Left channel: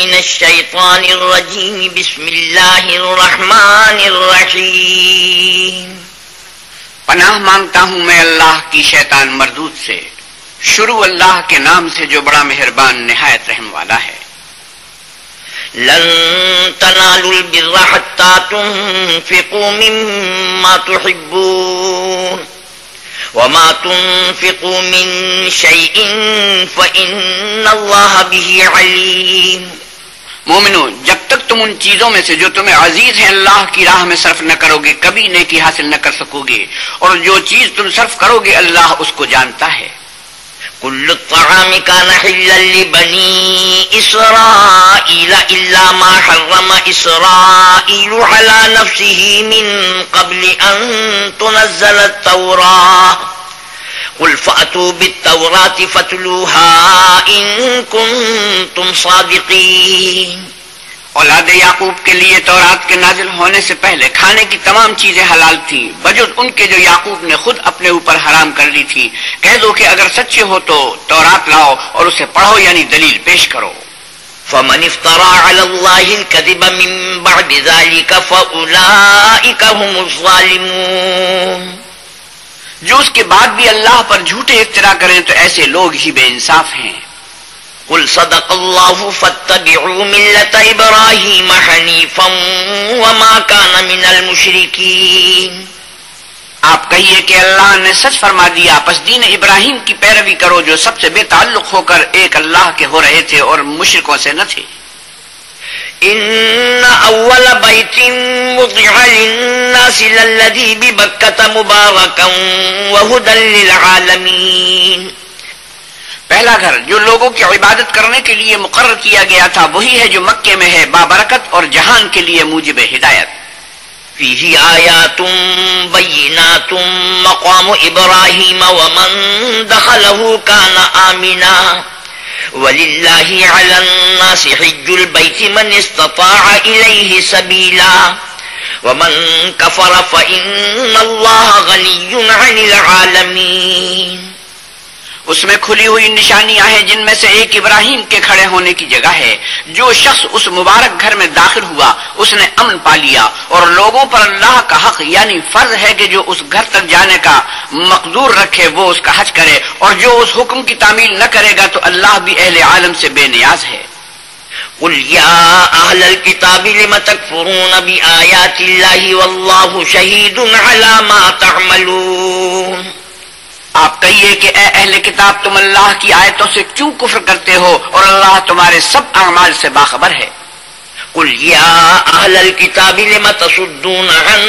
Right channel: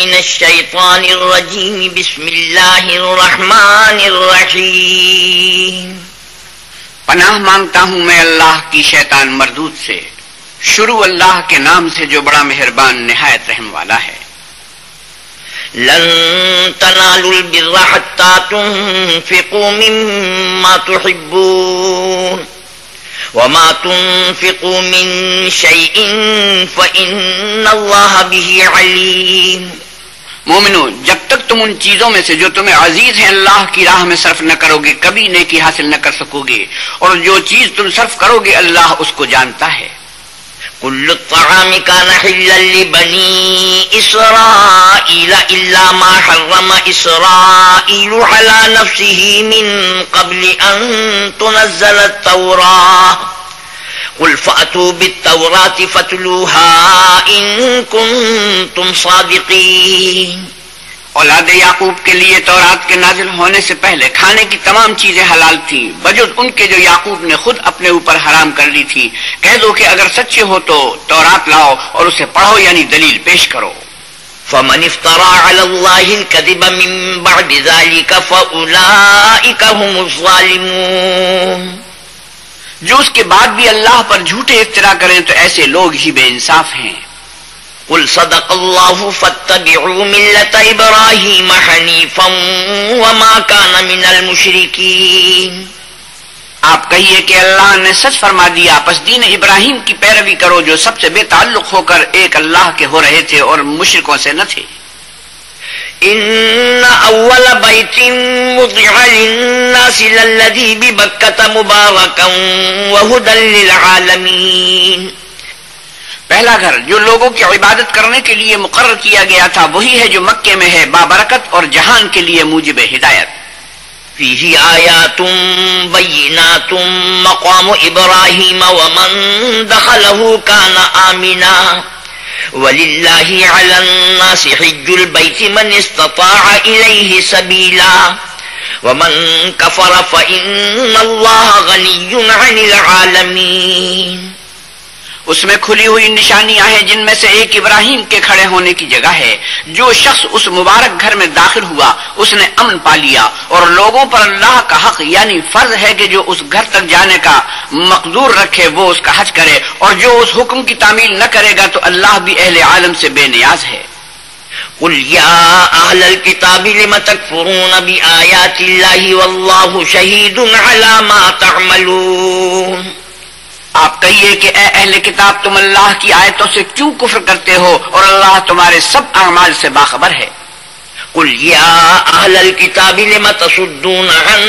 من الشیطان الرجیم بسم اللہ الرحمن الرحیم پناہ مانگتا ہوں میں اللہ کی شیطان مردود سے، شروع اللہ کے نام سے جو بڑا مہربان نہایت رحم والا ہے۔ لن تنالوا البر حتى تنفقوا مما تحبون وما تنفقوا من شيء فإن الله به عليم۔ مومنو، جب تک تم ان چیزوں میں سے جو تمہیں عزیز ہیں اللہ کی راہ میں صرف نہ کرو گے کبھی نیکی حاصل نہ کر سکو گے، اور جو چیز تم صرف کرو گے اللہ اس کو جانتا ہے۔ كل الطعام كان حلا لبني إسرائيل إلا ما حرم إسرائيل على نفسه من قبل أن تنزل التوراة قل فأتوا بالتوراة فاتلوها إن كنتم صادقين۔ اولاد یعقوب کے لیے تورات کے نازل ہونے سے پہلے کھانے کی تمام چیزیں حلال تھیں بجز ان کے جو یعقوب نے خود اپنے اوپر حرام کر لی تھی۔ کہہ دو کہ اگر سچے ہو تو تورات لاؤ اور اسے پڑھو، یعنی دلیل پیش کرو۔ فمن افترى على الله الكذب من بعد ذلك فأولئك هم الظالمون۔ جو اس کے بعد بھی اللہ پر جھوٹے افترا کریں تو ایسے لوگ ہی بے انصاف ہیں۔ قل صدق الله فاتبعوا ملة إبراهيم حنيفا وما كان من المشركين۔ آپ کہیے کہ اللہ نے سچ فرما دیا، پس دین ابراہیم کی پیروی کرو جو سب سے بے تعلق ہو کر ایک اللہ کے ہو رہے تھے اور مشرکوں سے نہ تھے۔ ان اول بیت وضع للناس للذی ببکۃ مبارکا وہدی للعالمین۔ پہلا گھر جو لوگوں کی عبادت کرنے کے لیے مقرر کیا گیا تھا وہی ہے جو مکے میں ہے، بابرکت اور جہان کے لیے موجب ہدایت۔ فیہ آیات بینات مقام ابراہیم ومن دخلہ کان آمنا وللہ علی الناس حج البیت من استطاع الیہ سبیلا ومن کفر فإن اللہ غنی عن العالمین۔ اس میں کھلی ہوئی نشانیاں ہیں جن میں سے ایک ابراہیم کے کھڑے ہونے کی جگہ ہے۔ جو شخص اس مبارک گھر میں داخل ہوا اس نے امن پا لیا، اور لوگوں پر اللہ کا حق یعنی فرض ہے کہ جو اس گھر تک جانے کا مقدور رکھے وہ اس کا حج کرے، اور جو اس حکم کی تعمیل نہ کرے گا تو اللہ بھی اہل عالم سے بے نیاز ہے۔ قل یا اہل الکتاب لم تکفرون بآیات اللہ واللہ شہید علی ما تعملون۔ آپ کہیے کہ اے اہل کتاب تم اللہ کی آیتوں سے کیوں کفر کرتے ہو اور اللہ تمہارے سب اعمال سے باخبر ہے۔ قل یا اہل الکتاب لم تصدون عن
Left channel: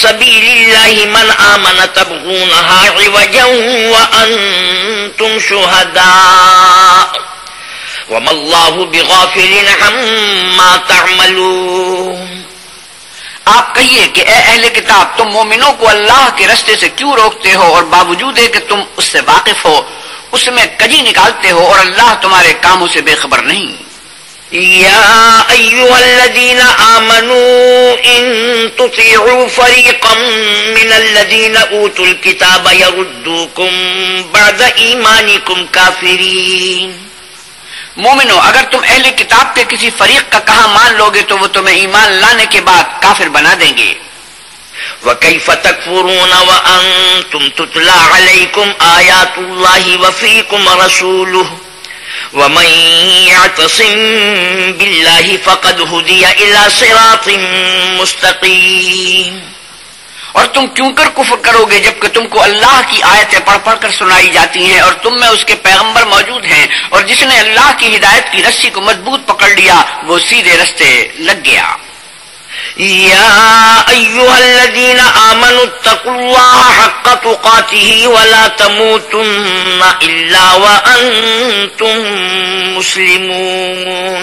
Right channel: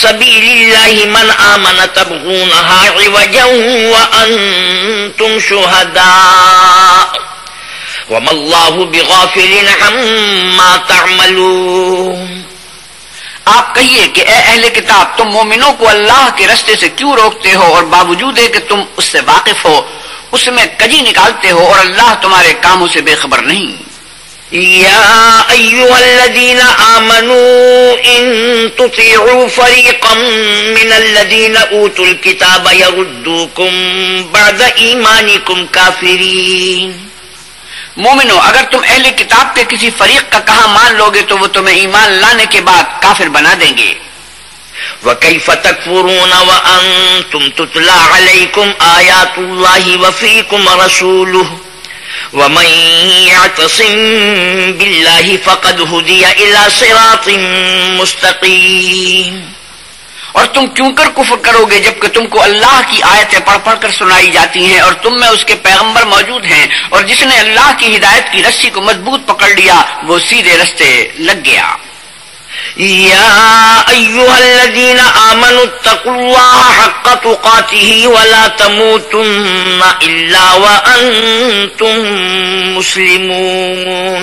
سبیل اللہ من آمن تبغونها عوجا وانتم شہداء وما اللہ بغافل عما تعملون۔ آپ کہیے کہ اے اہل کتاب تم مومنوں کو اللہ کے رستے سے کیوں روکتے ہو اور باوجود ہے کہ تم اس سے واقف ہو اس میں کجی نکالتے ہو اور اللہ تمہارے کاموں سے بے خبر نہیں۔ یا ایھا الذین آمنوا ان تطیعوا فریقا من الذین اوتوا الکتاب یردوکم بعد ایمانکم کافرین۔ مومنو، اگر تم اہل کتاب کے کسی فریق کا کہا مان لوگے تو وہ تمہیں ایمان لانے کے بعد کافر بنا دیں گے۔ وَكَيْفَ تَكْفُرُونَ وَأَنْتُمْ تُتْلَى عَلَيْكُمْ آيَاتُ اللَّهِ وَفِيكُمْ رَسُولُهُ وَمَنْ يَعْتَصِمْ بِاللَّهِ فَقَدْ هُدِيَ إِلَى صِرَاطٍ مُسْتَقِيمٍ۔ اور تم کیوں کر کفر کرو گے جبکہ تم کو اللہ کی آیتیں پڑھ پڑھ کر سنائی جاتی ہیں اور تم میں اس کے پیغمبر موجود ہیں، اور جس نے اللہ کی ہدایت کی رسی کو مضبوط پکڑ لیا وہ سیدھے رستے لگ گیا۔ یا ایھا الذین آمنوا اتقوا اللہ حق تقاتہ ولا تموتن الا وانتم مسلمون۔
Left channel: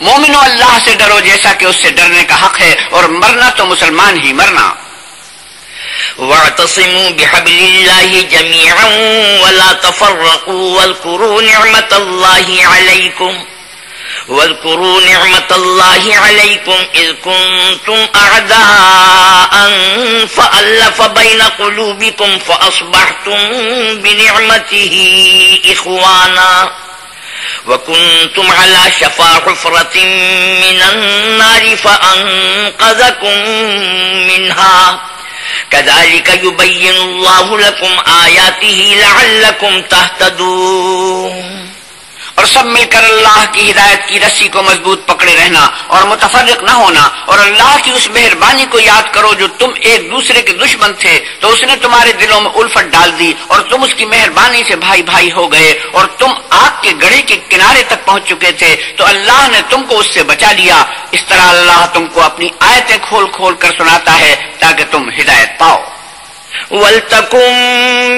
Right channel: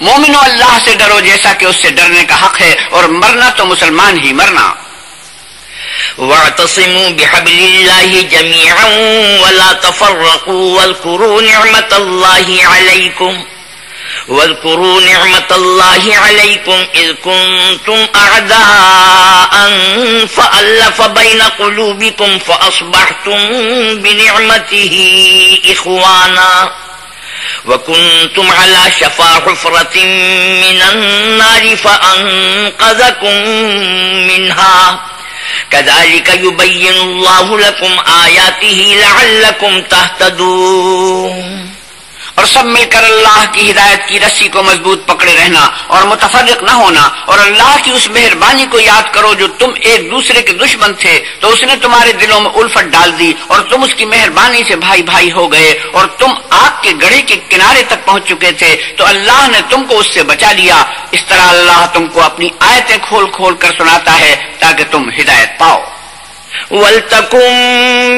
مومنو، اللہ سے ڈرو جیسا کہ اس سے ڈرنے کا حق ہے، اور مرنا تو مسلمان ہی مرنا۔ واعتصموا بحبل اللہ جميعا ولا تفرقوا واذكروا نعمة الله عليكم إذ كنتم أعداء فألف بين قلوبكم فأصبحتم بنعمته إخوانا وَكُنْتُمْ عَلَى شَفَا حُفْرَةٍ مِّنَ النَّارِ فَأَنقَذَكُم مِّنْهَا كَذَلِكَ يُبَيِّنُ اللَّهُ لَكُمْ آيَاتِهِ لَعَلَّكُمْ تَهْتَدُونَ۔ اور سب مل کر اللہ کی ہدایت کی رسی کو مضبوط پکڑے رہنا اور متفرق نہ ہونا، اور اللہ کی اس مہربانی کو یاد کرو جو تم ایک دوسرے کے دشمن تھے تو اس نے تمہارے دلوں میں الفت ڈال دی اور تم اس کی مہربانی سے بھائی بھائی ہو گئے، اور تم آگ کے گڑھے کے کنارے تک پہنچ چکے تھے تو اللہ نے تم کو اس سے بچا لیا۔ اس طرح اللہ تم کو اپنی آیتیں کھول کھول کر سناتا ہے تاکہ تم ہدایت پاؤ۔ وَلْتَكُن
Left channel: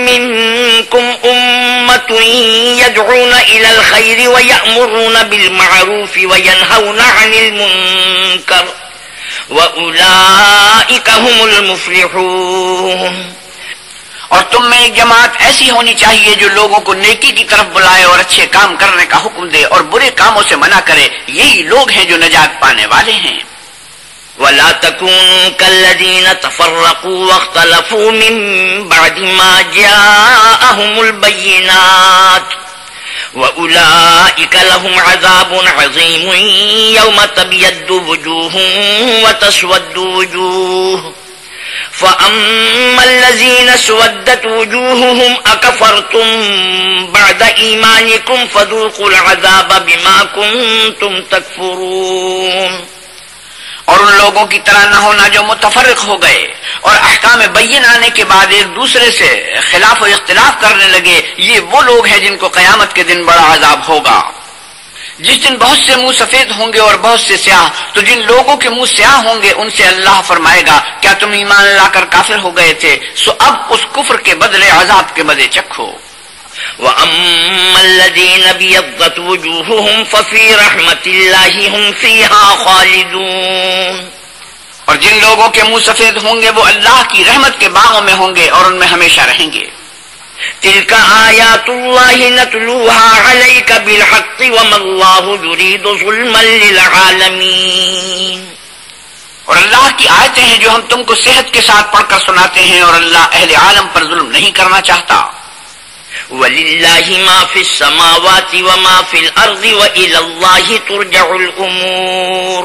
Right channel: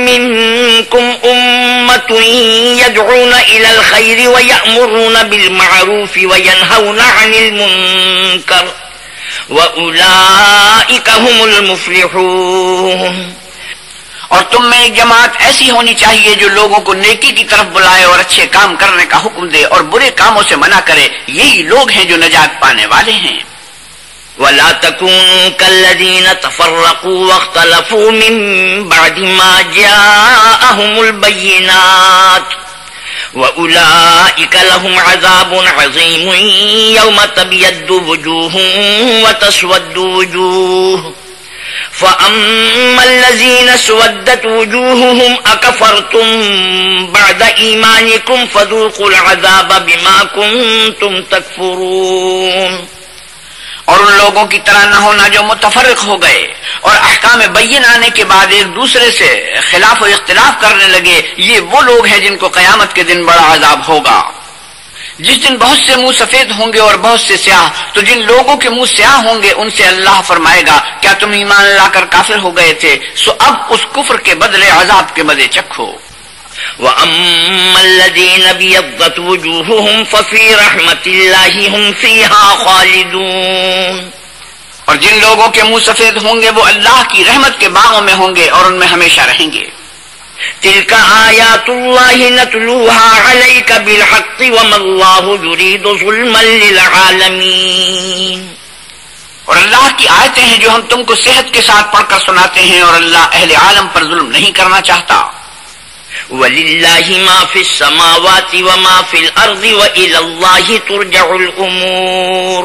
مِّنكُمْ أُمَّةٌ يَدْعُونَ إِلَى الْخَيْرِ وَيَأْمُرُونَ بِالْمَعْرُوفِ وَيَنْهَوْنَ عَنِ الْمُنكَرِ وَأُولَئِكَ هُمُ الْمُفْلِحُونَ۔ اور تم میں ایک جماعت ایسی ہونی چاہیے جو لوگوں کو نیکی کی طرف بلائے اور اچھے کام کرنے کا حکم دے اور برے کاموں سے منع کرے، یہی لوگ ہیں جو نجات پانے والے ہیں۔ وَلَا تَكُونُوا كَالَّذِينَ تَفَرَّقُوا وَاخْتَلَفُوا مِن بَعْدِ مَا جَاءَهُمُ الْبَيِّنَاتُ وَأُولَئِكَ لَهُمْ عَذَابٌ عَظِيمٌ يَوْمَ تَبْيَضُّ وُجُوهٌ وَتَسْوَدُّ وُجُوهٌ فَأَمَّا الَّذِينَ اسْوَدَّتْ وُجُوهُهُمْ أَكَفَرْتُمْ بَعْدَ إِيمَانِكُمْ فَذُوقُوا الْعَذَابَ بِمَا كُنتُمْ تَكْفُرُونَ۔ اور ان لوگوں کی طرح نہ ہونا جو متفرق ہو گئے اور احکام بین آنے کے بعد ایک دوسرے سے خلاف و اختلاف کرنے لگے، یہ وہ لوگ ہیں جن کو قیامت کے دن بڑا عذاب ہوگا۔ جس دن بہت سے منہ سفید ہوں گے اور بہت سے سیاہ، تو جن لوگوں کے منہ سیاہ ہوں گے ان سے اللہ فرمائے گا کیا تم ایمان لا کر کافر ہو گئے تھے؟ سو اب اس کفر کے بدلے عذاب کے مزے چکھو۔ وَأَمَّا الَّذِينَ ابْيَضَّتْ وُجُوهُهُمْ فَفِي رَحْمَةِ اللَّهِ هُمْ فِيهَا خَالِدُونَ۔ اور جن لوگوں کے منہ سفید ہوں گے وہ اللہ کی رحمت کے باغوں میں ہوں گے اور ان میں ہمیشہ رہیں گے۔ تِلْكَ آيَاتُ اللَّهِ نَتْلُوهَا عَلَيْكَ بِالْحَقِّ وَمَا اللَّهُ يُرِيدُ ظُلْمًا لِلْعَالَمِينَ۔ اور اللہ کی آیتیں ہیں جو ہم تم کو صحت کے ساتھ پڑھ کر سناتے ہیں، اور اللہ اہل عالم پر ظلم نہیں کرنا چاہتا۔ وَلِلَّهِ مَا فِي السَّمَاوَاتِ وَمَا فِي الْأَرْضِ وَإِلَى اللَّهِ تُرْجَعُ الْأُمُورُ۔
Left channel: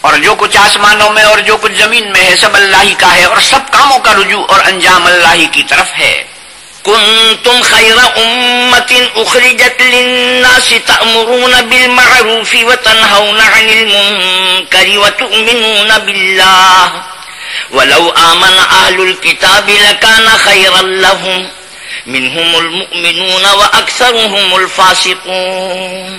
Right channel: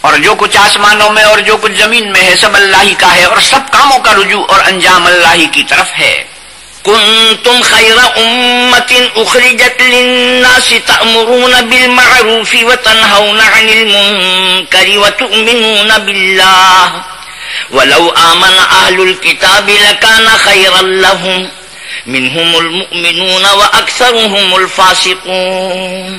اور جو کچھ آسمانوں میں اور جو کچھ زمین میں ہے سب اللہ ہی کا ہے، اور سب کاموں کا رجوع اور انجام اللہ ہی کی طرف ہے۔ كنتم خير أمة أخرجت للناس تأمرون بالمعروف وتنهون عن المنكر وتؤمنون بالله ولو آمن أهل الكتاب لكان خيرا لهم منهم المؤمنون وأكثرهم الفاسقون۔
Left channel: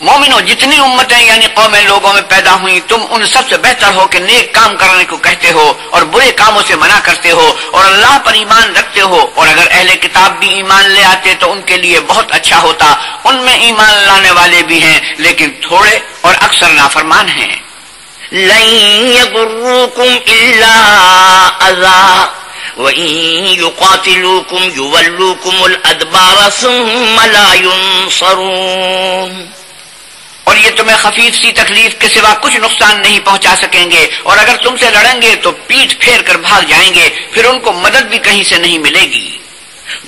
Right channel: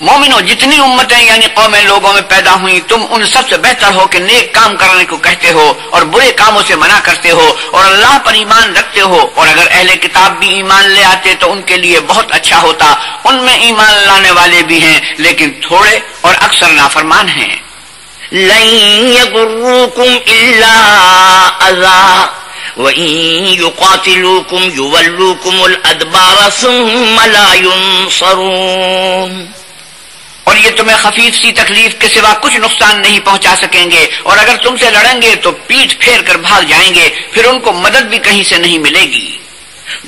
مومنوں، جتنی امتیں یعنی قومیں لوگوں میں پیدا ہوئیں، تم ان سب سے بہتر ہو کہ نیک کام کرنے کو کہتے ہو اور برے کاموں سے منع کرتے ہو اور اللہ پر ایمان رکھتے ہو، اور اگر اہل کتاب بھی ایمان لے آتے تو ان کے لیے بہت اچھا ہوتا۔ ان میں ایمان لانے والے بھی ہیں لیکن تھوڑے اور اکثر نافرمان ہیں۔ لن يضروكم إلا أذى وَإِن يُقَاتِلُوكُمْ يُوَلُّوكُمُ الْأَدْبَارَ ثُمَّ لَا يُنصَرُونَ۔ اور یہ تمہیں خفیف سی تکلیف کے سوا کچھ نقصان نہیں پہنچا سکیں گے، اور اگر تم سے لڑیں گے تو پیٹھ پھیر کر بھاگ جائیں گے، پھر ان کو مدد بھی کہیں سے نہیں ملے گی۔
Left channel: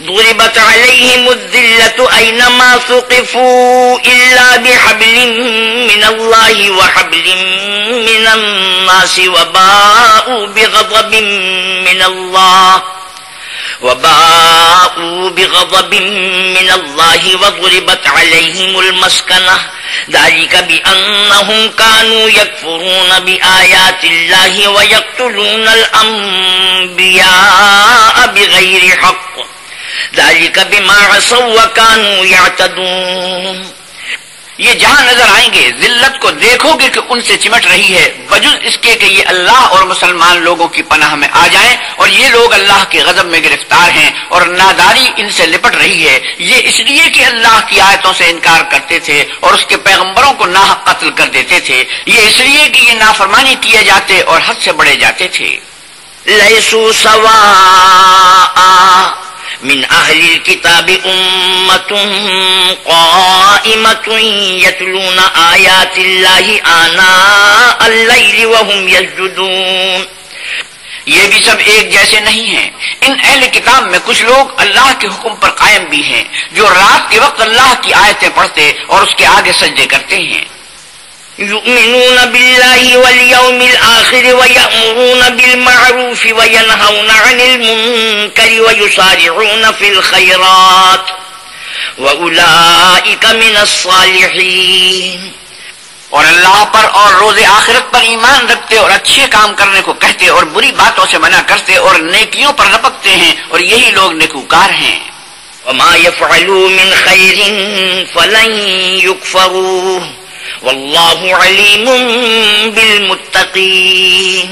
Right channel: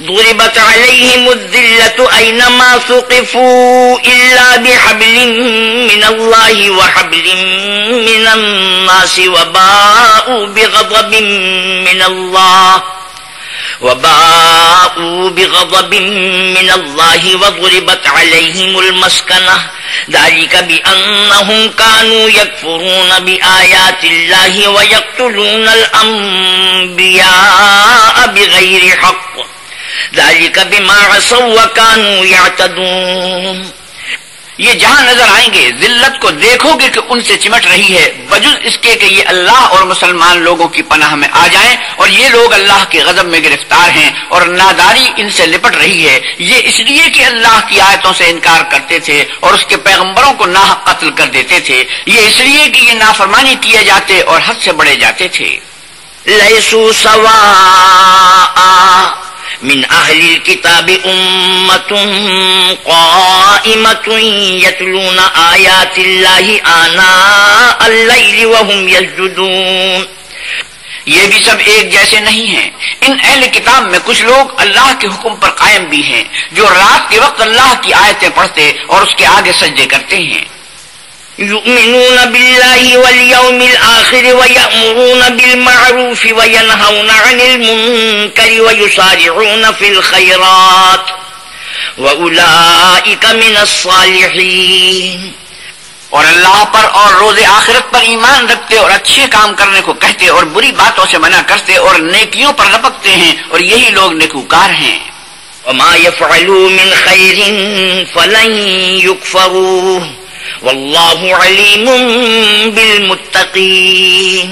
ضربت عليهم الذلة أينما ثقفوا إلا بحبل من الله وحبل من الناس وباءوا بغضب من الله وضربت عليهم المسكنة ذلك بأنهم كانوا يكفرون بآيات الله ويقتلون الأنبياء بغير حق ذلك بما عصوا وكانوا يعتدون۔ یہ جہاں نظر آئیں گے ذلت کو دیکھو گے کہ ان سے چمٹ رہی ہے، بجز اس کے کہ یہ اللہ اور مسلمان لوگوں کی پناہ میں آ جائیں، اور یہ لوگ اللہ کے غضب میں گرفتار ہیں اور ناداری ان سے لپٹ رہی ہے۔ یہ اس لیے کہ اللہ کی آیتوں سے انکار کرتے تھے اور اس کے پیغمبروں کو ناحق قتل کر دیتے تھے، یہ اس لیے کہ یہ نافرمانی کیے جاتے اور حد سے بڑھے جاتے تھے۔ لیسوا سواء من أهل الكتاب أمة قائمة يتلون آيات الله آناء الليل وهم يسجدون۔ یہ بھی سب ایک جیسے نہیں ہیں۔ ان اہل کتاب میں کچھ لوگ اللہ کے حکم پر قائم بھی ہیں، جو رات کے وقت اللہ کی آیتیں پڑھتے اور اس کے آگے سجدے کرتے ہیں۔ يؤمنون بالله واليوم الآخر ويأمرون بالمعروف وينهون عن المنكر ويسارعون في الخيرات وأولئك من الصالحين۔ اور اللہ پر اور روز آخرت پر ایمان رکھتے اور اچھے کام کرنے کو کہتے اور بری باتوں سے منع کرتے اور نیکیوں پر رپکتے ہیں، اور یہی لوگ نیکوکار ہیں۔ وما يفعلوا من خير فلن يكفروه واللہ علیم بالمتقین۔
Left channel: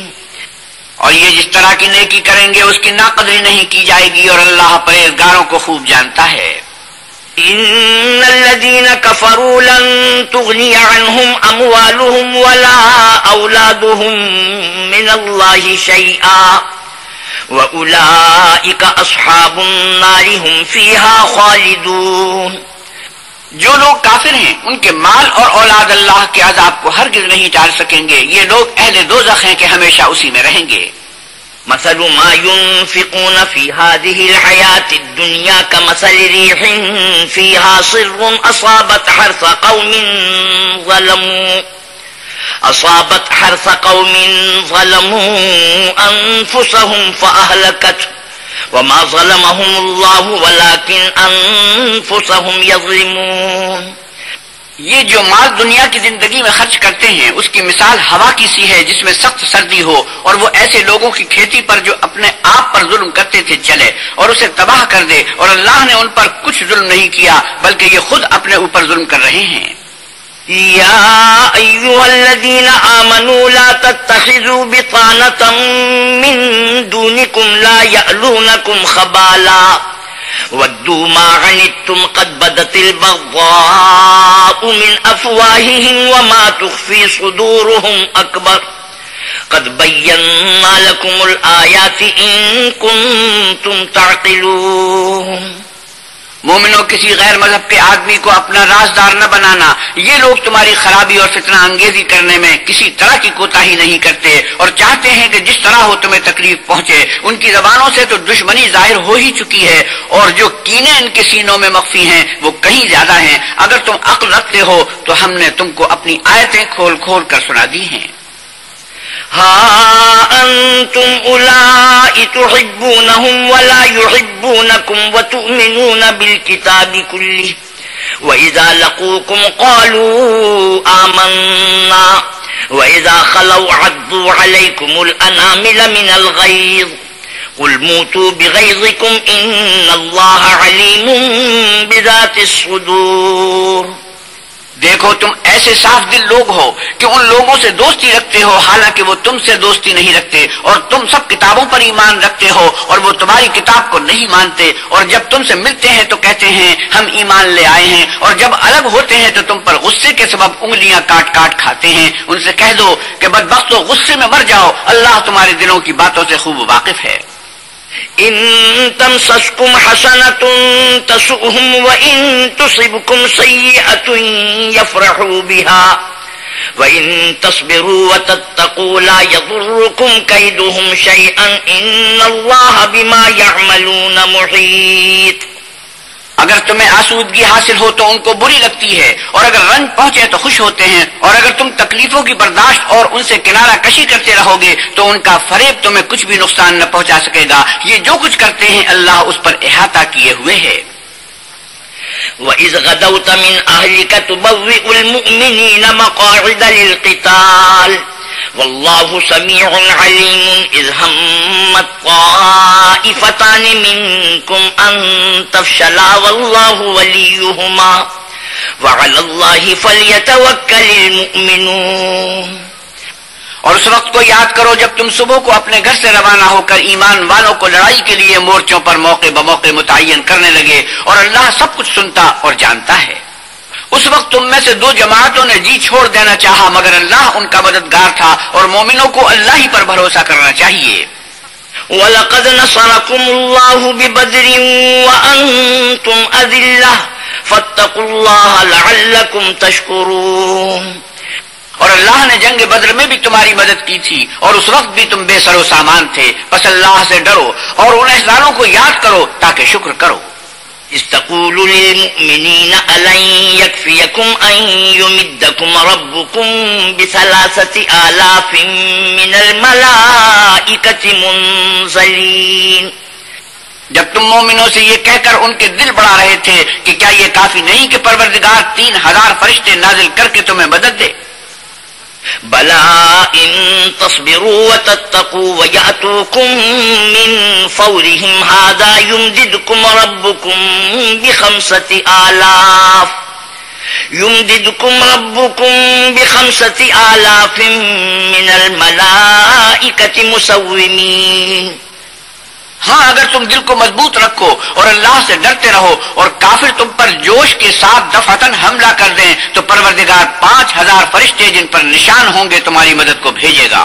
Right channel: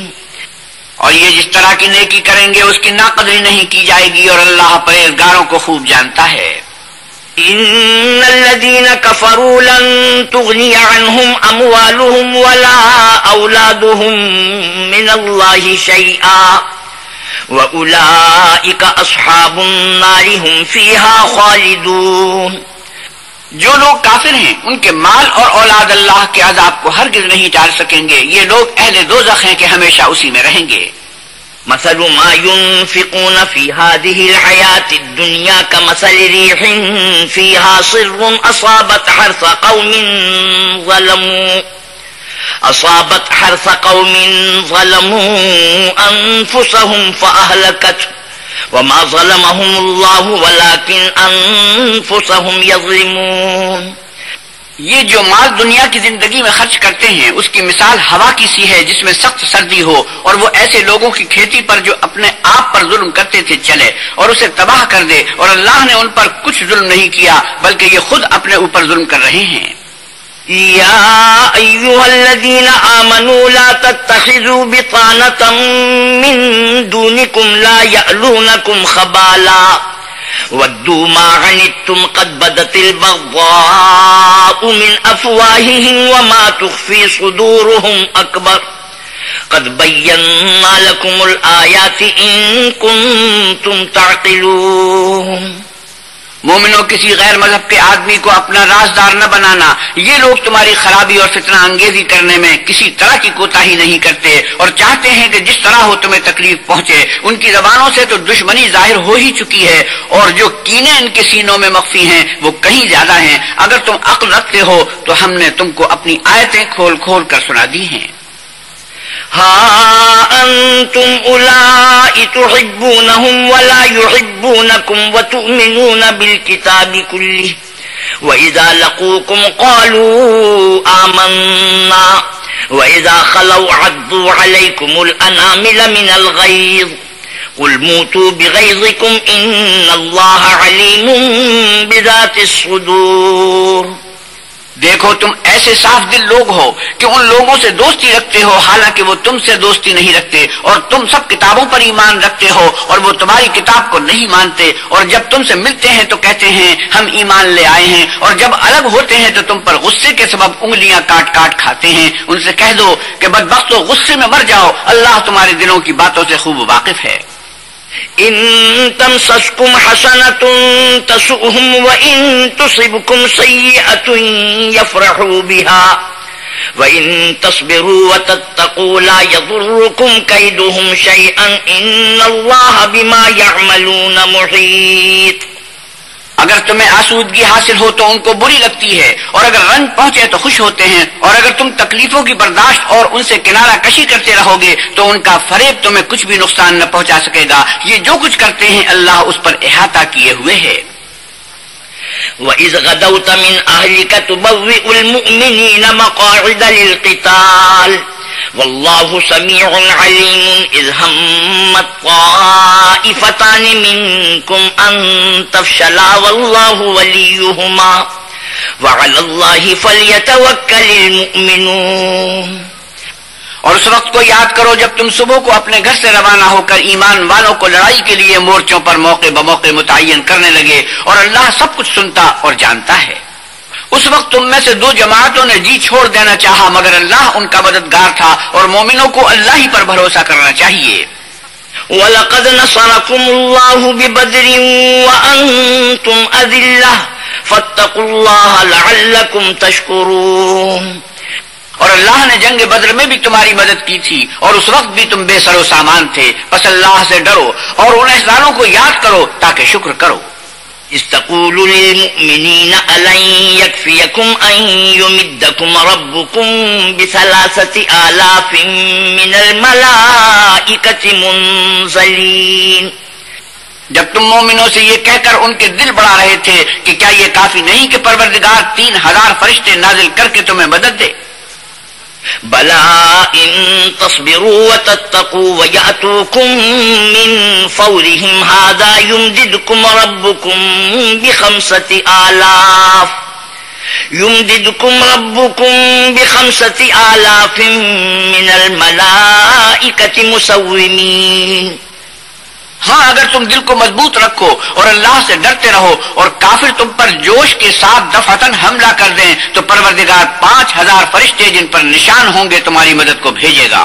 اور یہ جس طرح کی نیکی کریں گے اس کی ناقدری نہیں کی جائے گی، اور اللہ پرہیزگاروں کو خوب جانتا ہے۔ ان الذین کفروا لن تغنی عنہم اموالہم ولا اولادہم من اللہ شیئا واولئک اصحاب النار ہم فیہا خالدون۔ جو لوگ کافر ہیں ان کے مال اور اولاد اللہ کے عذاب کو ہرگز نہیں ٹال سکیں گے، یہ لوگ اہل دوزخ ہیں کہ ہمیشہ اسی میں رہیں گے۔ مثل ما ينفقون في هذه الحياة الدنيا كمثل ريح فيها صر أصابت حرث قوم ظلموا أنفسهم فأهلكته وما ظلمهم الله ولكن أنفسهم يظلمون۔ یہ جو مال دنیا کی زندگی میں خرچ کرتے ہیں اس کی مثال ہوا کی سی ہے جس میں سخت سردی ہو، اور وہ ایسے لوگوں کی کھیتی پر جو اپنے آپ پر ظلم کرتے تھے چلے اور اسے تباہ کر دے، اور اللہ نے ان پر کچھ ظلم نہیں کیا بلکہ یہ خود اپنے اوپر ظلم کر رہے ہیں۔ یا ایھا الذین آمنوا لا تتخذوا بطانة من دونکم لا یألونکم خبالا ودوا ما عنتم قد بدت البغضاء من افواههم وما تخفي صدورهم اکبر قد بینا لکم الآیات ان کنتم تعقلون۔ مومنوں، کسی غیر مذہب کے آدمی کو اپنا رازدار نہ بنانا، یہ لوگ تمہاری خرابی اور فتنہ انگیزی کرنے میں کسی طرح کی کوتاہی نہیں کرتے اور چاہتے ہیں کہ جس طرح ہو تمہیں تکلیف پہنچے۔ ان کی زبانوں سے تو دشمنی ظاہر ہو ہی چکی ہے، اور جو کینے ان کے سینوں میں مخفی ہیں وہ کہیں زیادہ ہیں۔ اگر تم عقل رکھتے ہو تو ہم نے تم کو اپنی آیتیں کھول کھول کر سنا دی ہیں۔ ہا انتم اولائی تحبونہم ولا یحبونکم وتؤمنون بالکتاب کلہ وَإِذَا لَقُوكُمْ قَالُوا آمَنَّا وَإِذَا خَلَوْا عَضُّوا عَلَيْكُمُ الْأَنَامِلَ مِنَ الْغَيْظِ قُلْ مُوتُوا بِغَيْظِكُمْ إِنَّ اللَّهَ عَلِيمٌ بِذَاتِ الصُّدُورِ۔ دیکھو تم ایسے صاف دل لوگ ہو کہ ان لوگوں سے دوستی رکھتے ہو حالانکہ وہ تم سے دوستی نہیں رکھتے، اور تم سب کتابوں پر ایمان رکھتے ہو اور وہ تمہاری کتاب کو نہیں مانتے، اور جب تم سے ملتے ہیں تو کہتے ہیں ہم ایمان لے آئے ہیں، اور جب الگ ہوتے ہیں تو تم پر غصے کے سبب انگلیاں کاٹ کاٹ کھاتے ہیں۔ ان سے کہہ دو کہ بدبختو غصے میں مر جاؤ، اللہ تمہارے دلوں کی باتوں سے خوب واقف ہے۔ ان تمسسکم حسنۃ تسؤہم وان تصبکم سیئۃ یفرحوا بها وان تصبروا وتتقوا لا یضرکم کیدہم شیئا ان اللہ بما یعملون محیط۔ اگر تمہیں آسودگی حاصل ہو تو ان کو بری لگتی ہے، اور اگر رنج پہنچے تو خوش ہوتے ہیں، اور اگر تم تکلیفوں کی برداشت اور ان سے کنارہ کشی کرتے رہو گے تو ان کا فریب تمہیں کچھ بھی نقصان نہ پہنچا سکے گا۔ یہ جو کچھ کرتے ہیں اللہ اس پر احاطہ کیے ہوئے ہے۔ وَإِذْ غَدَوْتَ مِنْ أَهْلِكَ تُبَوِّئُ الْمُؤْمِنِينَ مَقَاعِدَ لِلْقِتَالِ واللہ سمیع علیم اذ ہمت طائفتان منکم ان تفشلا واللہ ولیہما وعلی اللہ فلیتوکل المؤمنون۔ اور اس وقت کو یاد کرو جب تم صبح کو اپنے گھر سے روانہ ہو کر ایمان والوں کو لڑائی کے لیے مورچوں پر موقع بموقع متعین کرنے لگے، اور اللہ سب کچھ سنتا اور جانتا ہے۔ اس وقت تم میں سے دو جماعتوں نے جی چھوڑ دینا چاہا مگر اللہ ان کا مددگار تھا، اور مومنوں کو اللہ ہی پر بھروسہ کرنا چاہیے۔ وَلَقَدْ نَصَرَكُمُ اللَّهُ بِبَدْرٍ وَأَنْتُمْ أَذِلَّةٌ فَاتَّقُوا اللَّهَ لَعَلَّكُمْ تَشْكُرُونَ۔ اور اللہ نے جنگ بدر میں بھی تمہاری مدد کی تھی اور اس وقت بھی تم بے سر و سامان تھے، بس اللہ سے ڈرو اور ان احسانوں کو یاد کرو تاکہ شکر کرو۔ إذ تقول للمؤمنين ألن يكفيكم أن يمدكم ربكم ب3,000 من الملائكة منزلين۔ جب تم مومنوں سے یہ کہہ کر ان کے دل بڑھا رہے تھے کہ کیا یہ کافی نہیں کہ پروردگار 3,000 فرشتے نازل کر کے تمہیں مدد دے؟ بلى إن تصبروا وتتقوا ويأتوكم من فورهم هذا يمددكم ربكم ب5,000 من الملائكة مسومين۔ ہاں اگر تم دل کو مضبوط رکھو اور اللہ سے ڈرتے رہو اور کافر تم پر جوش کے ساتھ دفعتاً حملہ کر دیں تو پروردگار 5,000 فرشتے جن پر نشان ہوں گے تمہاری مدد کو بھیجے گا۔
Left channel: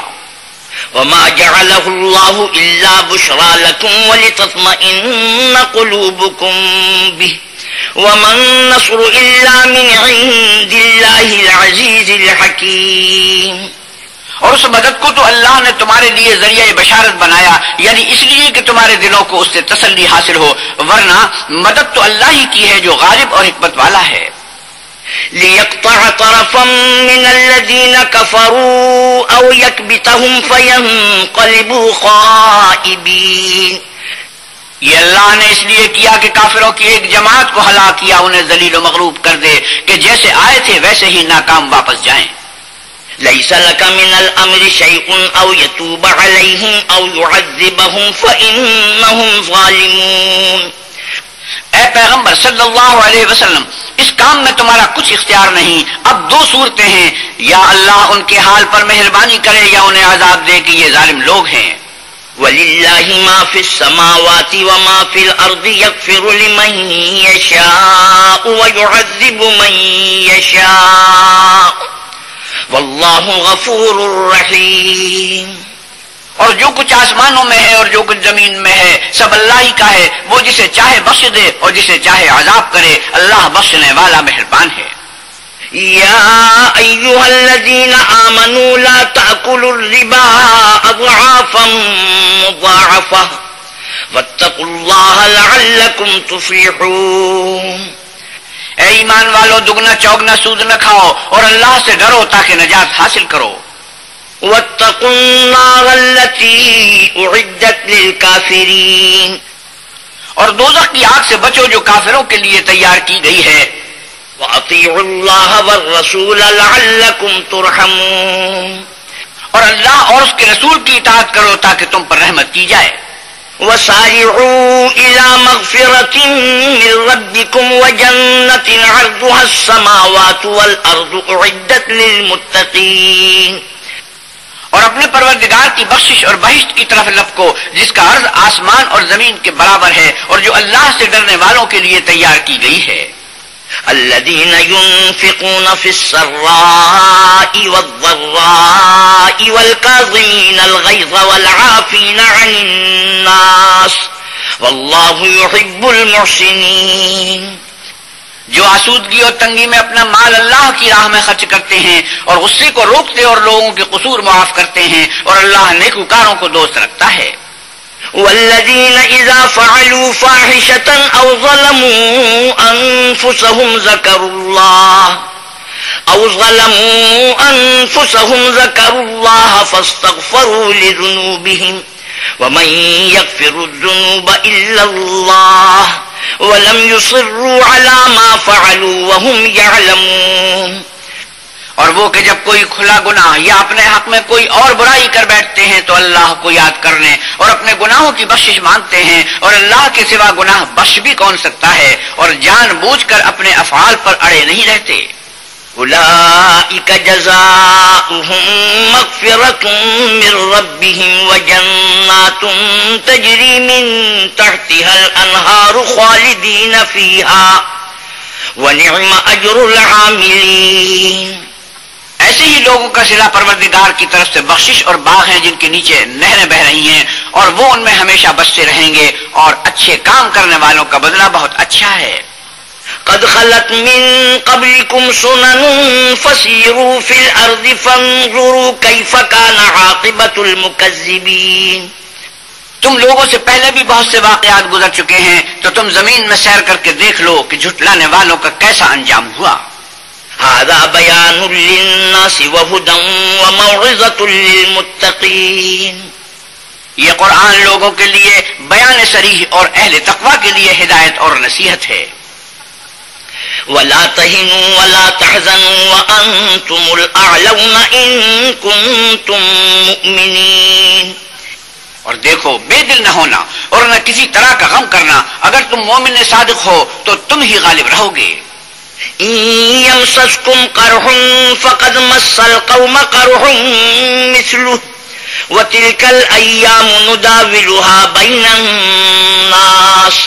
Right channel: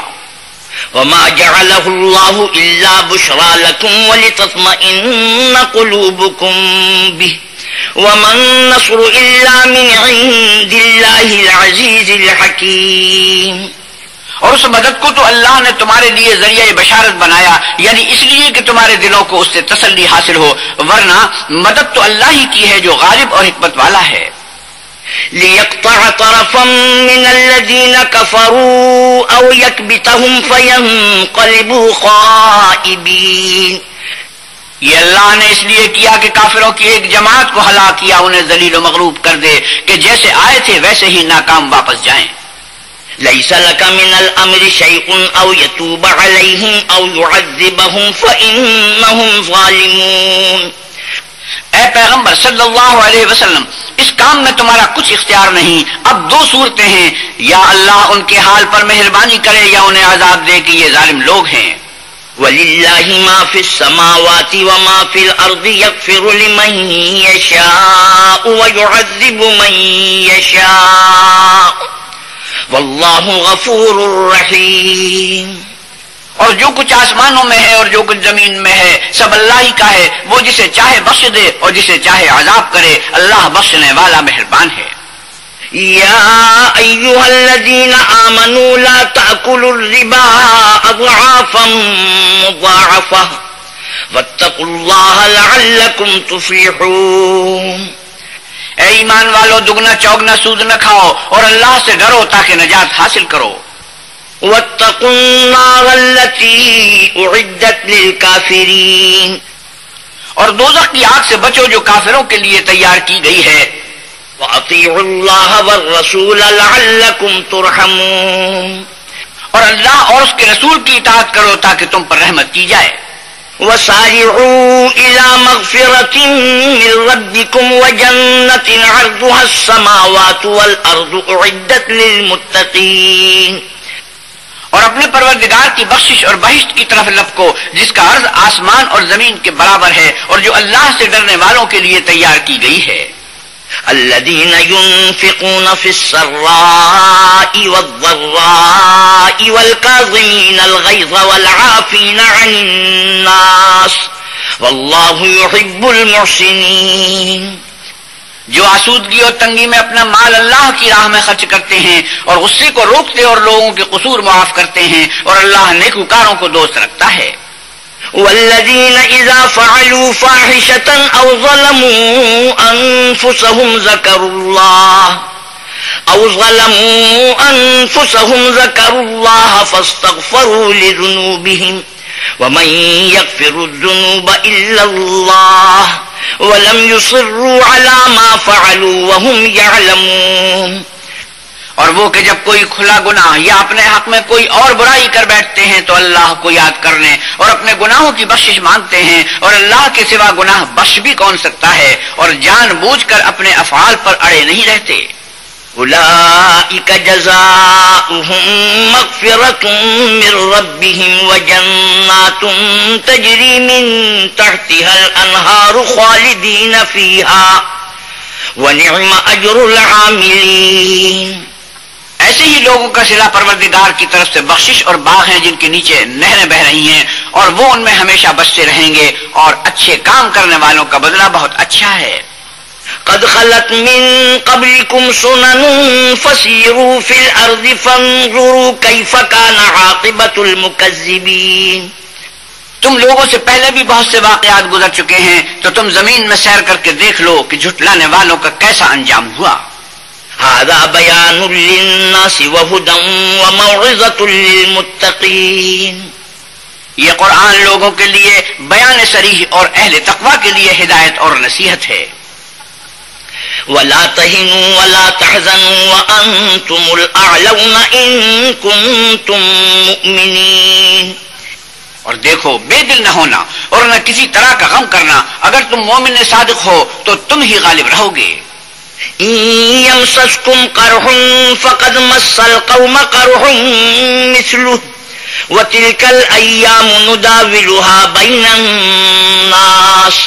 وما جعله الله إلا بشرى لكم ولتطمئن قلوبكم به وما النصر إلا من عند الله العزيز الحكيم۔ اور اس مدد کو تو اللہ نے تمہارے لیے ذریعہ بشارت بنایا، یعنی اس لیے کہ تمہارے دلوں کو اس سے تسلی حاصل ہو، ورنہ مدد تو اللہ ہی کی ہے جو غالب اور حکمت والا ہے۔ ليقطع طرفا من الذين كفروا أو يكبتهم فينقلبوا خائبين۔ یہ اللہ نے اس لیے کیا کہ کافروں کی ایک جماعت کو ہلاک کیا، انہیں ذلیل و مغلوب کر دے کہ جیسے آئے تھے ویسے ہی ناکام واپس جائیں۔ ليس لك من الأمر شيء أو يتوب عليهم أو يعذبهم فإنهم ظالمون۔ اے پیغمبر صلی اللہ علیہ وسلم، اس کام میں تمہارا کچھ اختیار نہیں۔ اب 2 صورتیں ہیں، یا اللہ ان کے حال پر مہربانی کرے یا انہیں عذاب دے کہ یہ ظالم لوگ ہیں۔ وَلِلَّهِ مَا فِي السَّمَاوَاتِ وَمَا فِي الْأَرْضِ يَغْفِرُ لِمَن يَشَاءُ وَيُعَذِّبُ مَن يَشَاءُ واللہ غفور رحیم۔ اور جو کچھ آسمانوں میں ہے اور جو کچھ زمین میں ہے سب اللہ ہی کا ہے، وہ جسے چاہے بخش دے اور جسے چاہے عذاب کرے، اللہ بخشنے والا مہربان ہے۔ یا ایھا الذین آمنوا لا تأکلوا الربا اضعافا مضاعفہ واتقوا اللہ لعلکم تفلحون۔ اے ایمان والو، دگنا چوگنا سود نہ کھاؤ اور اللہ سے ڈرو تاکہ نجات حاصل کرو۔ واتقوا النار التي أعدت للكافرين۔ اور دوزخ کی آگ سے بچو جو کافروں کے لیے تیار کی گئی ہے۔ وأطيعوا الله والرسول لعلكم ترحمون۔ اور اللہ اور اس کے رسول کی اطاعت کرو تاکہ تم پر رحمت کی جائے۔ وسارعوا إلى مغفرة من ربكم وجنة عرضها السماوات والأرض أعدت للمتقين۔ اور اپنے پروردگار کی بخشش اور بہشت کی طرف لپکو جس کا عرض آسمان اور زمین کے برابر ہے اور جو اللہ سے ڈرنے والوں کے لیے تیار کی گئی ہے۔ الذين ينفقون في السراء والضراء والكاظمين الغيظ والعافين عن الناس والله يحب المحسنين۔ جو آسودگی اور تنگی میں اپنا مال اللہ کی راہ میں خرچ کرتے ہیں اور غصے کو روکتے اور لوگوں کے قصور معاف کرتے ہیں، اور اللہ نیکوکاروں کو دوست رکھتا ہے۔ والذين إذا فعلوا فاحشة أو ظلموا أنفسهم ذكروا الله فاستغفروا لذنوبهم ومن يغفر الذنوب إلا الله ولم يصروا على ما فعلوا وهم يعلمون۔ اور وہ کہ جب کوئی کھلا گناہ یا اپنے حق میں کوئی اور برائی کر بیٹھتے ہیں تو اللہ کو یاد کرنے اور اپنے گناہوں کی بخشش مانگتے ہیں، اور اللہ کے سوا گناہ بخش بھی کون سکتا ہے، اور جان بوجھ کر اپنے افعال پر اڑے نہیں رہتے۔ أولئك جزاؤهم مغفرة من ربهم وجنات تجري من تحتها الأنهار خالدين فيها ونعم أجر العاملين۔ ایسے ہی لوگوں کا صلہ پروردگار کی طرف سے بخشش اور باغ ہیں جن کے نیچے نہریں بہ رہی ہیں، اور وہ ان میں ہمیشہ بستے رہیں گے، اور اچھے کام کرنے والوں کا بدلہ بہت اچھا ہے۔ قد خلت من قبلكم سنن فسيروا في الأرض فانظروا كيف كان عاقبة المكذبين. تم لوگوں سے پہلے بھی بہت سے واقعات گزر چکے ہیں، تو تم زمین میں سیر کر کے دیکھ لو کہ جھٹلانے والوں کا کیسا انجام ہوا. هذا بيان للناس وهدى وموعظة للمتقين. یہ قرآن لوگوں کے لیے بیان صریح اور اہل تقوی کے لیے ہدایت اور نصیحت ہے. ولا تهنوا ولا تحزنوا وأنتم الأعلون إن كنتم مؤمنين. اور دیکھو، بے دل نہ ہونا اور نہ کسی طرح کا غم کرنا، اگر تم مومن صادق ہو تو تم ہی غالب رہو گے. إن يمسسكم قرح فقد مس القوم قرح مثله وتلك الأيام نداولها بين الناس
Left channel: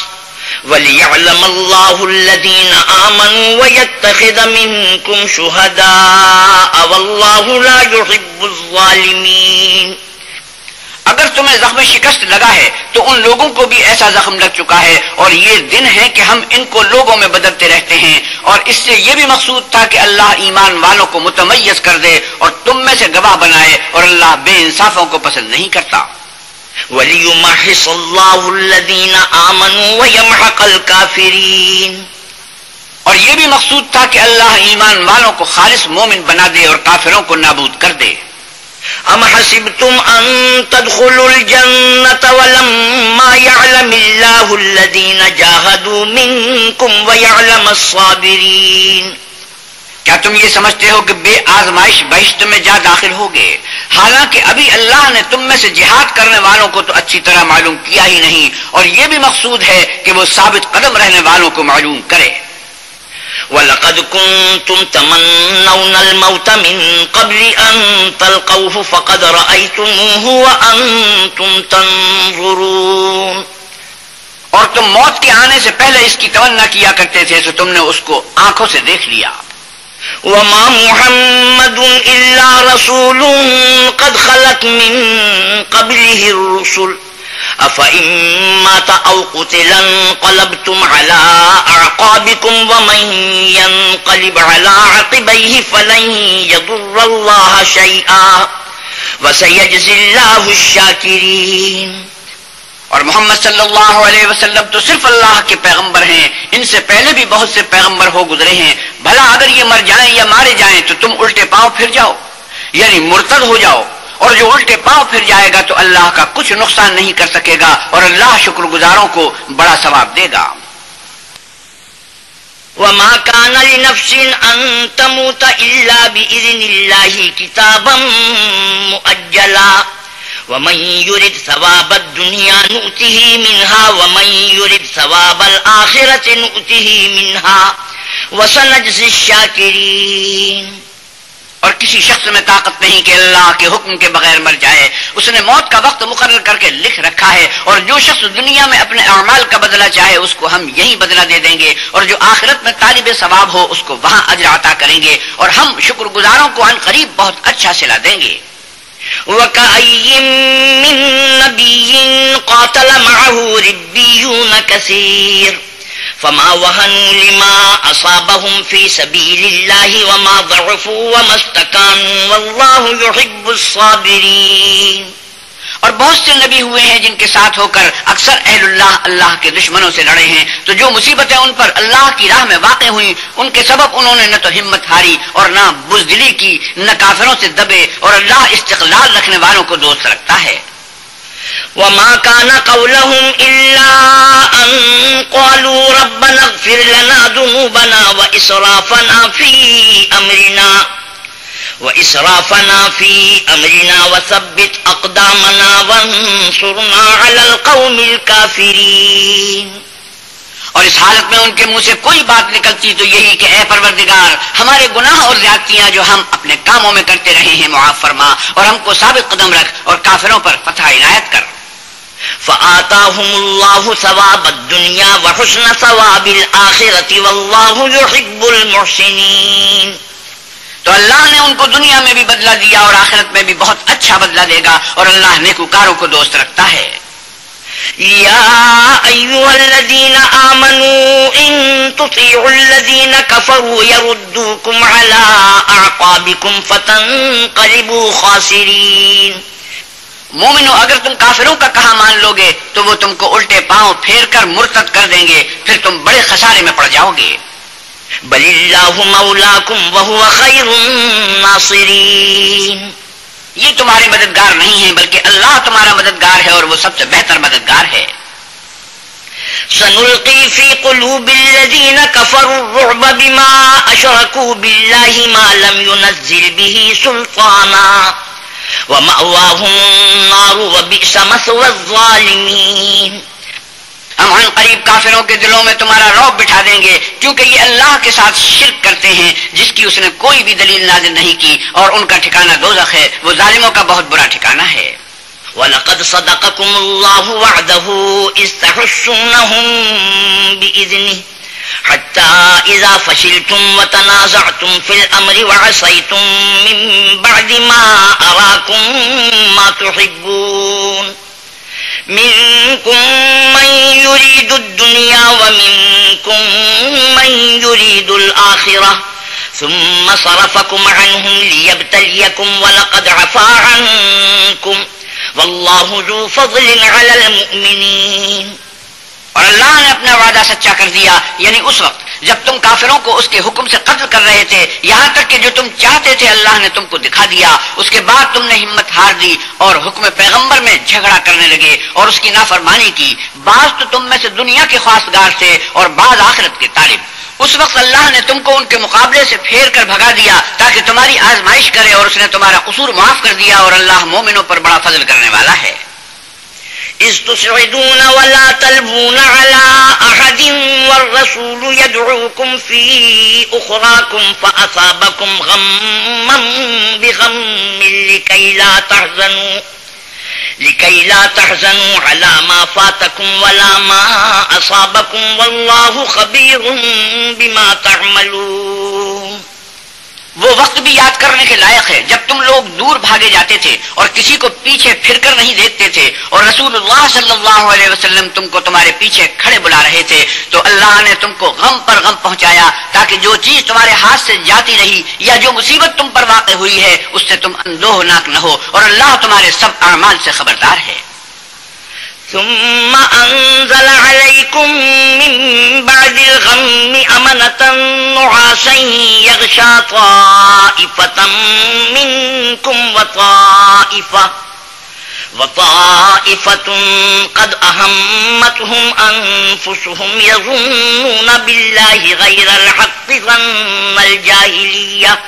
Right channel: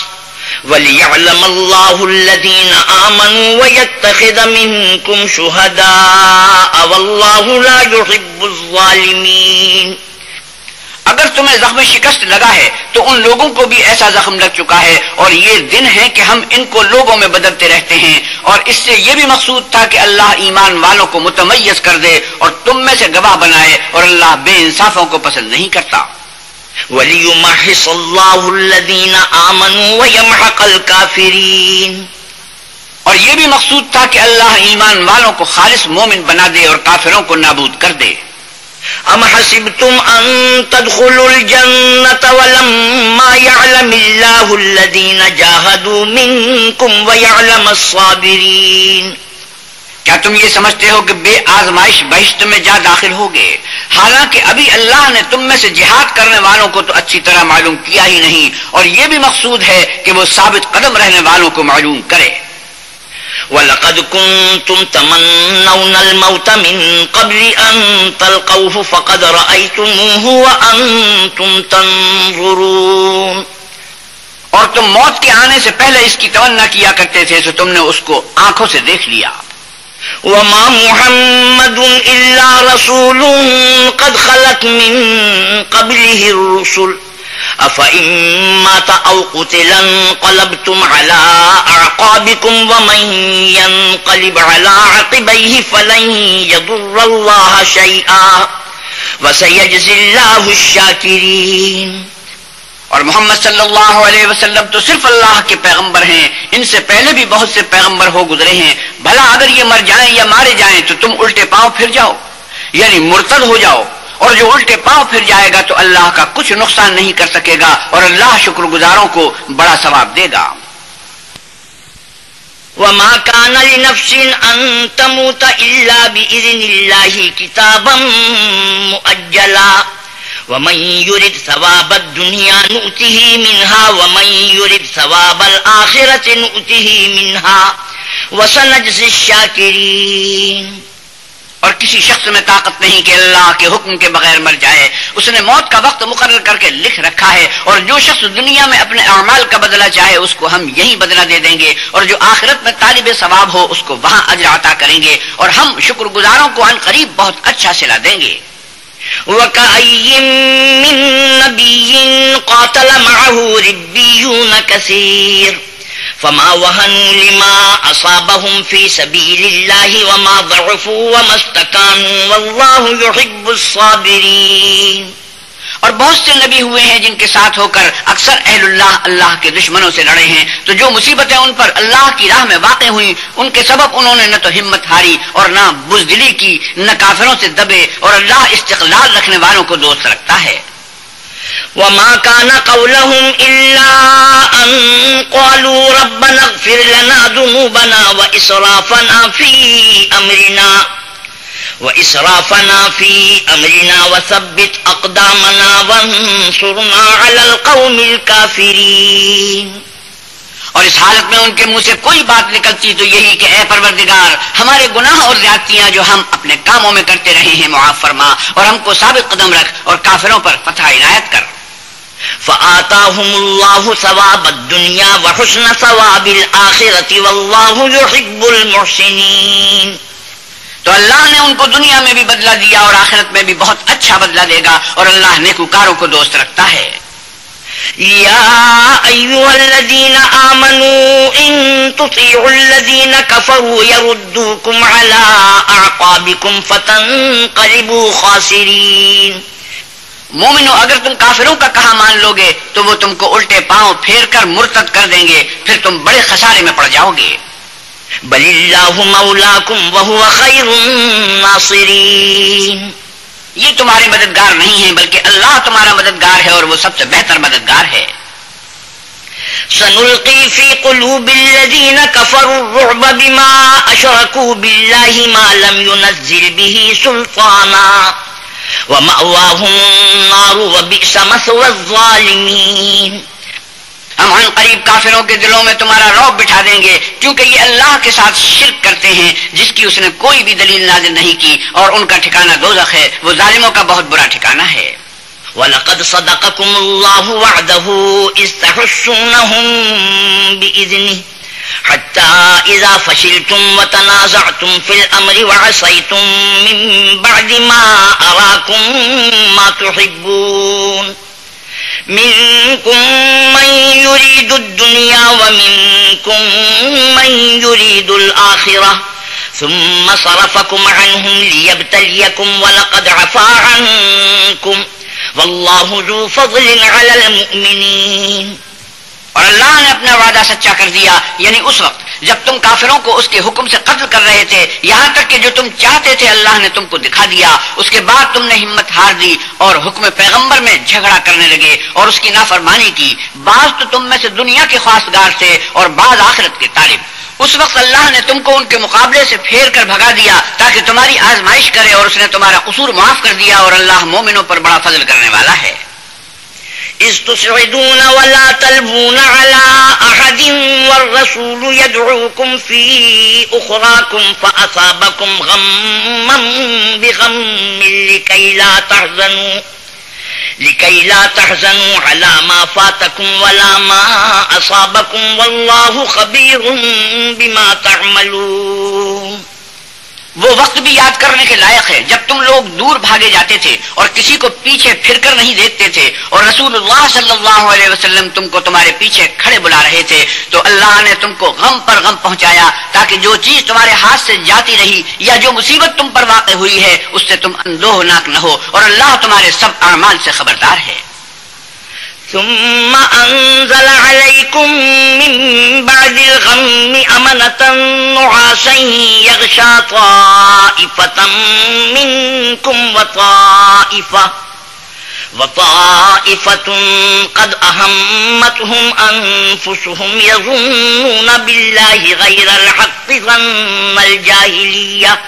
وليعلم الله الذين آمنوا ويتخذ منكم شهداء والله لا يحب الظالمين. اگر تمہیں زخم شکست لگا ہے تو ان لوگوں کو بھی ایسا زخم لگ چکا ہے، اور یہ دن ہے کہ ہم ان کو لوگوں میں بدلتے رہتے ہیں. اور اس سے یہ بھی مقصود تھا کہ اللہ ایمان والوں کو متمیز کر دے اور تم میں سے گواہ بنائے، اور اللہ بے انصافوں کو پسند نہیں کرتا. وَلِيُمَحِّصَ اللَّهُ الَّذِينَ آمَنُوا وَيَمْحَقَ الْكَافِرِينَ. اور یہ بھی مقصود تھا کہ اللہ ایمان والوں کو خالص مومن بنا دے اور کافروں کو نابود کر دے. أَمْ حَسِبْتُمْ أَن تَدْخُلُوا الْجَنَّةَ وَلَمَّا يَعْلَمِ اللَّهُ الَّذِينَ جَاهَدُوا مِنكُمْ وَيَعْلَمَ الصَّابِرِينَ. کیا تم یہ سمجھتے ہو کہ بے آزمائش بہشت میں جا داخل ہوگے، حالانکہ ابھی اللہ نے تم میں سے جہاد کرنے والوں کو تو اچھی طرح معلوم کیا ہی نہیں، اور یہ بھی مقصود ہے کہ وہ ثابت قدم رہنے والوں کو معلوم کرے. وَلَقَدْ كُنْتُمْ تَمَنَّوْنَ الْمَوْتَ مِنْ قَبْلِ أَنْ تَلْقَوْهُ فَقَدْ رَأَيْتُمُوهُ وَأَنْتُمْ تَنْظُرُونَ. اور تم موت کے آنے سے پہلے اس کی تمنا کیا کرتے تھے، تو تم نے اس کو آنکھوں سے دیکھ لیا. وَمَا مُحَمَّدٌ إِلَّا رَسُولٌ قَدْ خَلَتْ مِنْ قَبْلِهِ الرُّسُلُ أَفَإِن مَّاتَ أَوْ قُتِلَ انقَلَبْتُمْ عَلَىٰ أَعْقَابِكُمْ وَمَن يَنقَلِبْ عَلَىٰ عَقِبَيْهِ فَلَن يَضُرَّ اللَّهَ شَيْئًا وَسَيَجْزِي اللَّهُ الشَّاكِرِينَ. اور محمد صلی اللہ علیہ وسلم تو صرف اللہ کے پیغمبر ہیں، ان سے پہلے بھی بہت سے پیغمبر ہو گزرے ہیں. بھلا اگر یہ مر جائیں یا مارے جائیں تو تم الٹے پاؤں پھر جاؤ، یعنی مرتد ہو جاؤ، اور جو الٹے پاؤں پھر جائے گا تو اللہ کا کچھ نقصان نہیں کر سکے گا، اور اللہ شکر گزاروں کو بڑا ثواب دے گا. وَمَا كَانَ لِنَفْسٍ أَن تَمُوتَ إِلَّا بِإِذْنِ اللَّهِ كِتَابًا مُؤَجَّلًا وَمَن يُرِدْ ثَوَابَ الدُّنْيَا نُؤْتِهِ مِنْهَا وَمَن يُرِدْ ثَوَابَ الْآخِرَةِ نُؤْتِهِ مِنْهَا وَسَنَجْزِي الشَّاكِرِينَ. اور کسی شخص میں طاقت نہیں کہ اللہ کے حکم کے بغیر مر جائے. اس نے موت کا وقت مقرر کر کے لکھ رکھا ہے، اور جو شخص دنیا میں اپنے اعمال کا بدلہ چاہے اس کو ہم یہی بدلہ دے دیں گے، اور جو آخرت میں طالب ثواب ہو اس کو وہاں اجر عطا کریں گے، اور ہم شکر گزاروں کو عن قریب بہت اچھا صلہ دیں گے. وَكَأَيٍّ مِّن نَّبِيٍّ قَاتَلَ مَعَهُ رِبِّيُّونَ كَثِيرٌ فَمَا وَهَنُوا لِمَا أَصَابَهُمْ فِي سَبِيلِ اللَّهِ وَمَا ضَعُفُوا وَمَا اسْتَكَانُوا وَاللَّهُ يُحِبُّ الصَّابِرِينَ. اور بہت سے نبی ہوئے ہیں جن کے ساتھ ہو کر اکثر اہل اللہ کے دشمنوں سے لڑے ہیں، تو جو مصیبتیں ان پر اللہ کی راہ میں واقع ہوئیں ان کے سبب انہوں نے نہ تو ہمت ہاری اور نہ بزدلی کی، نہ کافروں سے دبے، اور اللہ استقلال رکھنے والوں کو دوست رکھتا ہے. وَمَا كَانَ قَوْلَهُمْ إِلَّا أَن قَالُوا رَبَّنَا اغْفِرْ لَنَا ذُنُوبَنَا وَإِسْرَافَنَا فِي أَمْرِنَا وَثَبِّتْ أَقْدَامَنَا وَانصُرْنَا عَلَى الْقَوْمِ الْكَافِرِينَ. اور اس حالت میں ان کے منہ سے کوئی بات نکلتی تو یہی کہ اے پروردگار، ہمارے گناہ اور زیادتیاں جو ہم اپنے کاموں میں کرتے رہے ہیں معاف فرما، اور ہم کو ثابت قدم رکھ اور کافروں پر فتح عنایت کر. فآتاهم الله ثواب الدنيا وحسن ثواب الآخرة والله يحب المحسنين. تو اللہ نے ان کو دنیا میں بھی بدلہ دیا اور آخرت میں بھی بہت اچھا بدلہ دے گا، اور اللہ نیکوکاروں کو دوست رکھتا ہے. يا أيها الذين آمنوا إن تطيعوا الذين كفروا يردوكم على أعقابكم فتنقلبوا خاسرين. مومنو، اگر تم کافروں کا کہا مان لو گے تو وہ تم کو الٹے پاؤں پھیر کر مرتد کر دیں گے، پھر تم بڑے خسارے میں پڑ جاؤ گے. بل اللہ مولاکم وہو خیر الناصرین. یہ تمہارے مددگار نہیں ہیں بلکہ اللہ تمہارا مددگار ہے اور وہ سب سے بہتر مددگار ہے. سنلقی فی قلوب الذین کفروا الرعب بما اشرکوا باللہ ما لم ينزل به سلطانا ومأواهم النار وبئس مثوى الظالمین. ہم عن قریب کافروں کے دلوں میں تمہارا رعب بٹھا دیں گے کیونکہ یہ اللہ کے ساتھ شرک کرتے ہیں جس کی اس نے کوئی بھی دلیل نازل نہیں کی، اور ان کا ٹھکانہ دوزخ ہے، وہ ظالموں کا بہت برا ٹھکانہ ہے. وَلَقَدْ صَدَقَكُمُ اللَّهُ وَعْدَهُ إِذْ تَحُسُّونَهُم بِإِذْنِهِ حَتَّى إِذَا فَشِلْتُمْ وَتَنَازَعْتُمْ فِي الْأَمْرِ وَعَصَيْتُمْ مِن بَعْدِ مَا أَرَاكُم مَّا تُحِبُّونَ منكم من يريد الدنيا ومنكم من يريد الآخرة ثم صرفكم عنهم ليبتليكم ولقد عفا عنكم والله ذو فضل على المؤمنين. اور اللہ نے اپنا وعدہ سچا کر دیا، یعنی اس وقت جب تم کافروں کو اس کے حکم سے قتل کر رہے تھے، یہاں تک کہ جو تم چاہتے تھے اللہ نے تم کو دکھا دیا. اس کے بعد تم نے ہمت ہار دی اور حکم پیغمبر میں جھگڑا کرنے لگے اور اس کی نافرمانی کی. بعض تو تم میں سے دنیا کے خواستگار تھے اور بعض آخرت کے طالب. اس وقت اللہ نے تم کو ان کے مقابلے سے پھیر کر بھگا دیا تاکہ تمہاری آزمائش کرے، اور اس نے تمہارا قصور معاف کر دیا، اور اللہ مومنوں پر بڑا فضل کرنے والا ہے. إذ تسعدون ولا تلبون على أحد والرسول يدعوكم في أخراكم فأصابكم غما بغم لكي لا تحزنوا على ما فاتكم ولا ما أصابكم والله خبير بما تعملون. وہ وقت بھی یاد کرنے کے لائق ہے جب تم لوگ دور بھاگے جاتے تھے اور کسی کو پیچھے پھر کر نہیں دیکھتے تھے، اور رسول اللہ صلی اللہ علیہ وسلم تم کو تمہارے پیچھے کھڑے بلا رہے تھے، تو اللہ نے تم کو غم پر غم پہنچایا تاکہ جو چیز تمہارے ہاتھ سے جاتی رہی یا جو مصیبت تم پر واقع ہوئی ہے اس سے تم اندوہناک نہ ہو، اور اللہ تمہارے سب اعمال سے خبردار ہے. ثم أنزل عليكم من بعد الغم أمنة نعاسا يغشى طائفة منكم وطائفة قد أهمتهم أنفسهم يظنون بالله غير الحق ظن الجاهلية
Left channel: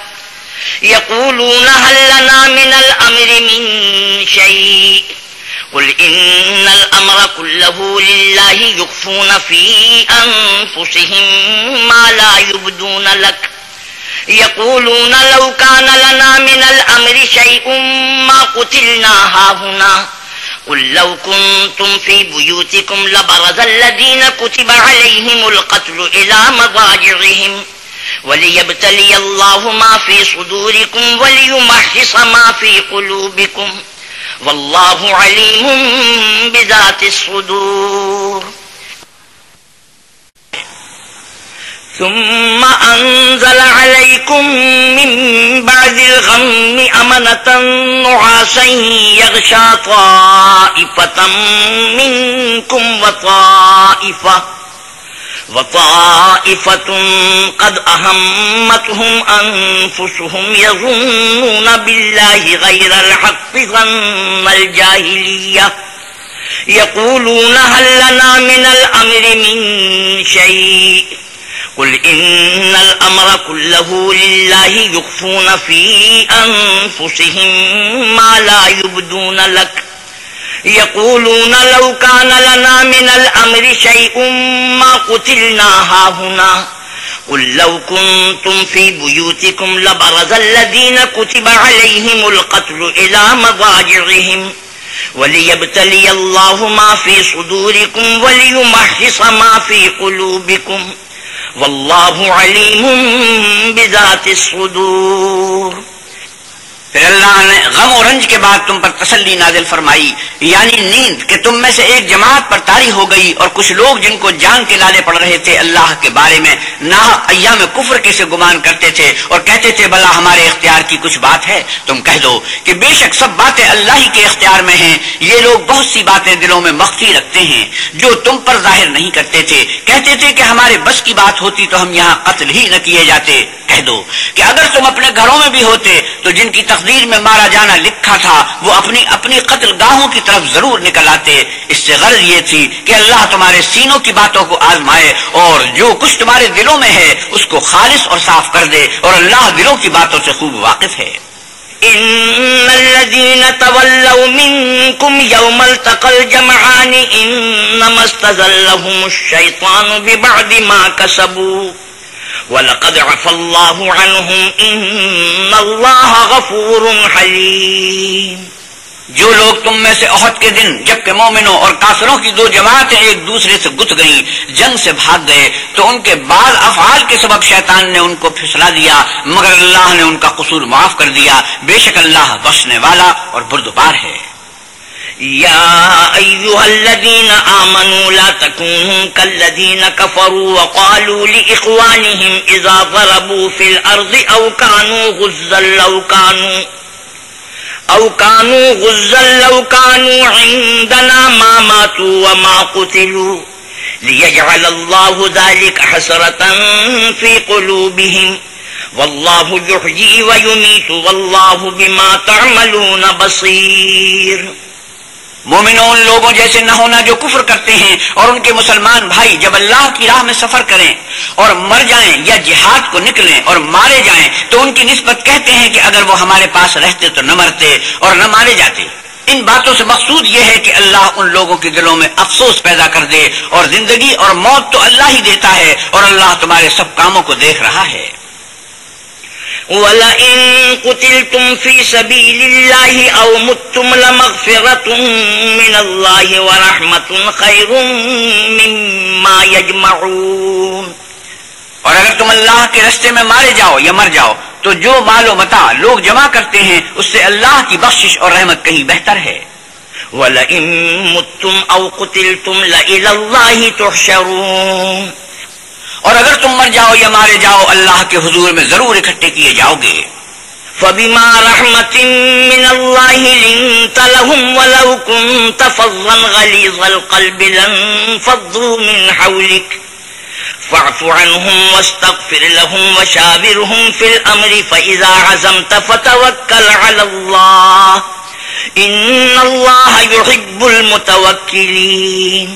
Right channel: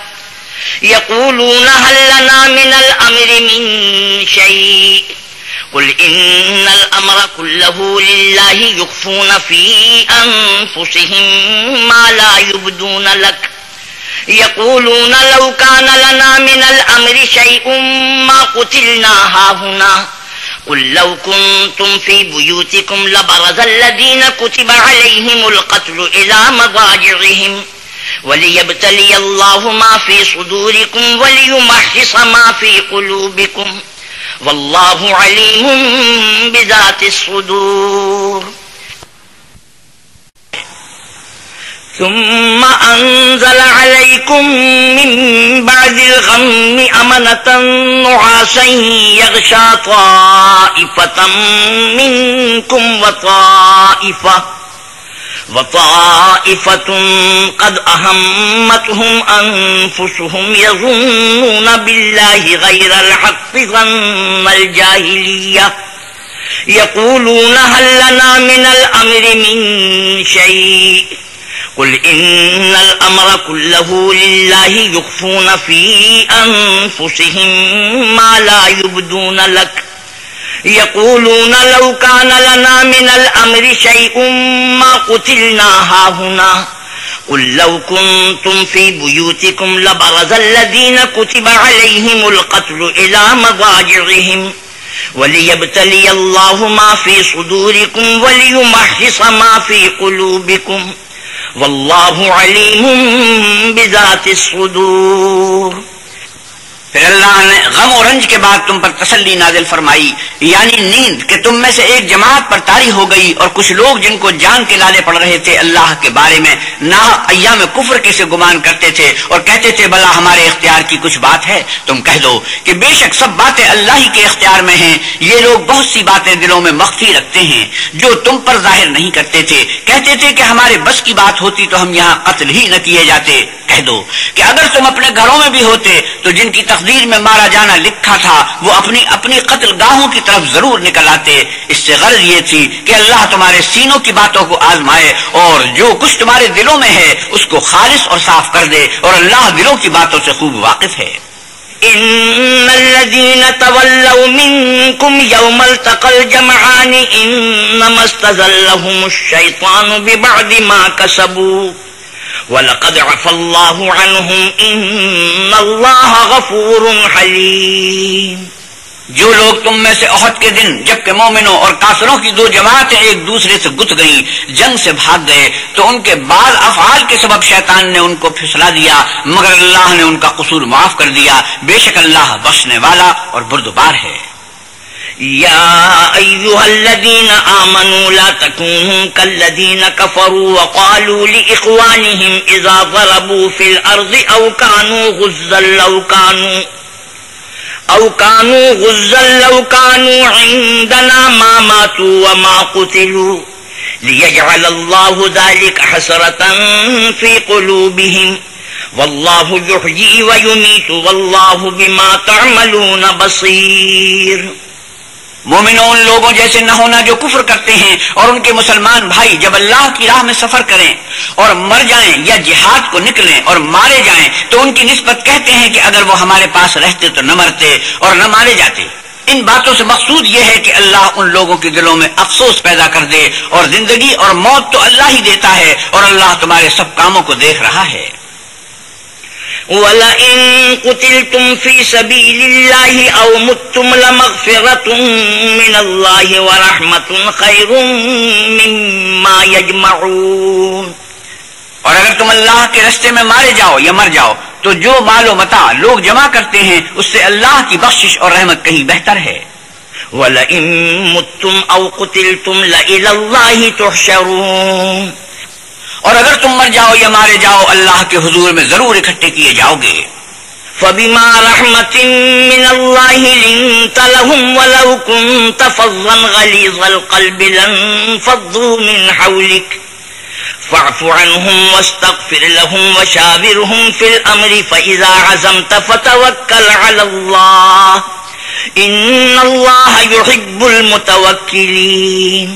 يقولون هل لنا من الأمر من شيء قل إن الأمر كله لله يخفون في أنفسهم ما لا يبدون لك يقولون لو كان لنا من الأمر شيء ما قتلنا هاهنا قل لو كنتم في بيوتكم لبرز الذين كتب عليهم القتل إلى مضاجعهم وليبتلي الله ما في صدوركم وليمحص ما في قلوبكم واللہ علیم بذات الصدور. ثم انزل علیکم من بعد الغم امنة نعاسا یغشى طائفة منکم وطائفة قد أهمتهم أنفسهم يظنون بالله غير الحق ظن الجاهلية يقولون هل لنا من الأمر من شيء قل إن الأمر كله لله يخفون في أنفسهم ما لا يبدون لك يقولون لو كان لنا من الأمر شيء ما قتلنا هاهنا قل لو كنتم في بيوتكم لبرز الذين كتب عليهم القتل إلى مضاجعهم وليبتلي الله ما في صدوركم وليمحص ما في قلوبكم والله عليم بذات الصدور. پھر اللہ نے غم و رنج کے بعد تم پر تسلی نازل فرمائی، یعنی نیند، کہ تم میں سے ایک جماعت پر طاری ہو گئی، اور کچھ لوگ جن کو جان کے لالے پڑ رہے تھے اللہ کے بارے میں ناحق ایام کفر کے سے گمان کرتے تھے اور کہتے تھے بھلا ہمارے اختیار کی کچھ بات ہے؟ تم کہہ دو کہ بے شک سب باتیں اللہ ہی کے اختیار میں ہیں، یہ لوگ بہت سی باتیں دلوں میں مخفی رکھتے ہیں جو تم پر ظاہر نہیں کرتے تھے، کہتے تھے کہ ہمارے بس کی بات ہوتی تو ہم یہاں قتل ہی نہ کیے جاتے۔ کہہ دو کہ اگر تم اپنے گھروں میں بھی ہوتے تو جن کی تقدیر میں مارا جانا لکھا تھا وہ اپنی قتل گاہوں کی طرف ضرور نکل آتے۔ اس سے غرض یہ تھی کہ اللہ تمہارے سینوں کی باتوں کو آزمائے اور جو کچھ تمہارے دلوں میں ہے اس کو خالص اور صاف کر دے، اور اللہ دلوں کی باتوں سے خوب واقف ہے۔ ان الذين تولوا منكم يوم التقى الجمعان انما استزلهم الشيطان ببعض ما كسبوا وَلَقَدْ عَفَا اللَّهُ عَنْهُمْ إِنَّ اللَّهَ غَفُورٌ حَلِيمٌ۔ جو لوگ تم میں سے احد کے دن جبکہ مومنوں اور کافروں کی دو جماعتیں ایک دوسرے سے گت گئیں، جنگ سے بھاگ گئے، تو ان کے بعض افعال کے سبب شیطان نے ان کو پھسلا دیا، مگر اللہ نے ان کا قصور معاف کر دیا، بے شک اللہ بخشنے والا اور بردبار ہے۔ يا أيها الذين آمنوا لا تكونوا كالذين كفروا وقالوا لإخوانهم إذا ضربوا في الأرض أو كانوا غزا لو كانوا عندنا ما ماتوا وما قتلوا ليجعل الله ذلك حسرة في قلوبهم والله يحيي ويميت والله بما تعملون بصير۔ مومنوں، ان لوگوں جیسے نہ ہونا جو کفر کرتے ہیں اور ان کے مسلمان بھائی جب اللہ کی راہ میں سفر کریں اور مر جائیں یا جہاد کو نکلیں اور مارے جائیں تو ان کی نسبت کہتے ہیں کہ اگر وہ ہمارے پاس رہتے تو نہ مرتے اور نہ مارے جاتے۔ ان باتوں سے مقصود یہ ہے کہ اللہ ان لوگوں کے دلوں میں افسوس پیدا کر دے، اور زندگی اور موت تو اللہ ہی دیتا ہے اور اللہ تمہارے سب کاموں کو دیکھ رہا ہے۔ وَلَئِن قُتِلْتُمْ فِي سَبِيلِ اللَّهِ أَوْ مُتُّمْ لَمَغْفِرَةٌ مِّنَ اللَّهِ وَرَحْمَةٌ خَيْرٌ مِّمَّا يَجْمَعُونَ۔ اور اگر تم اللہ کے راستے میں مارے جاؤ یا مر جاؤ تو جو مال و متاع لوگ جمع کرتے ہیں اس سے اللہ کی بخشش اور رحمت کہیں بہتر ہے۔ وَلَئِن مُتُّمْ أَوْ قُتِلْتُمْ لَإِلَى اللَّهِ تُحْشَرُونَ۔ اور اگر تم مر جاؤ یا مارے جاؤ اللہ کے حضور میں ضرور اکٹھے کیے جاؤ گے۔ فَبِمَا رَحْمَةٍ مِّنَ اللَّهِ لِنتَ لَهُمْ وَلَوْ كُنتَ فَظًّا غَلِيظَ الْقَلْبِ لَانفَضُّوا مِنْ حَوْلِكَ فَاعْفُ عَنْهُمْ وَاسْتَغْفِرْ لَهُمْ وَشَاوِرْهُمْ فِي الْأَمْرِ فَإِذَا عَزَمْتَ فَتَوَكَّلْ عَلَى اللَّهِ إِنَّ اللَّهَ يُحِبُّ الْمُتَوَكِّلِينَ۔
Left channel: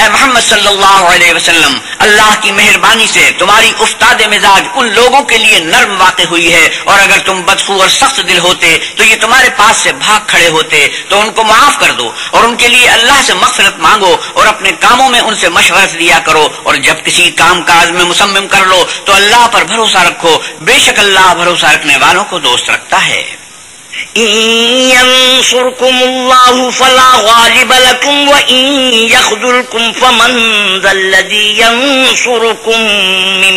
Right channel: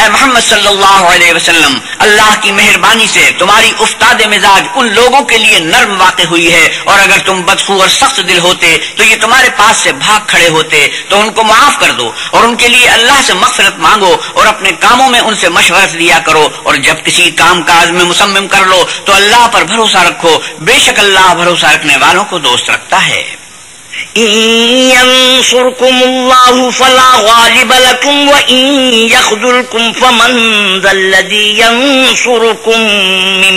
اے محمد صلی اللہ علیہ وسلم، اللہ کی مہربانی سے تمہاری افتاد مزاج ان لوگوں کے لیے نرم واقع ہوئی ہے، اور اگر تم بدخو اور سخت دل ہوتے تو یہ تمہارے پاس سے بھاگ کھڑے ہوتے، تو ان کو معاف کر دو اور ان کے لیے اللہ سے مغفرت مانگو اور اپنے کاموں میں ان سے مشورت لیا کرو، اور جب کسی کام کاج میں مصمم کر لو تو اللہ پر بھروسہ رکھو، بے شک اللہ بھروسہ رکھنے والوں کو دوست رکھتا ہے۔ إن ينصركم الله فلا غالب لكم وإن يخذلكم فمن ذا الذي ينصركم من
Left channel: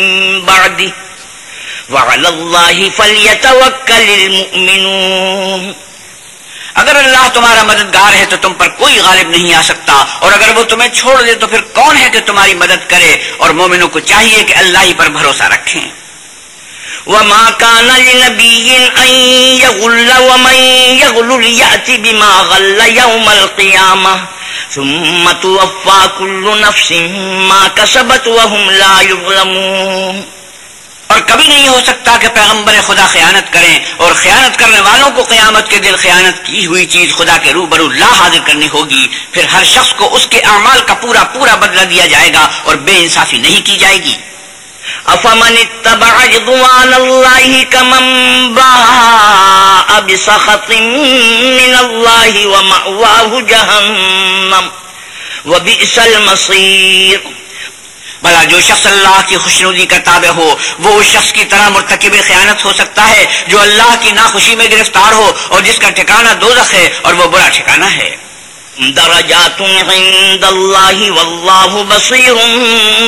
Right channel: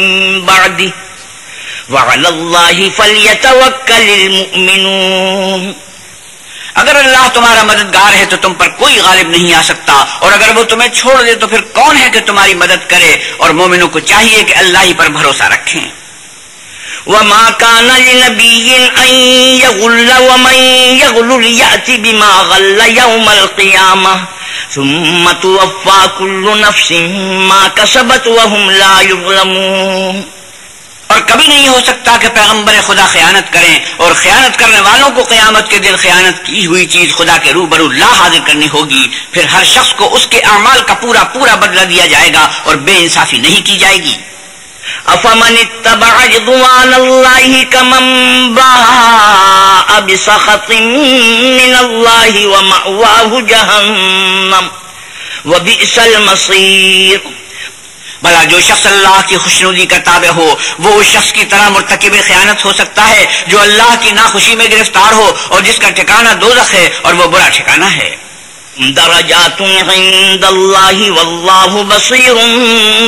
بعده وعلى الله فليتوكل المؤمنون۔ اگر اللہ تمہارا مددگار ہے تو تم پر کوئی غالب نہیں آ سکتا، اور اگر وہ تمہیں چھوڑ دے تو پھر کون ہے کہ تمہاری مدد کرے، اور مومنوں کو چاہیے کہ اللہ ہی پر بھروسہ رکھیں۔ وما كان لنبي أن يغل ومن يغل يأت بما غل يوم القيامة ثم توفى كل نفس ما كسبت وهم لا يظلمون۔ اور کبھی نہیں ہو سکتا کہ پیغمبر خدا خیانت کریں، اور خیانت کرنے والوں کو قیامت کے دن خیانت کی ہوئی چیز خدا کے روبرو لا حاضر کرنی ہوگی، پھر ہر شخص کو اس کے اعمال کا پورا پورا بدلہ دیا جائے گا اور بے انصافی نہیں کی جائے گی۔ افمن اتبع رضوان الله كمن باء بسخط من الله ومأواه جهنم وبئس المصير۔ بھلا جو شخص اللہ کی خوشنودی کا تابع ہو وہ اس شخص کی طرح مرتکب خیانت ہو سکتا ہے جو اللہ کی ناخوشی میں گرفتار ہو اور جس کا ٹھکانہ دوزخ ہے اور وہ برا ٹھکانہ ہے۔ درجات عند اللہ واللہ بصیر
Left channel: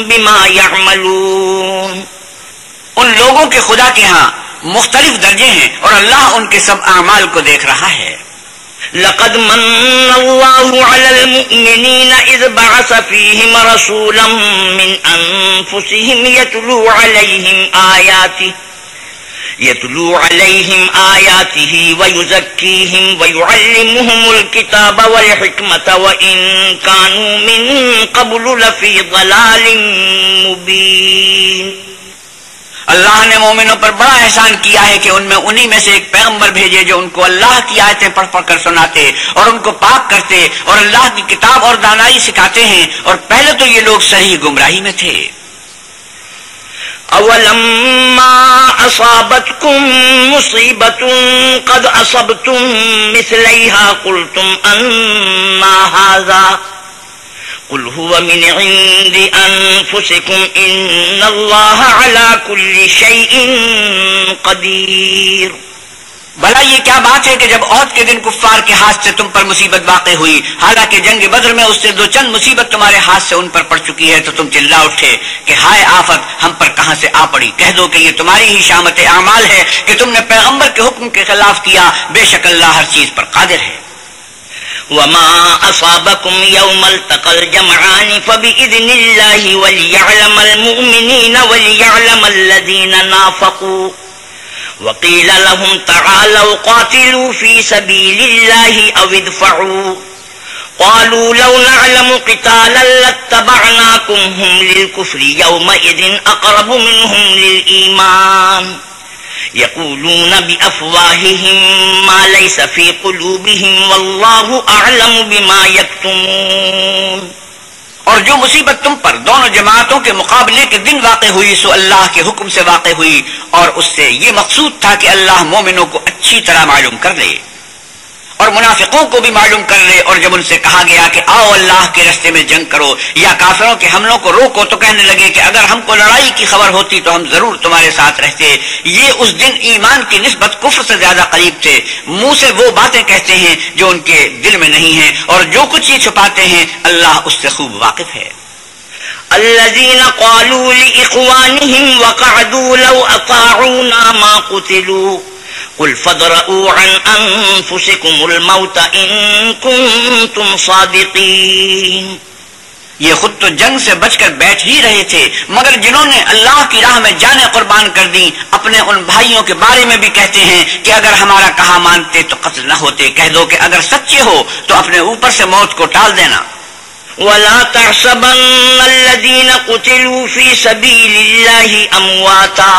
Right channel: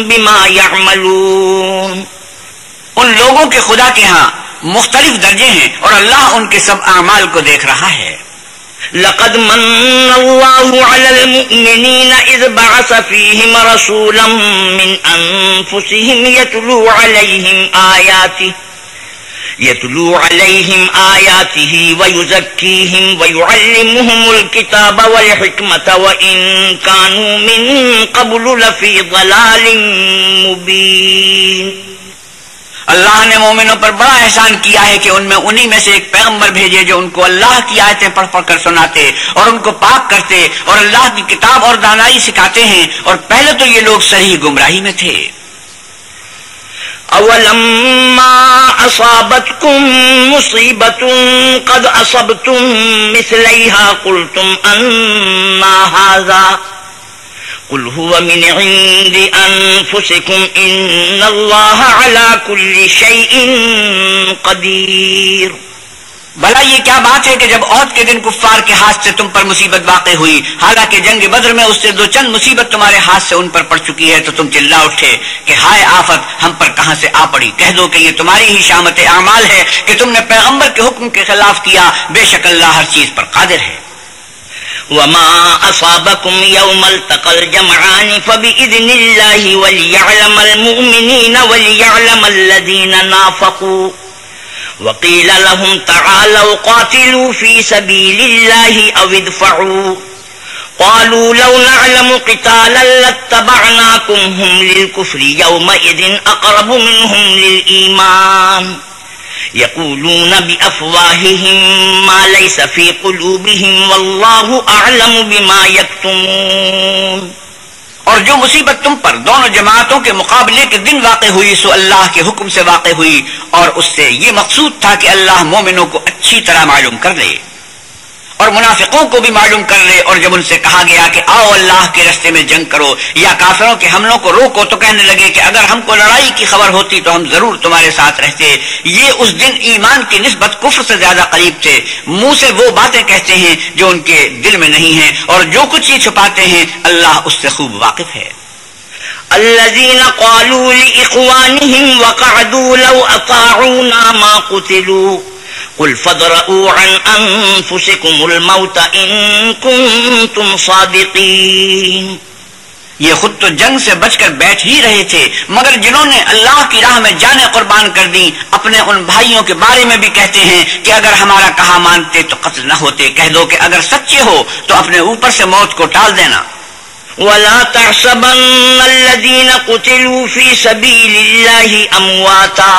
بما یعملون۔ ان لوگوں کے خدا کے ہاں مختلف درجے ہیں اور اللہ ان کے سب اعمال کو دیکھ رہا ہے۔ لقد من الله على المؤمنين إذ بعث فيهم رسولا من أنفسهم يتلو عليهم آياته ويزكيهم ويعلمهم الكتاب والحكمة وإن كانوا من قبل لفي ضلال مبين۔ اللہ نے مومنوں پر بڑا احسان کیا ہے کہ ان میں انہی میں سے ایک پیغمبر بھیجے جو ان کو اللہ کی آیتیں پڑھ پڑھ کر سناتے اور ان کو پاک کرتے اور اللہ کی کتاب اور دانائی سکھاتے ہیں، اور پہلے تو یہ لوگ صحیح گمراہی میں تھے۔ اولما اصابتكم مصیبۃ قد اصبتم مثلیہا قلتم انا ھذا قل هو من عند انفسكم ان اللہ علی کل شیء قدیر۔ بھلا یہ کیا بات ہے کہ جب عہد کے دن کفار کے ہاتھ سے تم پر مصیبت واقع ہوئی، حالانکہ جنگ بدر میں اس سے دو چند مصیبت تمہارے ہاتھ سے ان پر پڑ چکی ہے، تو تم چلا اٹھے کہ ہائے آفت ہم پر کہاں سے آ پڑی؟ کہہ دو کہ یہ تمہاری ہی شامت اعمال ہے کہ تم نے پیغمبر کے حکم کے خلاف کیا، بے شک اللہ ہر چیز پر قادر ہے۔ وما أصابكم يوم التقى الجمعان فبإذن الله وليعلم المؤمنين وليعلم الذين نافقوا وقيل لهم تعالوا قاتلوا في سبيل الله أو ادفعوا قالوا لو نعلم قتالا لاتبعناكم هم للكفر يومئذ أقرب منهم للإيمان يقولون بأفواههم ما ليس في قلوبهم والله أعلم بما يكتمون۔ اور جو مصیبت تم پر دونوں جماعتوں کے مقابلے کے دن واقع ہوئی سو اللہ کے حکم سے واقع ہوئی، اور اس سے یہ مقصود تھا کہ اللہ مومنوں کو اچھی طرح معلوم کر لے اور منافقوں کو بھی معلوم کر لے۔ اور جب ان سے کہا گیا کہ آؤ اللہ کے راستے میں جنگ کرو یا کافروں کے حملوں کو روکو، تو کہنے لگے کہ اگر ہم کو لڑائی کی خبر ہوتی تو ہم ضرور تمہارے ساتھ رہتے۔ یہ اس دن ایمان کی نسبت کفر سے زیادہ قریب تھے۔ منہ سے وہ باتیں کہتے ہیں جو ان کے دل میں نہیں ہیں، اور جو کچھ یہ چھپاتے ہیں اللہ اس سے خوب واقف ہے۔ الذين قالوا لإخوانهم وقعدوا لو أطاعونا ما قتلوا قل فادرؤوا عن أنفسكم الموت إن كنتم صادقين۔ یہ خود تو جنگ سے بچ کر بیٹھ ہی رہے تھے، مگر جنہوں نے اللہ کی راہ میں جانیں قربان کر دی اپنے ان بھائیوں کے بارے میں بھی کہتے ہیں کہ اگر ہمارا کہا مانتے تو قتل نہ ہوتے۔ کہہ دو کہ اگر سچے ہو تو اپنے اوپر سے موت کو ٹال دینا۔ ولا تحسبن الذين قتلوا في سبيل الله أمواتا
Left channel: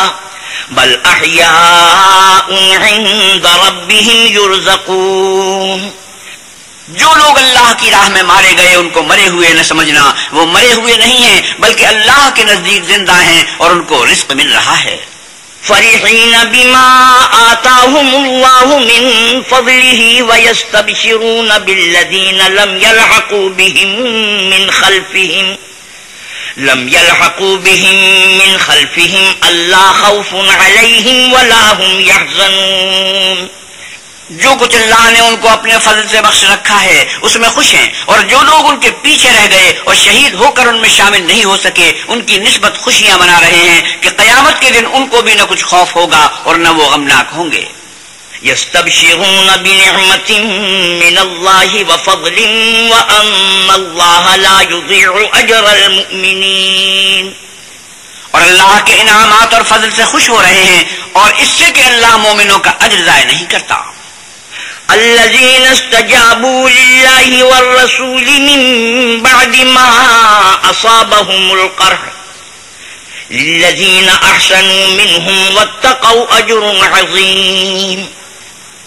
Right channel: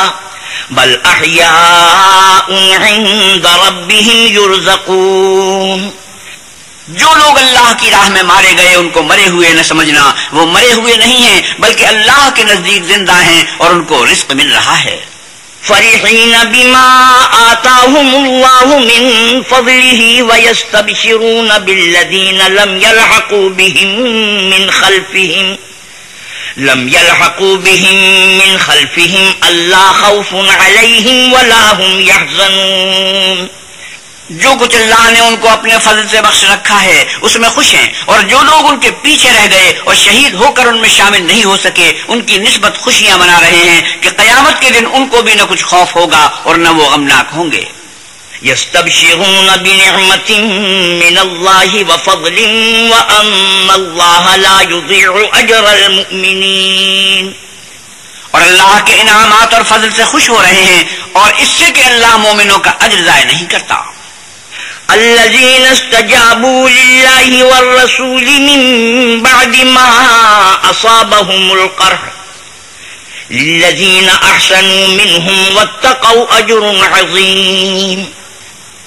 بل أحياء عند ربهم يرزقون۔ جو لوگ اللہ کی راہ میں مارے گئے ان کو مرے ہوئے نہ سمجھنا، وہ مرے ہوئے نہیں ہیں بلکہ اللہ کے نزدیک زندہ ہیں اور ان کو رزق مل رہا ہے۔ فرحين بما آتاهم الله من فضله ويستبشرون بالذين لم يلحقوا بهم من خلفهم ألا خوف عليهم ولا هم يحزنون۔ جو کچھ اللہ نے ان کو اپنے فضل سے بخش رکھا ہے اس میں خوش ہیں، اور جو لوگ ان کے پیچھے رہ گئے اور شہید ہو کر ان میں شامل نہیں ہو سکے ان کی نسبت خوشیاں منا رہے ہیں کہ قیامت کے دن ان کو بھی نہ کچھ خوف ہوگا اور نہ وہ غمناک ہوں گے۔ يستبشرون بنعمة من الله وفضل وأن الله لا يضيع أجر المؤمنين۔ اور اللہ کے انعامات اور فضل سے خوش ہو رہے ہیں اور اس سے کہ اللہ مومنوں کا اجر ضائع نہیں کرتا۔ الذين استجابوا لله والرسول من بعد ما أصابهم القرح للذين أحسنوا منهم واتقوا أجر عظيم۔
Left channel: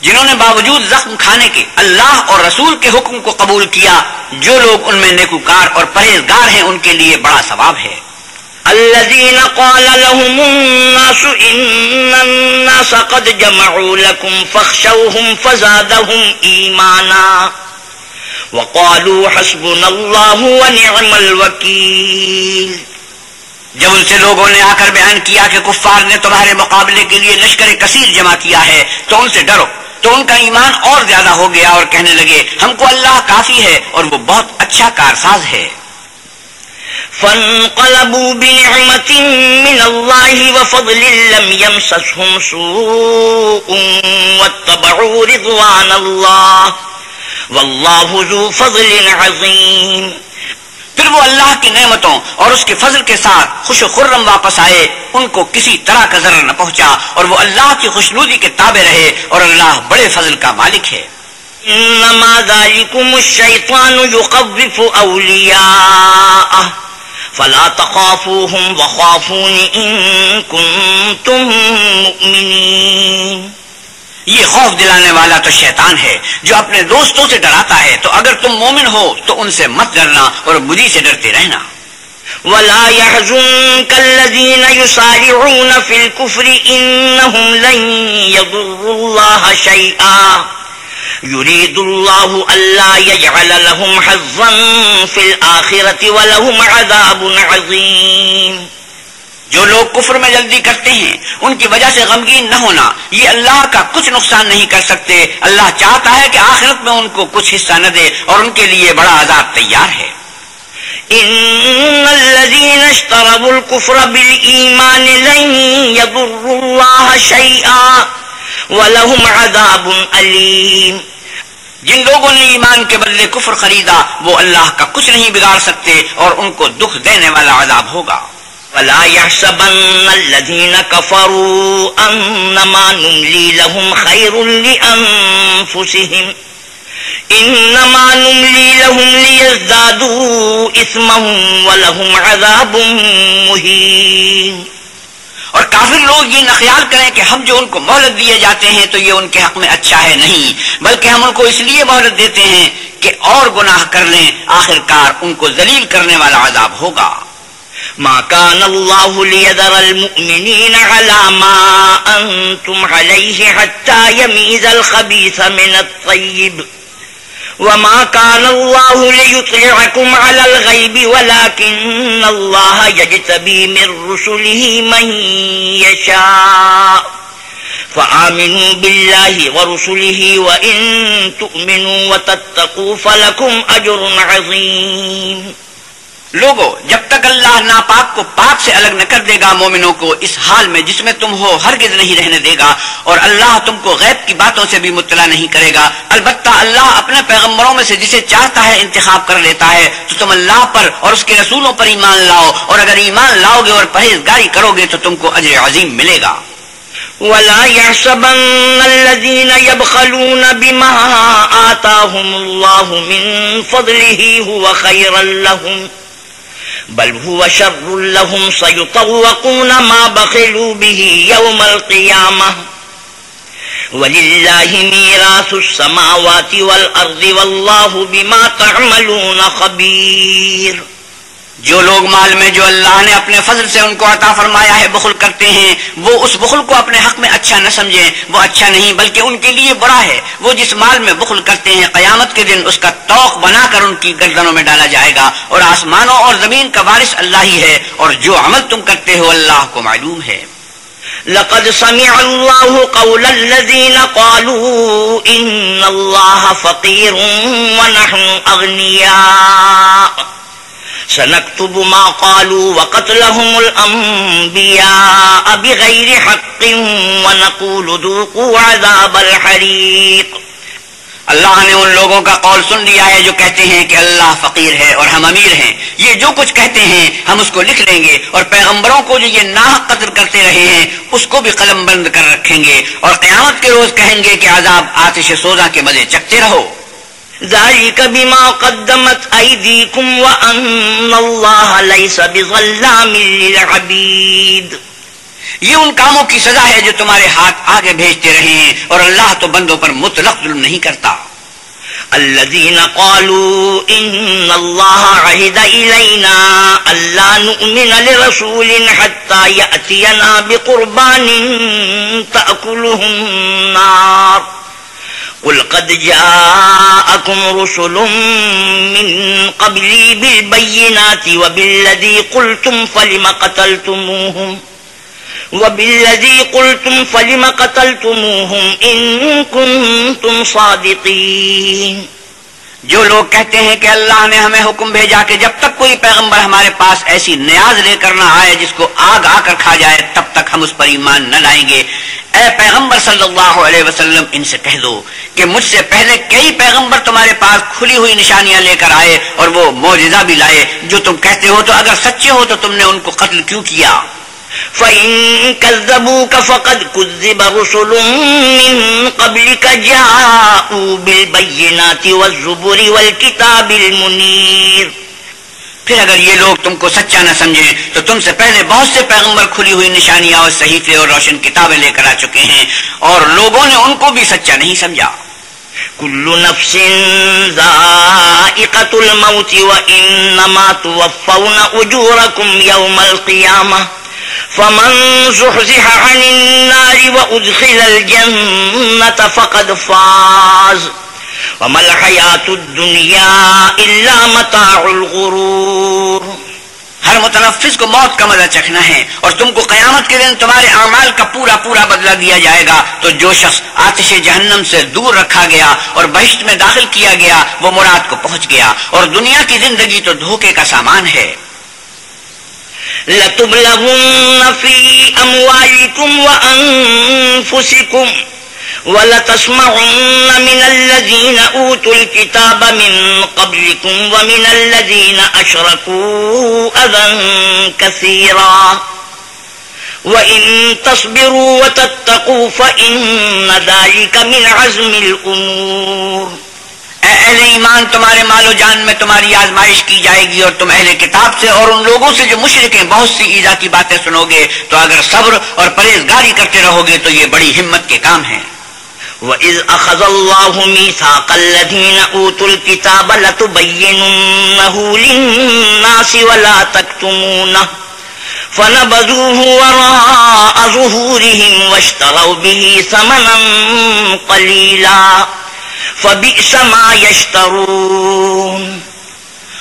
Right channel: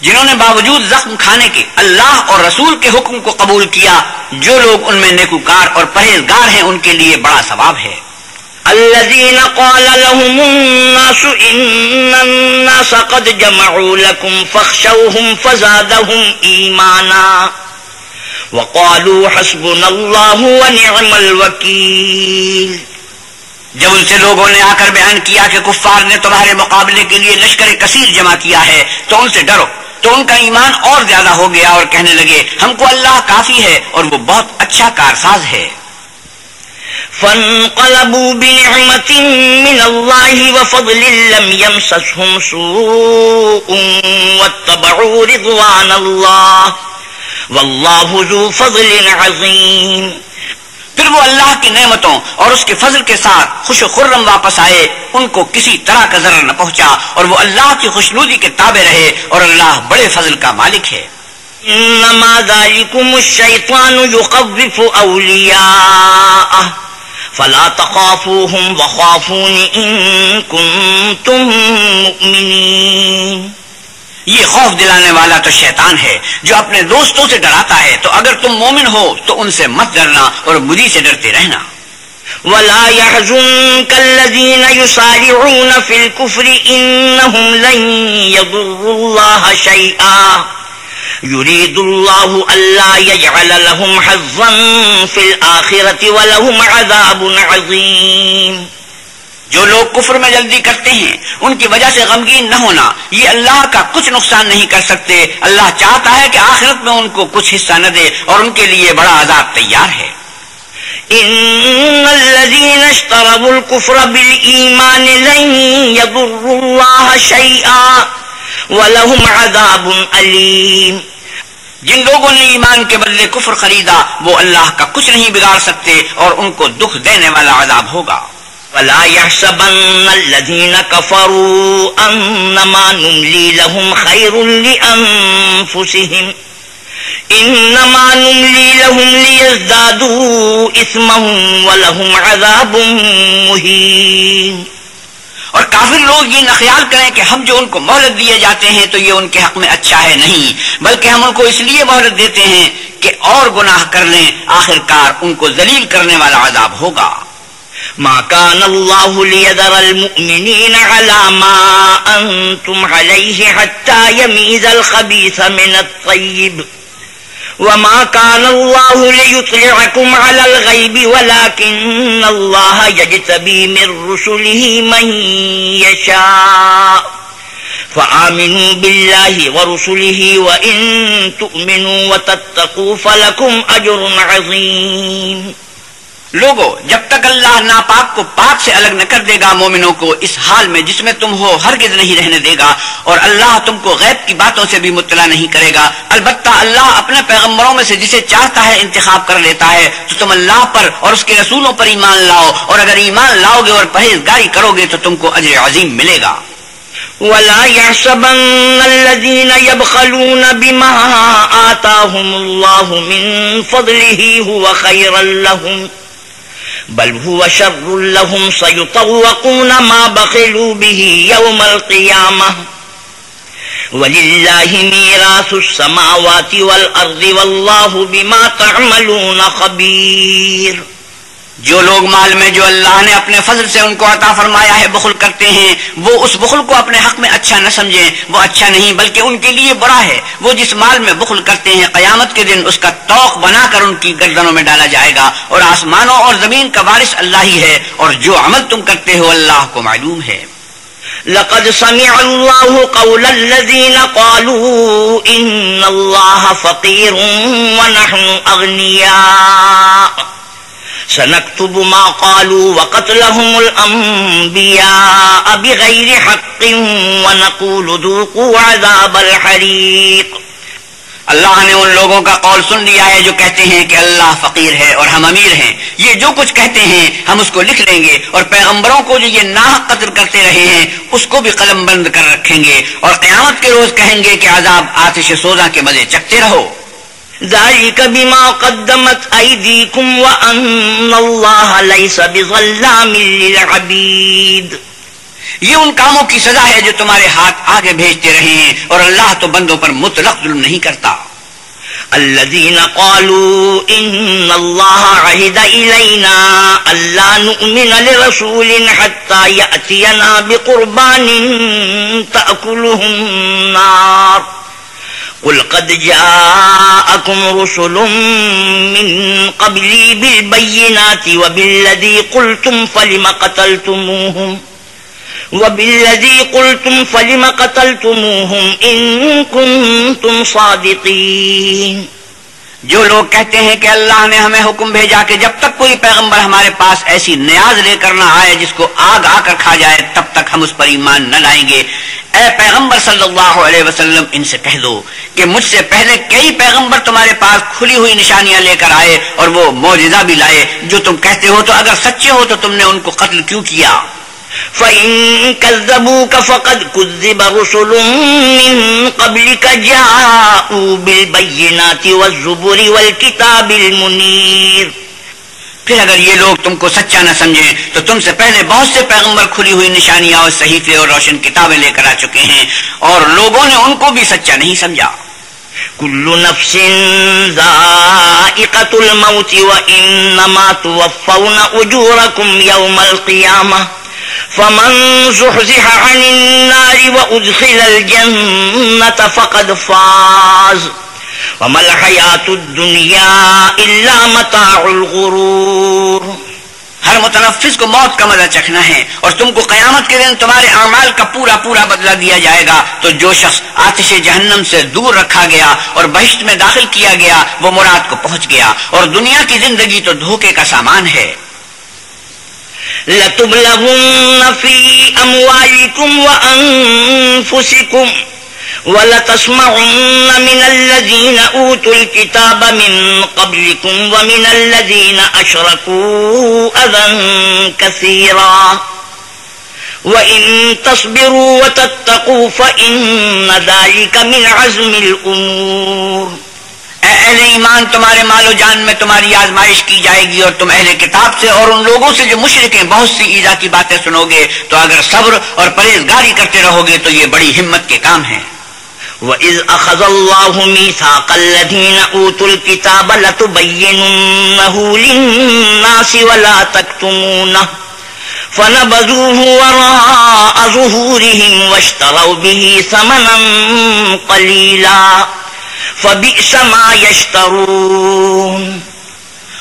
جنہوں نے باوجود زخم کھانے کے اللہ اور رسول کے حکم کو قبول کیا، جو لوگ ان میں نیکوکار اور پرہیزگار ہیں ان کے لیے بڑا ثواب ہے۔ الذين قال لهم الناس إن الناس قد جمعوا لكم فاخشوهم فزادهم إيمانا وقالوا حسبنا الله ونعم الوكيل۔ جب ان سے لوگوں نے آ کر بیان کیا کہ کفار نے تمہارے مقابلے کے لیے لشکر کثیر جمع کیا ہے تو ان سے ڈرو، تو ان کا ایمان اور زیادہ ہو گیا اور کہنے لگے ہم کو اللہ کافی ہے اور وہ بہت اچھا کارساز ہے۔ فانقلبوا بنعمة من الله وفضل لم يمسسهم سوء واتبعوا رضوان الله والله ذو فضل عظيم. پھر وہ اللہ کی نعمتوں اور اس کے فضل کے ساتھ خوش و خرم واپس آئے، ان کو کسی طرح کا ضرر نہ پہنچا اور وہ اللہ کی خوشنودی کے تابع رہے، اور اللہ بڑے فضل کا مالک ہے. انما ذلكم الشيطان يخوف اولیاءه فلا تخافوهم وخافون ان كنتم مؤمنين. یہ خوف دلانے والا تو شیطان ہے جو اپنے دوستوں سے ڈراتا ہے، تو اگر تم مومن ہو تو ان سے مت ڈرنا اور مجھے سے ڈرتے رہنا. ولا يحزنك الذين يسارعون في الكفر انهم لن يضروا الله شيئا يريد الله الا يجعل لهم حظا في الاخره ولهم عذاب عظيم. جو لوگ کفر میں جلدی کرتے ہیں ان کی وجہ سے غمگین نہ ہونا، یہ اللہ کا کچھ نقصان نہیں کر سکتے. اللہ چاہتا ہے کہ آخرت میں ان کو کچھ حصہ نہ دے اور ان کے لیے بڑا عذاب تیار ہے. ان الذين اشتروا الكفر بالایمان لن يضروا الله شيئا ولهم عذاب الیم. جن لوگوں نے ایمان کے بدلے کفر خریدا وہ اللہ کا کچھ نہیں بگاڑ سکتے اور ان کو دکھ دینے والا عذاب ہوگا. ولا يحسبن الذين كفروا انما نملي لهم خير لانفسهم انما نملي لهم ليزدادوا اثمهم ولهم عذاب مهين. اور کافر لوگ یہ نہ خیال کریں کہ ہم جو ان کو مہلت دیے جاتے ہیں تو یہ ان کے حق میں اچھا ہے، نہیں، بلکہ ہم ان کو اس لیے مہلت دیتے ہیں کہ اور گناہ کر لیں، آخرکار ان کو ذلیل کرنے والا عذاب ہوگا. ما كان الله ليذر المؤمنين على ما أنتم عليه حتى يميز الخبيث من الطيب وما كان الله ليطلعكم على الغيب ولكن الله يجتبي من رسله من يشاء فآمنوا بالله ورسله وإن تؤمنوا وتتقوا فلكم أجر عظيم. لوگو، جب تک اللہ ناپاک کو پاک سے الگ نہ کر دے گا، مومنوں کو اس حال میں جس میں تم ہو ہرگز نہیں رہنے دے گا، اور اللہ تم کو غیب کی باتوں سے بھی مطلع نہیں کرے گا. البتہ اللہ اپنے پیغمبروں میں سے جسے چاہتا ہے انتخاب کر لیتا ہے. تو تم اللہ پر اور اس کے رسولوں پر ایمان لاؤ، اور اگر ایمان لاؤ گے اور پرہیزگاری کرو گے تو تم کو اجر عظیم ملے گا. ولا يحسبن الذين يبخلون بما آتاهم الله من فضله هو خيرا لهم بل هو شر لهم سيطوقون ما بخلوا به يوم القيامة ولله ميراث السماوات والأرض والله بما تعملون خبير. جو لوگ مال میں جو اللہ نے اپنے فضل سے ان کو عطا فرمایا ہے بخل کرتے ہیں، وہ اس بخل کو اپنے حق میں اچھا نہ سمجھیں، وہ اچھا نہیں بلکہ ان کے لیے برا ہے. وہ جس مال میں بخل کرتے ہیں قیامت کے دن اس کا توق بنا کر ان کی گردنوں میں ڈالا جائے گا، اور آسمانوں اور زمین کا وارث اللہ ہی ہے، اور جو عمل تم کرتے ہو اللہ کو معلوم ہے. لقد سمع الله قول الذين قالوا إن الله فقير ونحن أغنياء سنكتب ما قالوا وقتلهم الأنبياء بغير حق ونقول ذوقوا عذاب الحريق. اللہ نے ان لوگوں کا قول سن لیا ہے جو کہتے ہیں کہ اللہ فقیر ہے اور ہم امیر ہیں. یہ جو کچھ کہتے ہیں ہم اس کو لکھ لیں گے، اور پیغمبروں کو جو یہ ناحق قتل کرتے رہے ہیں اس کو بھی قلم بند کر رکھیں گے، اور قیامت کے روز کہیں گے کہ عذاب آتش سوزاں کے مزے چکھتے رہو. ذلك بما قدمت أيديكم وأن الله ليس بظلام للعبيد. یہ ان کاموں کی سزا ہے جو تمہارے ہاتھ آگے بھیجتے رہے ہیں، اور اللہ تو بندوں پر مطلق ظلم نہیں کرتا. الذين قالوا إن الله عهد إلينا ألا نؤمن لرسول حتى يأتينا بقربان تأكله النار قل قد جاءكم رسل من قبلي بالبينات وبالذي قلتم فلم قتلتموهم إن كنتم صادقين. جو لوگ کہتے ہیں کہ اللہ نے ہمیں حکم بھیجا کہ جب تک کوئی پیغمبر ہمارے پاس ایسی نیاز لے کر نہ آئے جس کو آگ آ کر کھا جائے تب تک ہم اس پر ایمان نہ لائیں گے، اے پیغمبر صلی اللہ علیہ وسلم ان سے کہہ دو کہ مجھ سے پہلے کئی پیغمبر تمہارے پاس کھلی ہوئی نشانیاں لے کر آئے اور وہ معجزہ بھی لائے جو تم کہتے ہو، تو اگر سچے ہو تو تم نے ان کو قتل کیوں کیا؟ فَإِن كَذَّبُوكَ فَقَدْ كُذِّبَ رُسُلٌ مِّن قَبْلِكَ جَاءُوا بِالْبَيِّنَاتِ وَالزُّبُرِ وَالْكِتَابِ الْمُنِيرِ۔ پھر اگر یہ لوگ تم کو سچا نہ سمجھیں تو تم سے پہلے بہت سے پیغمبر کھلی ہوئی نشانیاں اور صحیفے اور روشن کتابیں لے کر آ چکے ہیں، اور لوگوں نے ان کو بھی سچا نہیں سمجھا۔ كُلُّ نَفْسٍ ذَائِقَةُ الْمَوْتِ وَإِنَّمَا تُوَفَّوْنَ أُجُورَكُمْ يَوْمَ الْقِيَامَةِ فمن زحزح عن النار وأدخل الجنة فقد فاز وما الحياة الدنيا إلا متاع الغرور۔ ہر متنفس کو موت کا مزہ چکھنا ہے، اور تم کو قیامت کے دن تمہارے اعمال کا پورا پورا بدلہ دیا جائے گا۔ تو جو شخص آتش جہنم سے دور رکھا گیا اور بہشت میں داخل کیا گیا وہ مراد کو پہنچ گیا، اور دنیا کی زندگی تو دھوکے کا سامان ہے۔ لَتُبْلَغُنَّ فِي أَمْوَالِكُمْ وَأَنفُسِكُمْ وَلَتَسْمَعُنَّ مِنَ الَّذِينَ أُوتُوا الْكِتَابَ مِنْ قَبْلِكُمْ وَمِنَ الَّذِينَ أَشْرَكُوا أَذًى كَثِيرًا وَإِن تَصْبِرُوا وَتَتَّقُوا فَإِنَّ ذَلِكَ مِنْ عَزْمِ الْأُمُورِ۔ اے اہل ایمان، تمہارے مال و جان میں تمہاری آزمائش کی جائے گی، اور تم اہل کتاب سے اور ان لوگوں سے جو مشرک ہیں بہت سی ایذا کی باتیں سنو گے، تو اگر صبر اور پرہیزگاری کرتے رہو گے تو یہ بڑی ہمت کے کام ہیں۔ وَإِذْ أَخَذَ اللَّهُ مِيثَاقَ الَّذِينَ أُوتُوا الْكِتَابَ لَتُبَيِّنُنَّهُ لِلنَّاسِ وَلَا تَكْتُمُونَهُ فَنَبَذُوهُ وَرَاءَ ظُهُورِهِمْ وَاشْتَرَوْا بِهِ ثَمَنًا قَلِيلًا فَبِئْسَ مَا يَشْتَرُونَ۔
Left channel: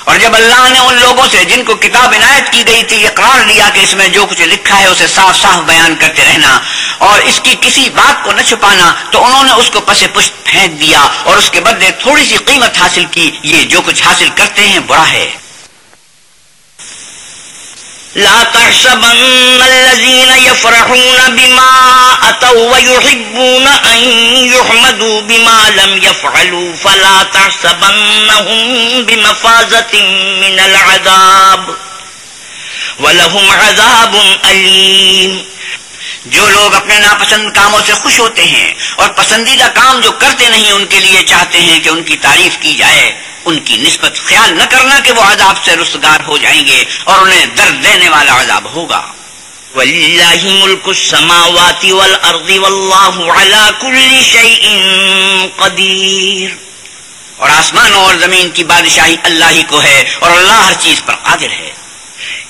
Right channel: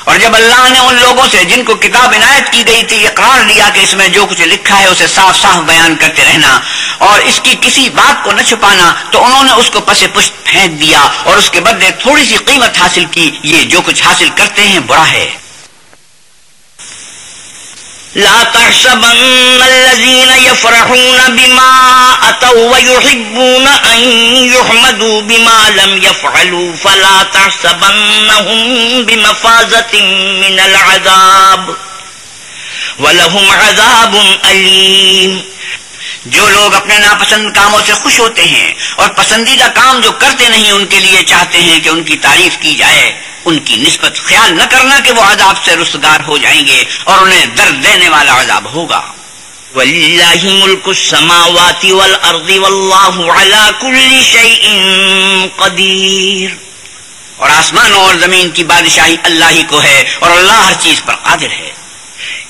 اور جب اللہ نے ان لوگوں سے جن کو کتاب عنایت کی گئی تھی اقرار لیا کہ اس میں جو کچھ لکھا ہے اسے صاف صاف بیان کرتے رہنا اور اس کی کسی بات کو نہ چھپانا، تو انہوں نے اس کو پس پشت پھینک دیا اور اس کے بدلے تھوڑی سی قیمت حاصل کی۔ یہ جو کچھ حاصل کرتے ہیں برا ہے۔ لا تحسبن الذين يفرحون بما أتوا ويحبون أن يحمدوا بما لم يفعلوا فلا تحسبنهم بمفازة من العذاب ولهم عذاب أليم۔ جو لوگ اپنے ناپسند کاموں سے خوش ہوتے ہیں اور پسندیدہ کام جو کرتے نہیں ان کے لیے چاہتے ہیں کہ ان کی تعریف کی جائے، ان کی نسبت خیال نہ کرنا کہ وہ عذاب سے رستگار ہو جائیں گے اور انہیں درد دینے والا عذاب ہوگا۔ وَلِلَّهِ مُلْكُ السَّمَاوَاتِ وَالْأَرْضِ وَاللَّهُ عَلَى كُلِّ شَيْءٍ قَدِيرٌ۔ اور آسمانوں اور زمین کی بادشاہی اللہ ہی کو ہے اور اللہ ہر چیز پر قادر ہے۔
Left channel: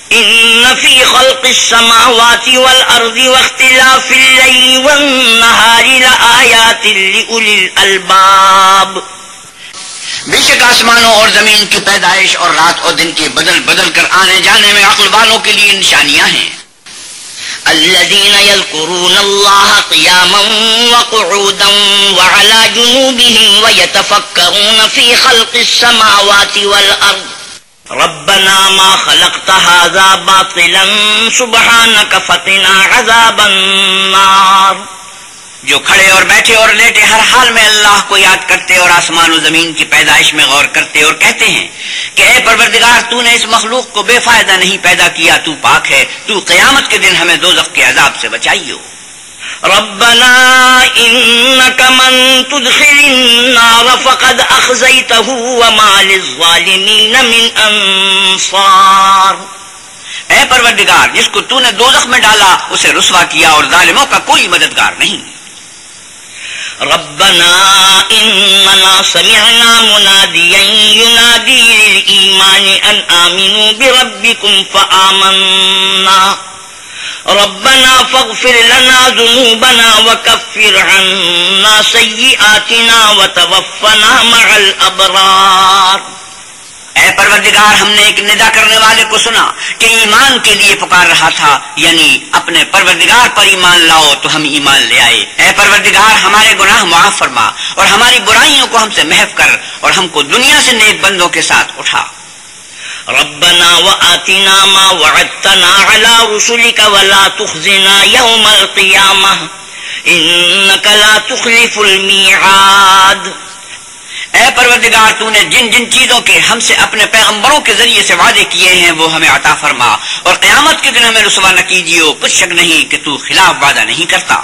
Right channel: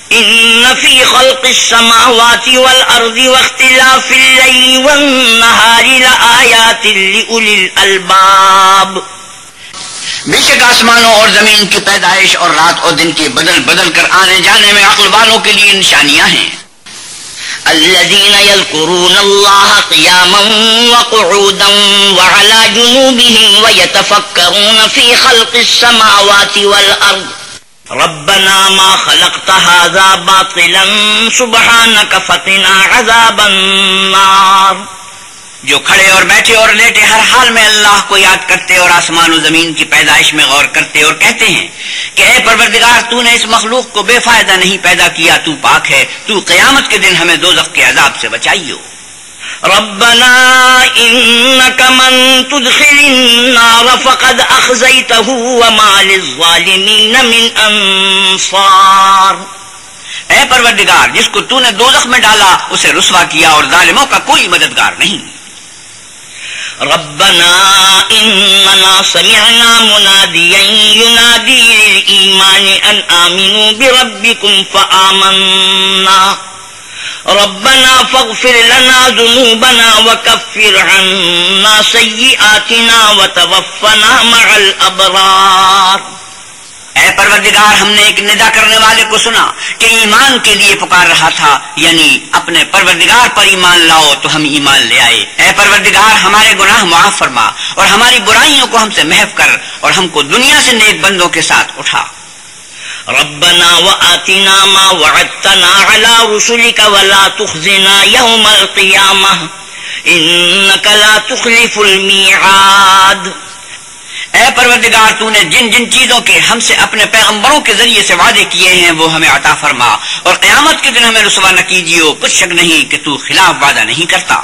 إِنَّ فِي خَلْقِ السَّمَاوَاتِ وَالْأَرْضِ وَاخْتِلَافِ اللَّيْلِ وَالنَّهَارِ لَآيَاتٍ لِأُولِي الْأَلْبَابِ۔ بے شک آسمانوں اور زمین کی پیدائش اور رات اور دن کے بدل بدل کر آنے جانے میں عقل والوں کے لیے نشانیاں ہیں۔ الذين يذكرون الله قياما وقعودا وعلى جنوبهم ويتفكرون في خلق السماوات والأرض ربنا ما خلقت هذا باطلا سبحانك فقنا عذاب النار۔ جو کھڑے اور بیٹھے اور لیٹے ہر حال میں اللہ کو یاد کرتے اور آسمان و زمین کی پیدائش میں غور کرتے اور کہتے ہیں کہ اے پروردگار، تو نے اس مخلوق کو بے فائدہ نہیں پیدا کیا، تو پاک ہے، تو قیامت کے دن ہمیں دوزخ کے عذاب سے بچائیو۔ ربنا انك من تدخل النار فقد اخزيته وما للظالمين من انصار۔ اے پروردگار، جس کو تو نے دوزخ میں ڈالا اسے رسوا کیا اور ظالموں کا کوئی مددگار نہیں۔ ربنا اننا سمعنا مناديا ينادي للإيمان ان آمنوا بربكم فآمنا ربنا فاغفر لنا ذنوبنا وكفر عنا سيئاتنا وتوفنا مع الأبرار۔ اے پروردگار ہم نے ایک ندا کرنے والے کو سنا کہ ایمان کے لیے پکار رہا تھا، یعنی اپنے پروردگار پر ایمان لاؤ تو ہم ایمان لے آئے۔ اے پروردگار ہمارے گناہ معاف فرما اور ہماری برائیوں کو ہم سے محو کر اور ہم کو دنیا سے نیک بندوں کے ساتھ اٹھا۔ ربنا وآتنا ما وعدتنا على رسلك ولا تخزنا يوم القيامة إنك لا تخلف الميعاد۔ اے پروردگار تو نے جن جن چیزوں کے ہم سے اپنے پیغمبروں کے ذریعے سے وعدے کیے ہیں وہ ہمیں عطا فرما، اور قیامت کے دن ہمیں رسوا نہ کیجیے، کچھ شک نہیں کہ تو خلاف وعدہ نہیں کرتا۔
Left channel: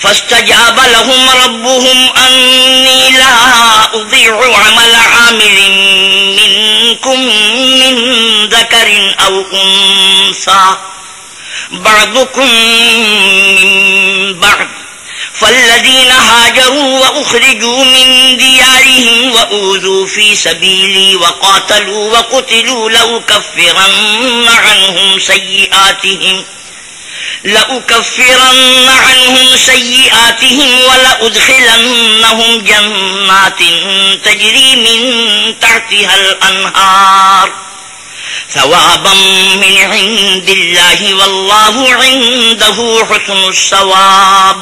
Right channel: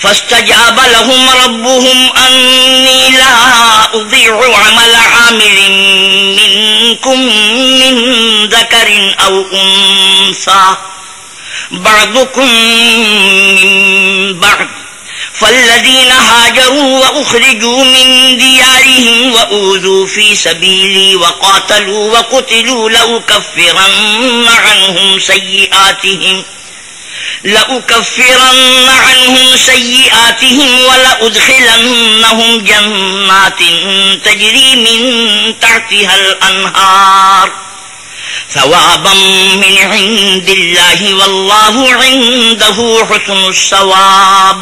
فاستجاب لهم ربهم أني لا أضيع عمل عامل منكم من ذكر أو أنثى بعضكم من بعض فالذين هاجروا وأخرجوا من ديارهم وأوذوا في سبيلي وقاتلوا وقتلوا لأكفرن عنهم سيئاتهم ولأدخلنهم جنات تجري من تحتها الأنهار ثوابا من عند الله والله عنده حسن الثواب۔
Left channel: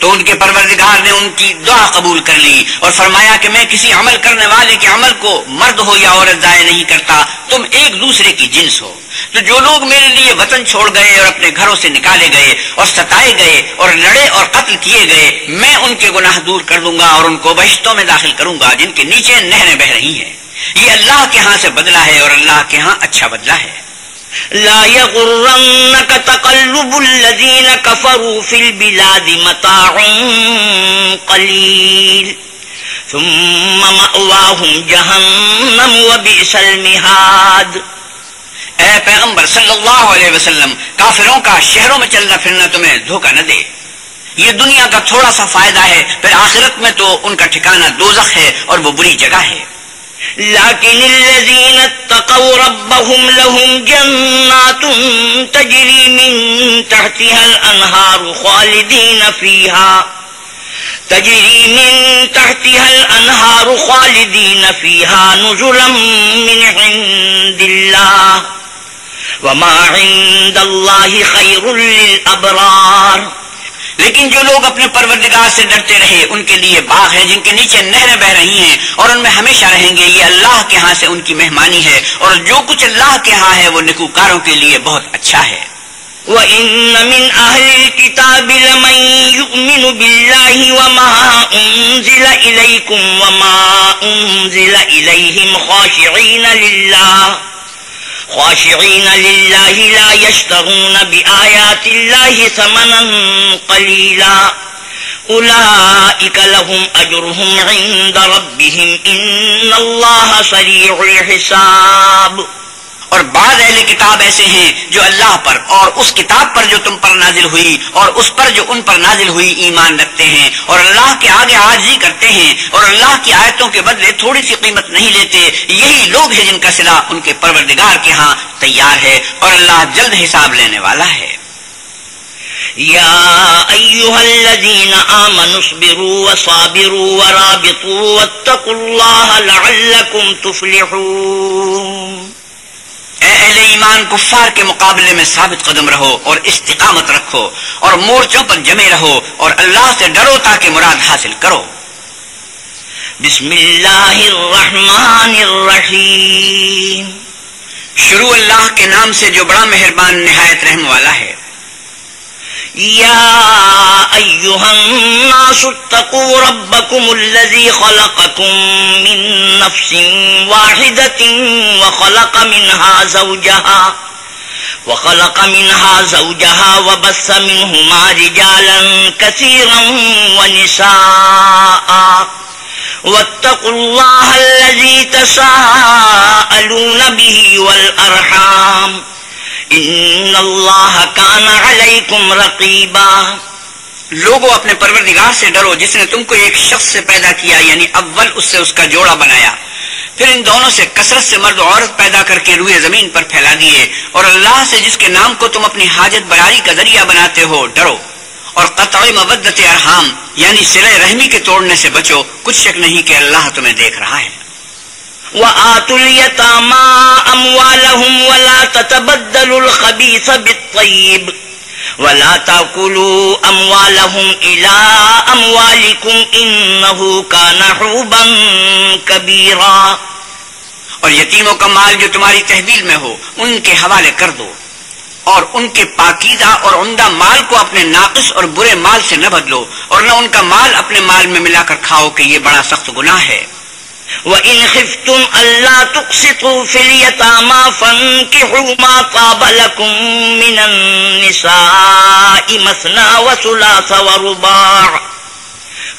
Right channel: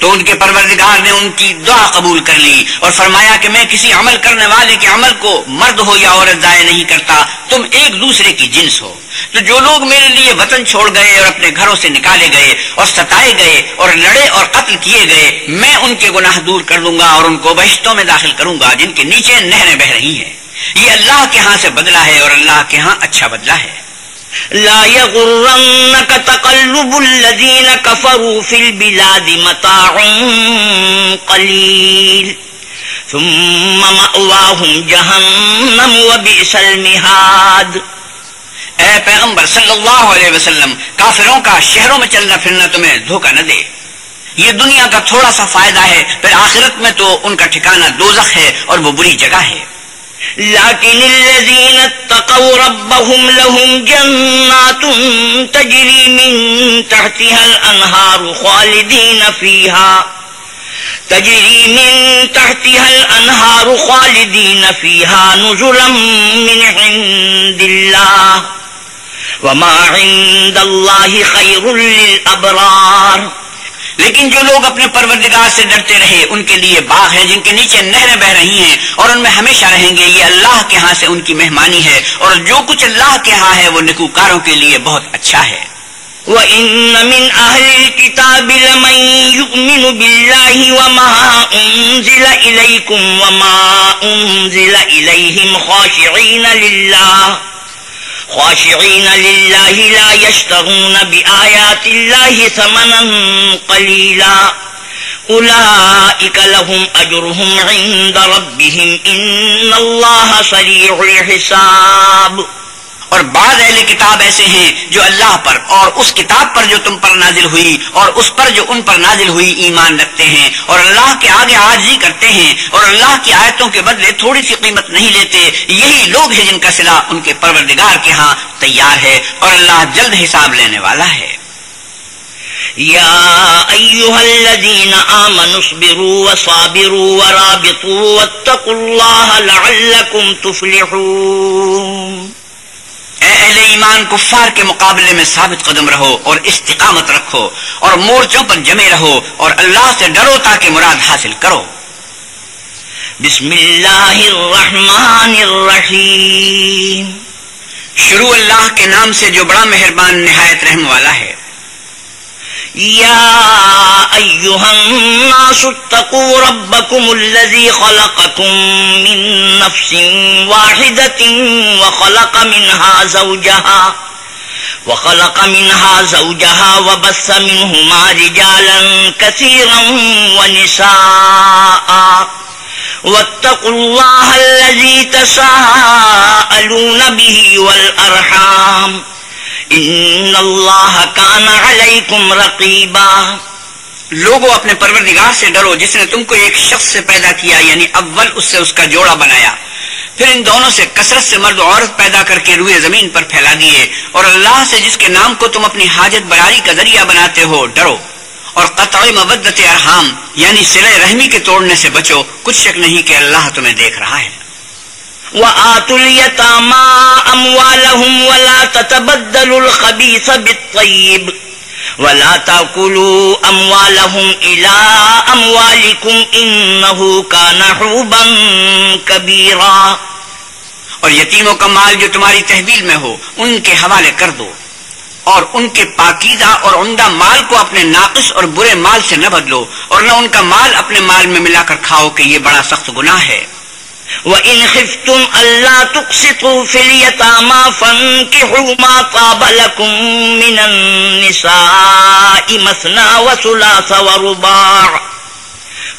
تو ان کے پروردگار نے ان کی دعا قبول کر لی اور فرمایا کہ میں کسی عمل کرنے والے کے عمل کو مرد ہو یا عورت ضائع نہیں کرتا، تم ایک دوسرے کی جنس ہو۔ تو جو لوگ میرے لیے وطن چھوڑ گئے اور اپنے گھروں سے نکالے گئے اور ستائے گئے اور لڑے اور قتل کیے گئے، میں ان کے گناہ دور کر دوں گا اور ان کو بہشتوں میں داخل کروں گا جن کے نیچے نہریں بہ رہی ہیں۔ یہ اللہ کے ہاں سے بدلہ ہے اور اللہ کے ہاں اچھا بدلہ ہے۔ لا يغرنك تقلب الذين كفروا في البلاد متاع قليل ثم مأواهم جهنم وبئس المهاد۔ اے پیغمبر صلی اللہ علیہ وسلم، کافروں کا شہروں میں چلنا پھرنا تمہیں دھوکہ نہ دے، یہ دنیا کا تھوڑا سا فائدہ ہے، پھر آخرت میں تو ان کا ٹھکانہ دوزخ ہے اور وہ بری جگہ ہے۔ لكن الذين اتقوا ربهم لهم جنات تجري من تحتها الأنهار خالدين فيها نزلا من عند الله وما عند الله خير للأبرار۔ لیکن جو لوگ اپنے پروردگار سے ڈرتے رہے ان کے لیے باغ ہے جن کے نیچے نہریں بہ رہی ہیں اور ان میں ہمیشہ رہیں گے، یہ اللہ کے ہاں سے ان کی مہمانی ہے، اور جو کچھ اللہ کے ہاں ہے وہ نیکوکاروں کے لیے بہت اچھا ہے۔ وَإِنَّ مِنْ أَهْلِ الْكِتَابِ لَمَنْ يُؤْمِنُ بِاللَّهِ وَمَا أُنْزِلَ إِلَيْكُمْ وَمَا أُنْزِلَ إِلَيْهِمْ خاشعين لله لا يشترون بآيات الله ثمنا قليلا أولئك لهم أجرهم عند ربهم إن الله سريع الحساب۔ اور بعض اہل کتاب ایسے ہیں جو اللہ پر اور اس کتاب پر جو تم پر نازل ہوئی اور اس پر جو ان پر نازل ہوئی ایمان رکھتے ہیں اور اللہ کے آگے عاجزی کرتے ہیں اور اللہ کی آیتوں کے بدلے تھوڑی سی قیمت نہیں لیتے، یہی لوگ ہیں جن کا صلہ ان کے پروردگار کے ہاں تیار ہے اور اللہ جلد حساب لینے والا ہے۔ يا أيها الذين آمنوا اصبروا وصابروا ورابطوا واتقوا الله لعلكم تفلحون۔ اے اہل ایمان، کفار کے مقابلے میں ثابت قدم رہو اور استقامت رکھو اور مورچوں پر جمے رہو اور اللہ سے ڈرو تاکہ مراد حاصل کرو۔ بسم اللہ الرحمن الرحیم۔ شروع اللہ کے نام سے جو بڑا مہربان نہایت رحم والا ہے۔ يا أيها الناس اتقوا ربكم الذي خلقكم من نفس واحدة وخلق منها زوجها وبث منهما رجالا كثيرا ونساء واتقوا الله الذي تساءلون به والأرحام ان اللہ کان علیکم رقیبا۔ لوگوں اپنے پروردگار سے ڈرو جس نے تم کو ایک شخص سے پیدا کیا، یعنی اول اس سے اس کا جوڑا بنایا، پھر ان دونوں سے کثرت سے مرد و عورت پیدا کر کے روئے زمین پر پھیلا دیے، اور اللہ سے جس کے نام کو تم اپنی حاجت براری کا ذریعہ بناتے ہو ڈرو، اور قطع مودت ارحام یعنی صلہ رحمی کے توڑنے سے بچو، کچھ شک نہیں کہ اللہ تمہیں دیکھ رہا ہے۔ وآتوا اليتامى أموالهم ولا تتبدلوا الخبيث بالطيب ولا تأكلوا أموالهم إلى أموالكم إنه كان حوبا كبيرا. اور یتیموں کا مال جو تمہاری تحویل میں ہو ان کے حوالے کر دو، اور ان کے پاکیزہ اور عمدہ مال کو اپنے ناقص اور برے مال سے نہ بدلو، اور نہ ان کا مال اپنے مال میں ملا کر کھاؤ کہ یہ بڑا سخت گناہ ہے. وَإِنْ خِفْتُمْ أَلَّا تُقْسِطُوا فِي الْيَتَامَى فَانكِحُوا مَا طَابَ لَكُم مِّنَ النِّسَاءِ مَثْنَىٰ وَثُلَاثَ وَرُبَاعَ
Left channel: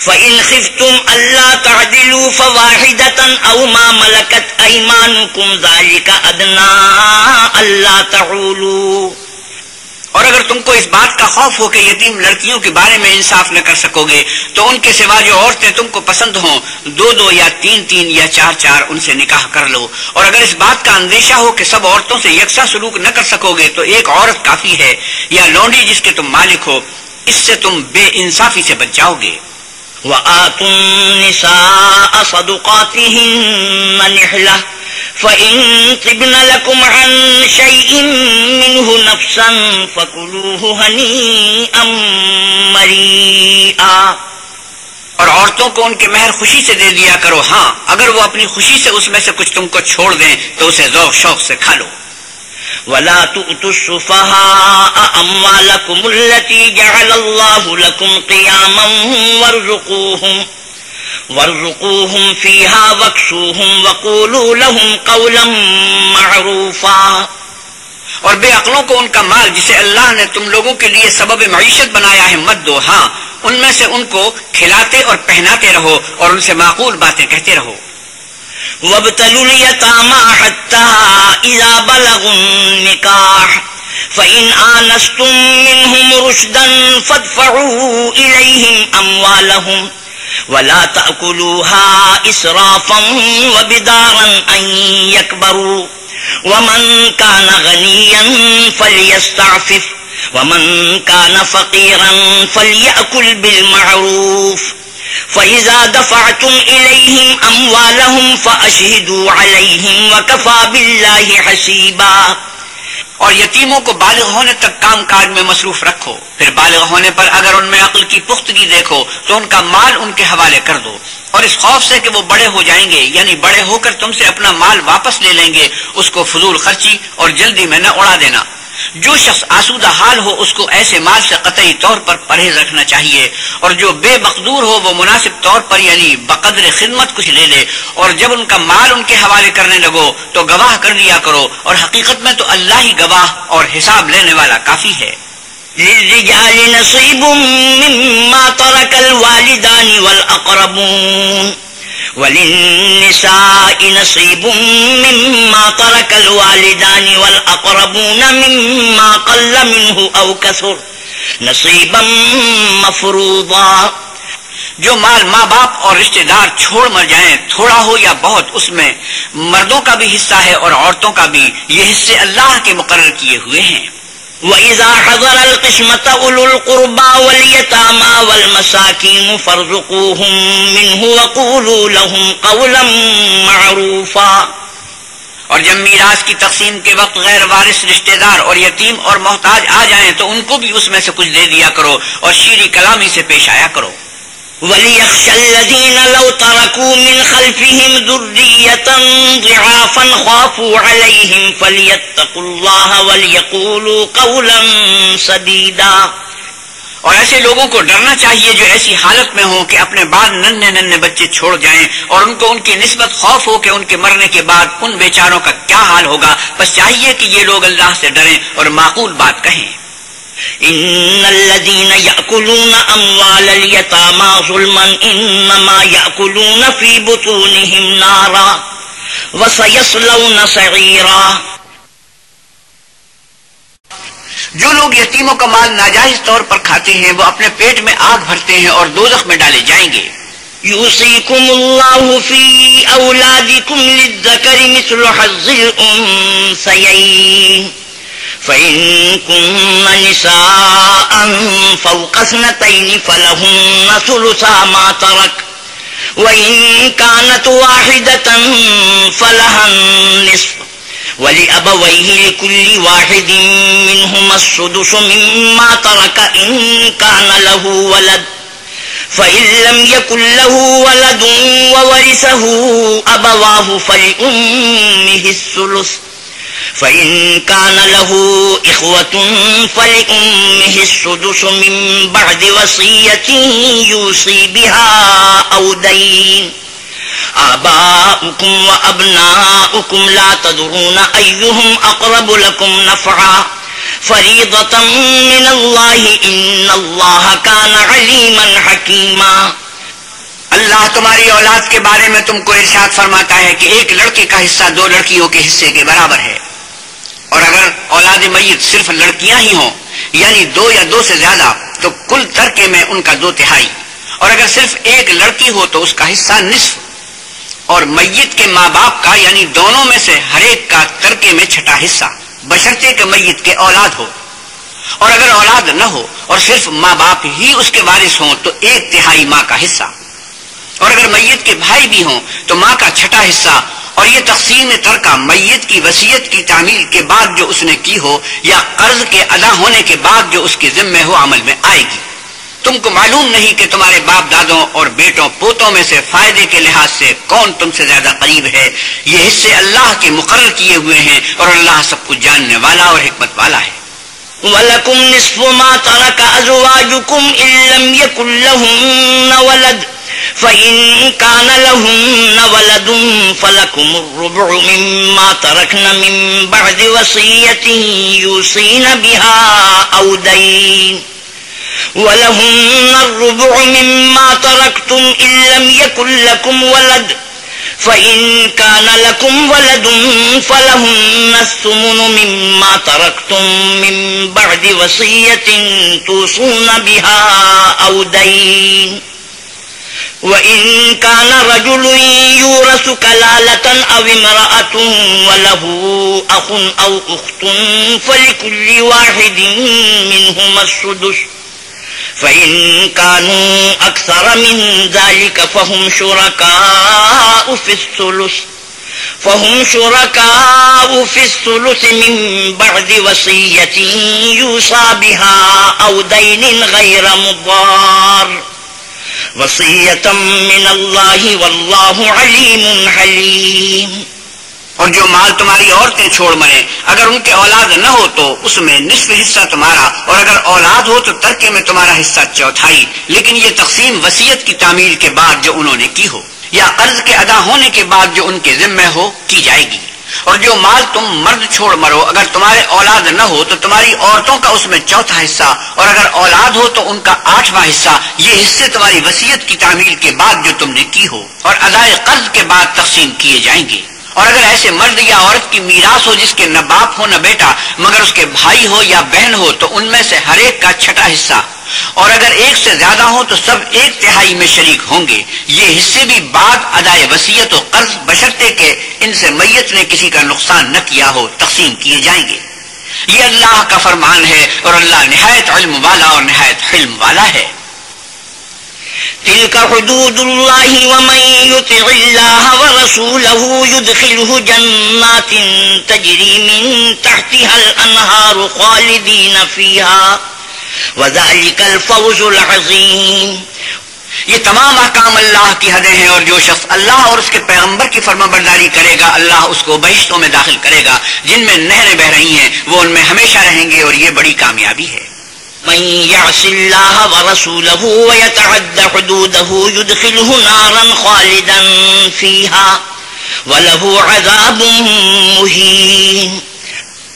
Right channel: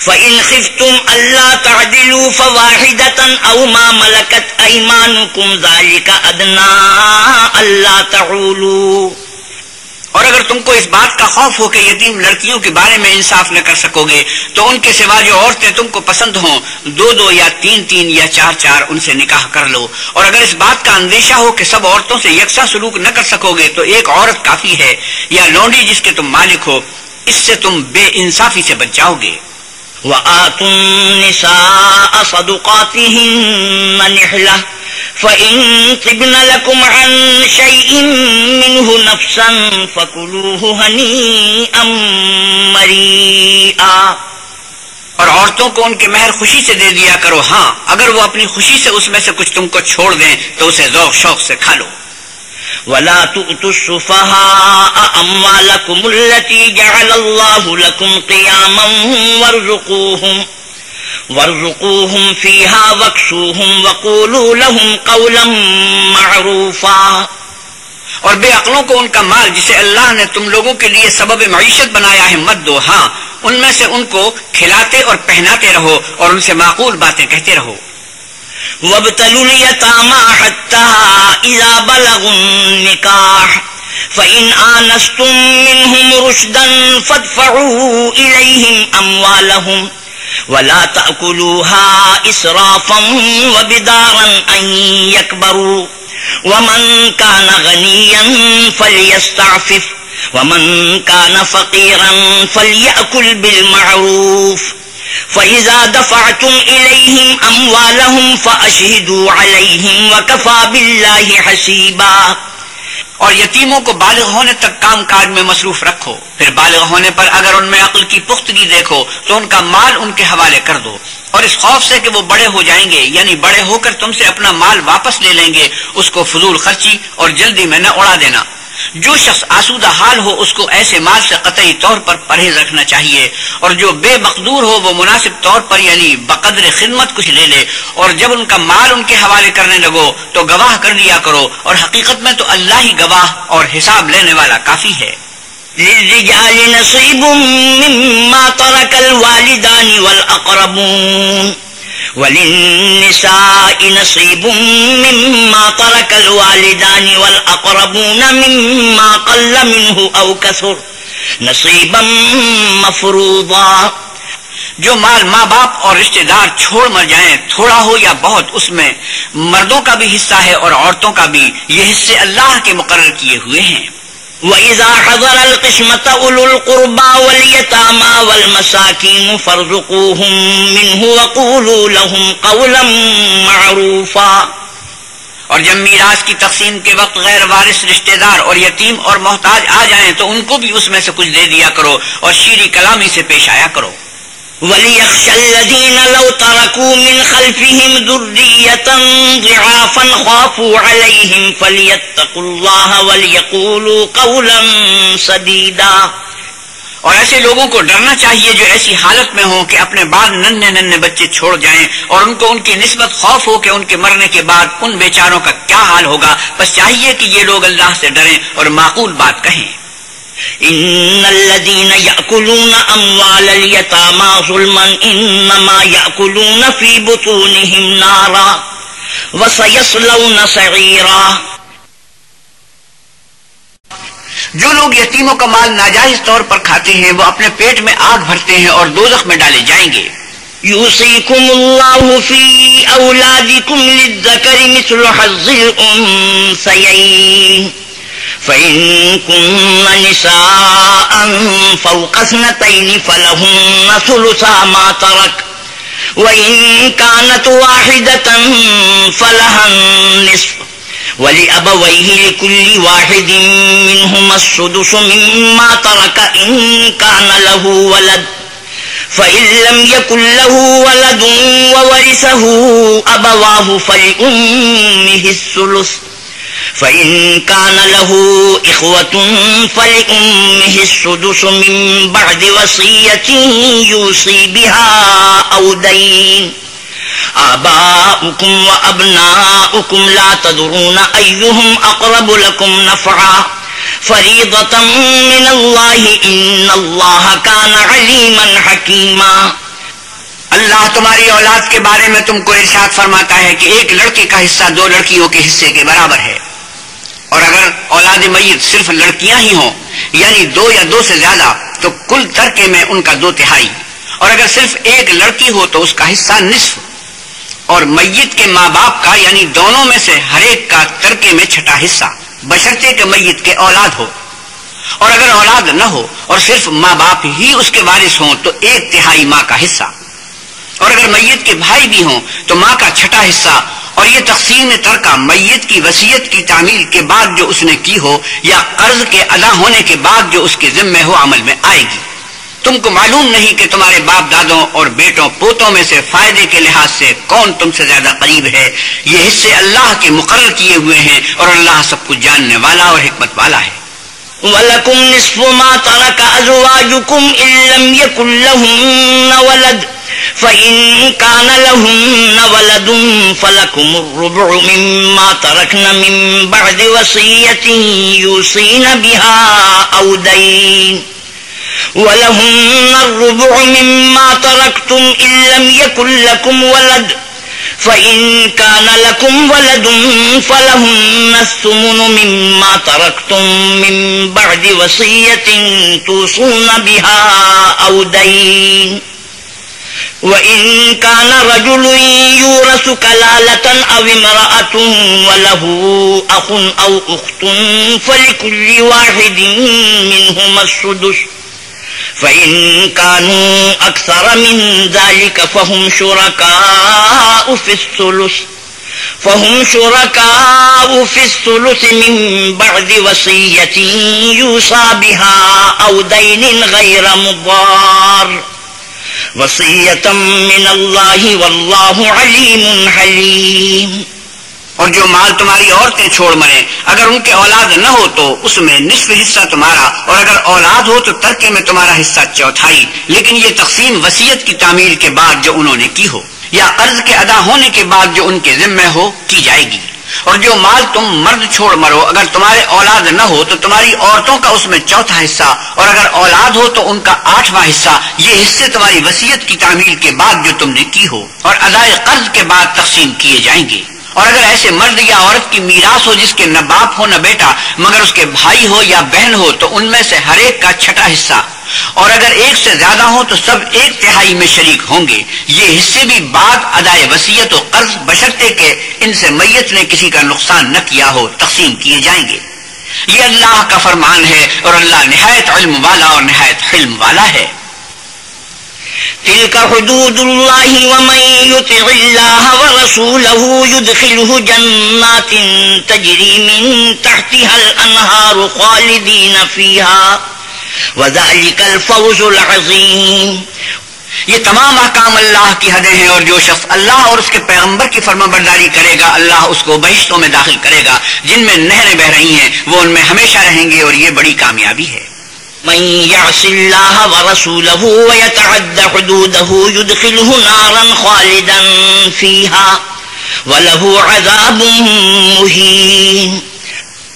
فَإِنْ خِفْتُمْ أَلَّا تَعْدِلُوا فَوَاحِدَةً أَوْ مَا مَلَكَتْ أَيْمَانُكُمْ ذَلِكَ أَدْنَىٰ أَلَّا تَعُولُوا. اور اگر تم کو اس بات کا خوف ہو کہ یتیم لڑکیوں کے بارے میں انصاف نہ کر سکو گے تو ان کے سوا جو عورتیں تم کو پسند ہوں 2 یا 3 یا 4 ان سے نکاح کر لو. اور اگر اس بات کا اندیشہ ہو کہ سب عورتوں سے یکساں سلوک نہ کر سکو گے تو ایک عورت کافی ہے یا لونڈی جس کے تم مالک ہو، اس سے تم بے انصافی سے بچ جاؤ گے. وآتوا النساء صدقاتهن نحلة فإن طبن لكم عن شيء منه نفسا فكلوه هنيئا مريئا. اور عورتوں کو ان کے مہر خوشی سے دے دیا کرو، ہاں اگر وہ اپنی خوشی سے اس میں سے کچھ تم کو چھوڑ دیں تو اسے ذوق شوق سے کھا لو. ولا تؤتوا السفهاء أموالكم التي جعل الله لكم قياما وارزقوهم فيها واكسوهم وقولوا لهم قولا معروفا. اور بے عقلوں کو ان کا مال جسے اللہ نے تم لوگوں کے لیے سبب معیشت بنایا ہے مت دو، ہاں ان میں سے ان کو کھلاتے اور پہناتے رہو اور ان سے معقول باتیں کہتے رہو. وابتلوا اليتامى حتى إذا بلغوا النكاح فإن آنستم منهم رشدا فادفعوا إليهم أموالهم ولا تأكلوها إسرافا وبدارا أن يكبروا ومن كان غنيا فليستعفف ومن كان فقيرا فليأكل بالمعروف فإذا دفعتم إليهم أموالهم فأشهدوا عليهم وكفى بالله حسيبا. اور یتیموں کو بالغ ہونے تک کام کاج میں مصروف رکھو، پھر بالغ ہونے پر اگر ان میں عقل کی پختگی دیکھو تو ان کا مال ان کے حوالے کر دو، اور اس خوف سے کہ وہ بڑے ہو جائیں گے یعنی بڑے ہو کر تم سے اپنا مال واپس لے لیں گے اس کو فضول خرچی اور جلدی میں نہ اڑا دینا. جو شخص آسودہ حال ہو اس کو ایسے مال سے قطعی طور پر پرہیز رکھنا چاہیے، اور جو بے مقدور ہو وہ مناسب طور پر یعنی بقدر خدمت کچھ لے لے. اور جب ان کا مال ان کے حوالے کرنے لگو تو گواہ کر لیا کرو، اور حقیقت میں تو اللہ ہی گواہ اور حساب لینے والا کافی ہے. للرجال نصيب مما ترك الوالدان والأقربون وللنساء نصيب مما ترك الوالدان والأقربون مما قل منه أو كثر نصيبا مفروضا. جو مال ماں باپ اور رشتہ دار چھوڑ مر جائیں تھوڑا ہو یا بہت اس میں مردوں کا بھی حصہ ہے اور عورتوں کا بھی، یہ حصے اللہ کے مقرر کیے ہوئے ہیں. وَإِذَا حَضَرَ الْقِسْمَةَ أُولُو الْقُرْبَى وَالْيَتَامَى وَالْمَسَاكِينُ فَارْزُقُوهُم مِّنْهُ وَقُولُوا لَهُمْ قَوْلًا مَّعْرُوفًا. اور جب میراث کی تقسیم کے وقت غیر وارث رشتہ دار اور یتیم اور محتاج آ جائیں تو ان کو بھی اس میں سے کچھ دے دیا کرو اور شیریں کلامی سے پیش آیا کرو. وَلْيَخْشَ الَّذِينَ لَوْ تَرَكُوا مِنْ خَلْفِهِمْ ذُرِّيَّةً ضِعَافًا خَافُوا عَلَيْهِمْ فَلْيَتَّقُوا اللَّهَ وَلْيَقُولُوا قَوْلًا سَدِيدًا. اور ایسے لوگوں کو ڈرنا چاہیے جو ایسی حالت میں ہوں کہ اپنے بعد ننھے بچے چھوڑ جائیں اور ان کو ان کی نسبت خوف ہو کہ ان کے مرنے کے بعد ان بیچاروں کا کیا حال ہوگا. بس چاہیے کہ یہ لوگ اللہ سے ڈریں اور معقول بات کہیں. ان الذين يأكلون اموال اليتامى ظلما انما يأكلون في بطونهم نارا وسيصلون سعيرا. جو لوگ یتیموں کا مال ناجائز طور پر کھاتے ہیں وہ اپنے پیٹ میں آگ بھرتے ہیں اور دوزخ میں ڈالے جائیں گے. يوصيكم الله في اولادكم للذكر مثل حظ الانثيين فإن كن نساء فوق 2 فلهن ثلثا ما ترك وإن كانت واحدة فلها النصف ولأبويه لكل واحد منهما السدس مما ترك إن كان له ولد فإن لم يكن له ولد وورثه أبواه فلأمه الثلث فإن كان له إخوة فلأمه السدس من بعد وصية يوصي بها أو دين آباؤكم وأبناؤكم لا تدرون أيهم أقرب لكم نفعا فریضۃ من اللہ ان اللہ کان علیما حکیما۔ اللہ تمہاری اولاد کے بارے میں تم کو ارشاد فرماتا ہے کہ ایک لڑکے کا حصہ دو لڑکیوں کے حصے کے برابر ہے، اور اگر اولاد میت صرف لڑکیاں ہی ہوں یعنی دو یا دو سے زیادہ تو کل ترکے میں ان کا 2/3، اور اگر صرف ایک لڑکی ہو تو اس کا حصہ نصف، اور میت کے ماں باپ کا یعنی دونوں میں سے ہر ایک کا ترکے میں 6واں حصہ بشرطے کہ میت کے اولاد ہو، اور اگر اولاد نہ ہو اور صرف ماں باپ ہی اس کے وارث ہوں تو 1/3 ماں کا حصہ، اور اگر میت کے بھائی بھی ہوں تو ماں کا 6واں حصہ، اور یہ تقسیم ترکہ میت کی وصیت کی تعمیل کے بعد جو اس نے کی ہو یا قرض کے ادا ہونے کے بعد جو اس کے ذمہ ہو عمل میں آئے گی۔ تم کو معلوم نہیں کہ تمہارے باپ دادوں اور بیٹوں پوتوں میں سے فائدے کے لحاظ سے کون تم سے زیادہ قریب ہے، یہ حصے اللہ کے مقرر کیے ہوئے ہیں اور اللہ سب کچھ جاننے والا اور حکمت والا ہے۔ وَلَكُمْ نِصْفُ مَا تَرَكَ أَزْوَاجُكُمْ إِن لَّمْ يَكُن لَّهُنَّ وَلَدٌ فَإِن كَانَ لَهُنَّ وَلَدٌ فَلَكُمُ الرُّبُعُ مِمَّا تَرَكْنَ مِن بَعْدِ وَصِيَّةٍ يُوصِينَ بِهَا أَوْ دَيْنٍ وَلَهُنَّ الرُّبُعُ مِمَّا تَرَكْتُمْ إِن لَّمْ يَكُن لَّكُمْ وَلَدٌ فَإِن كَانَ لَكُمْ وَلَدٌ فَلَهُنَّ الثُّمُنُ مِمَّا تَرَكْتُم مِّن بَعْدِ وَصِيَّةٍ تُوصُونَ بِهَا أَوْ دَيْنٍ وَإِن كَانَ رَجُلٌ يُورَثُ كَلَالَةً أَوْ امْرَأَةٌ وَلَهُ أَخٌ أَوْ أُخْتٌ فَلِكُلِّ واحد منهما السدس فإن كانوا أكثر من ذلك فهم شركاء في الثلث من بعد وصية يوصى بها أو دين غير مضار وصية من الله والله عليم حليم۔ اور جو مال تمہاری عورتیں چھوڑ مریں اگر ان کے اولاد نہ ہو تو اس میں نصف حصہ تمہارا، اور اگر اولاد ہو تو ترکے میں تمہارا حصہ 1/4، لیکن یہ تقسیم وصیت کی تعمیل کے بعد جو انہوں نے کی ہو یا قرض کے ادا ہونے کے بعد جو ان کے ذمہ ہو کی جائے گی۔ اور جو مال تم مرد چھوڑ مرو اگر تمہارے اولاد نہ ہو تو تمہاری عورتوں کا اس میں 4واں حصہ، اور اگر اولاد ہو تو ان کا 8واں حصہ، یہ حصے تمہاری وصیت کی تعمیل کے بعد جو تم نے کی ہو اور ادائے قرض کے بعد تقسیم کیے جائیں گے۔ اور اگر ایسے مرد یا عورت کی میراث ہو جس کے نہ باپ ہو نہ بیٹا مگر اس کے بھائی ہو یا بہن ہو تو ان میں سے ہر ایک کا 6واں حصہ، اور اگر ایک سے زیادہ ہو تو سب 1/3 میں شریک ہوں گے۔ یہ حصے بھی بعد ادائے وصیت و قرض بشرطے کہ ان سے میت نے کسی کا نقصان نہ کیا ہو تقسیم کیے جائیں گے۔ یہ اللہ کا فرمان ہے اور اللہ نہایت علم والا اور نہایت حلم والا ہے۔ تلك حدود الله ومن يطع الله ورسوله يدخله جنات تجري من تحتها الأنهار خالدين فيها وذلك الفوز العظيم۔ یہ تمام احکام اللہ کی حدیں ہیں، اور جو شخص اللہ اور اس کے پیغمبر کی فرما برداری کرے گا اللہ اس کو بہشتوں میں داخل کرے گا جن میں نہریں بہ رہی ہیں، وہ ان میں ہمیشہ رہیں گے، اور یہ بڑی کامیابی ہے۔ من يعص الله ورسوله ويتعد حدوده يدخله نارا خالدا فيها وله عذاب مهين۔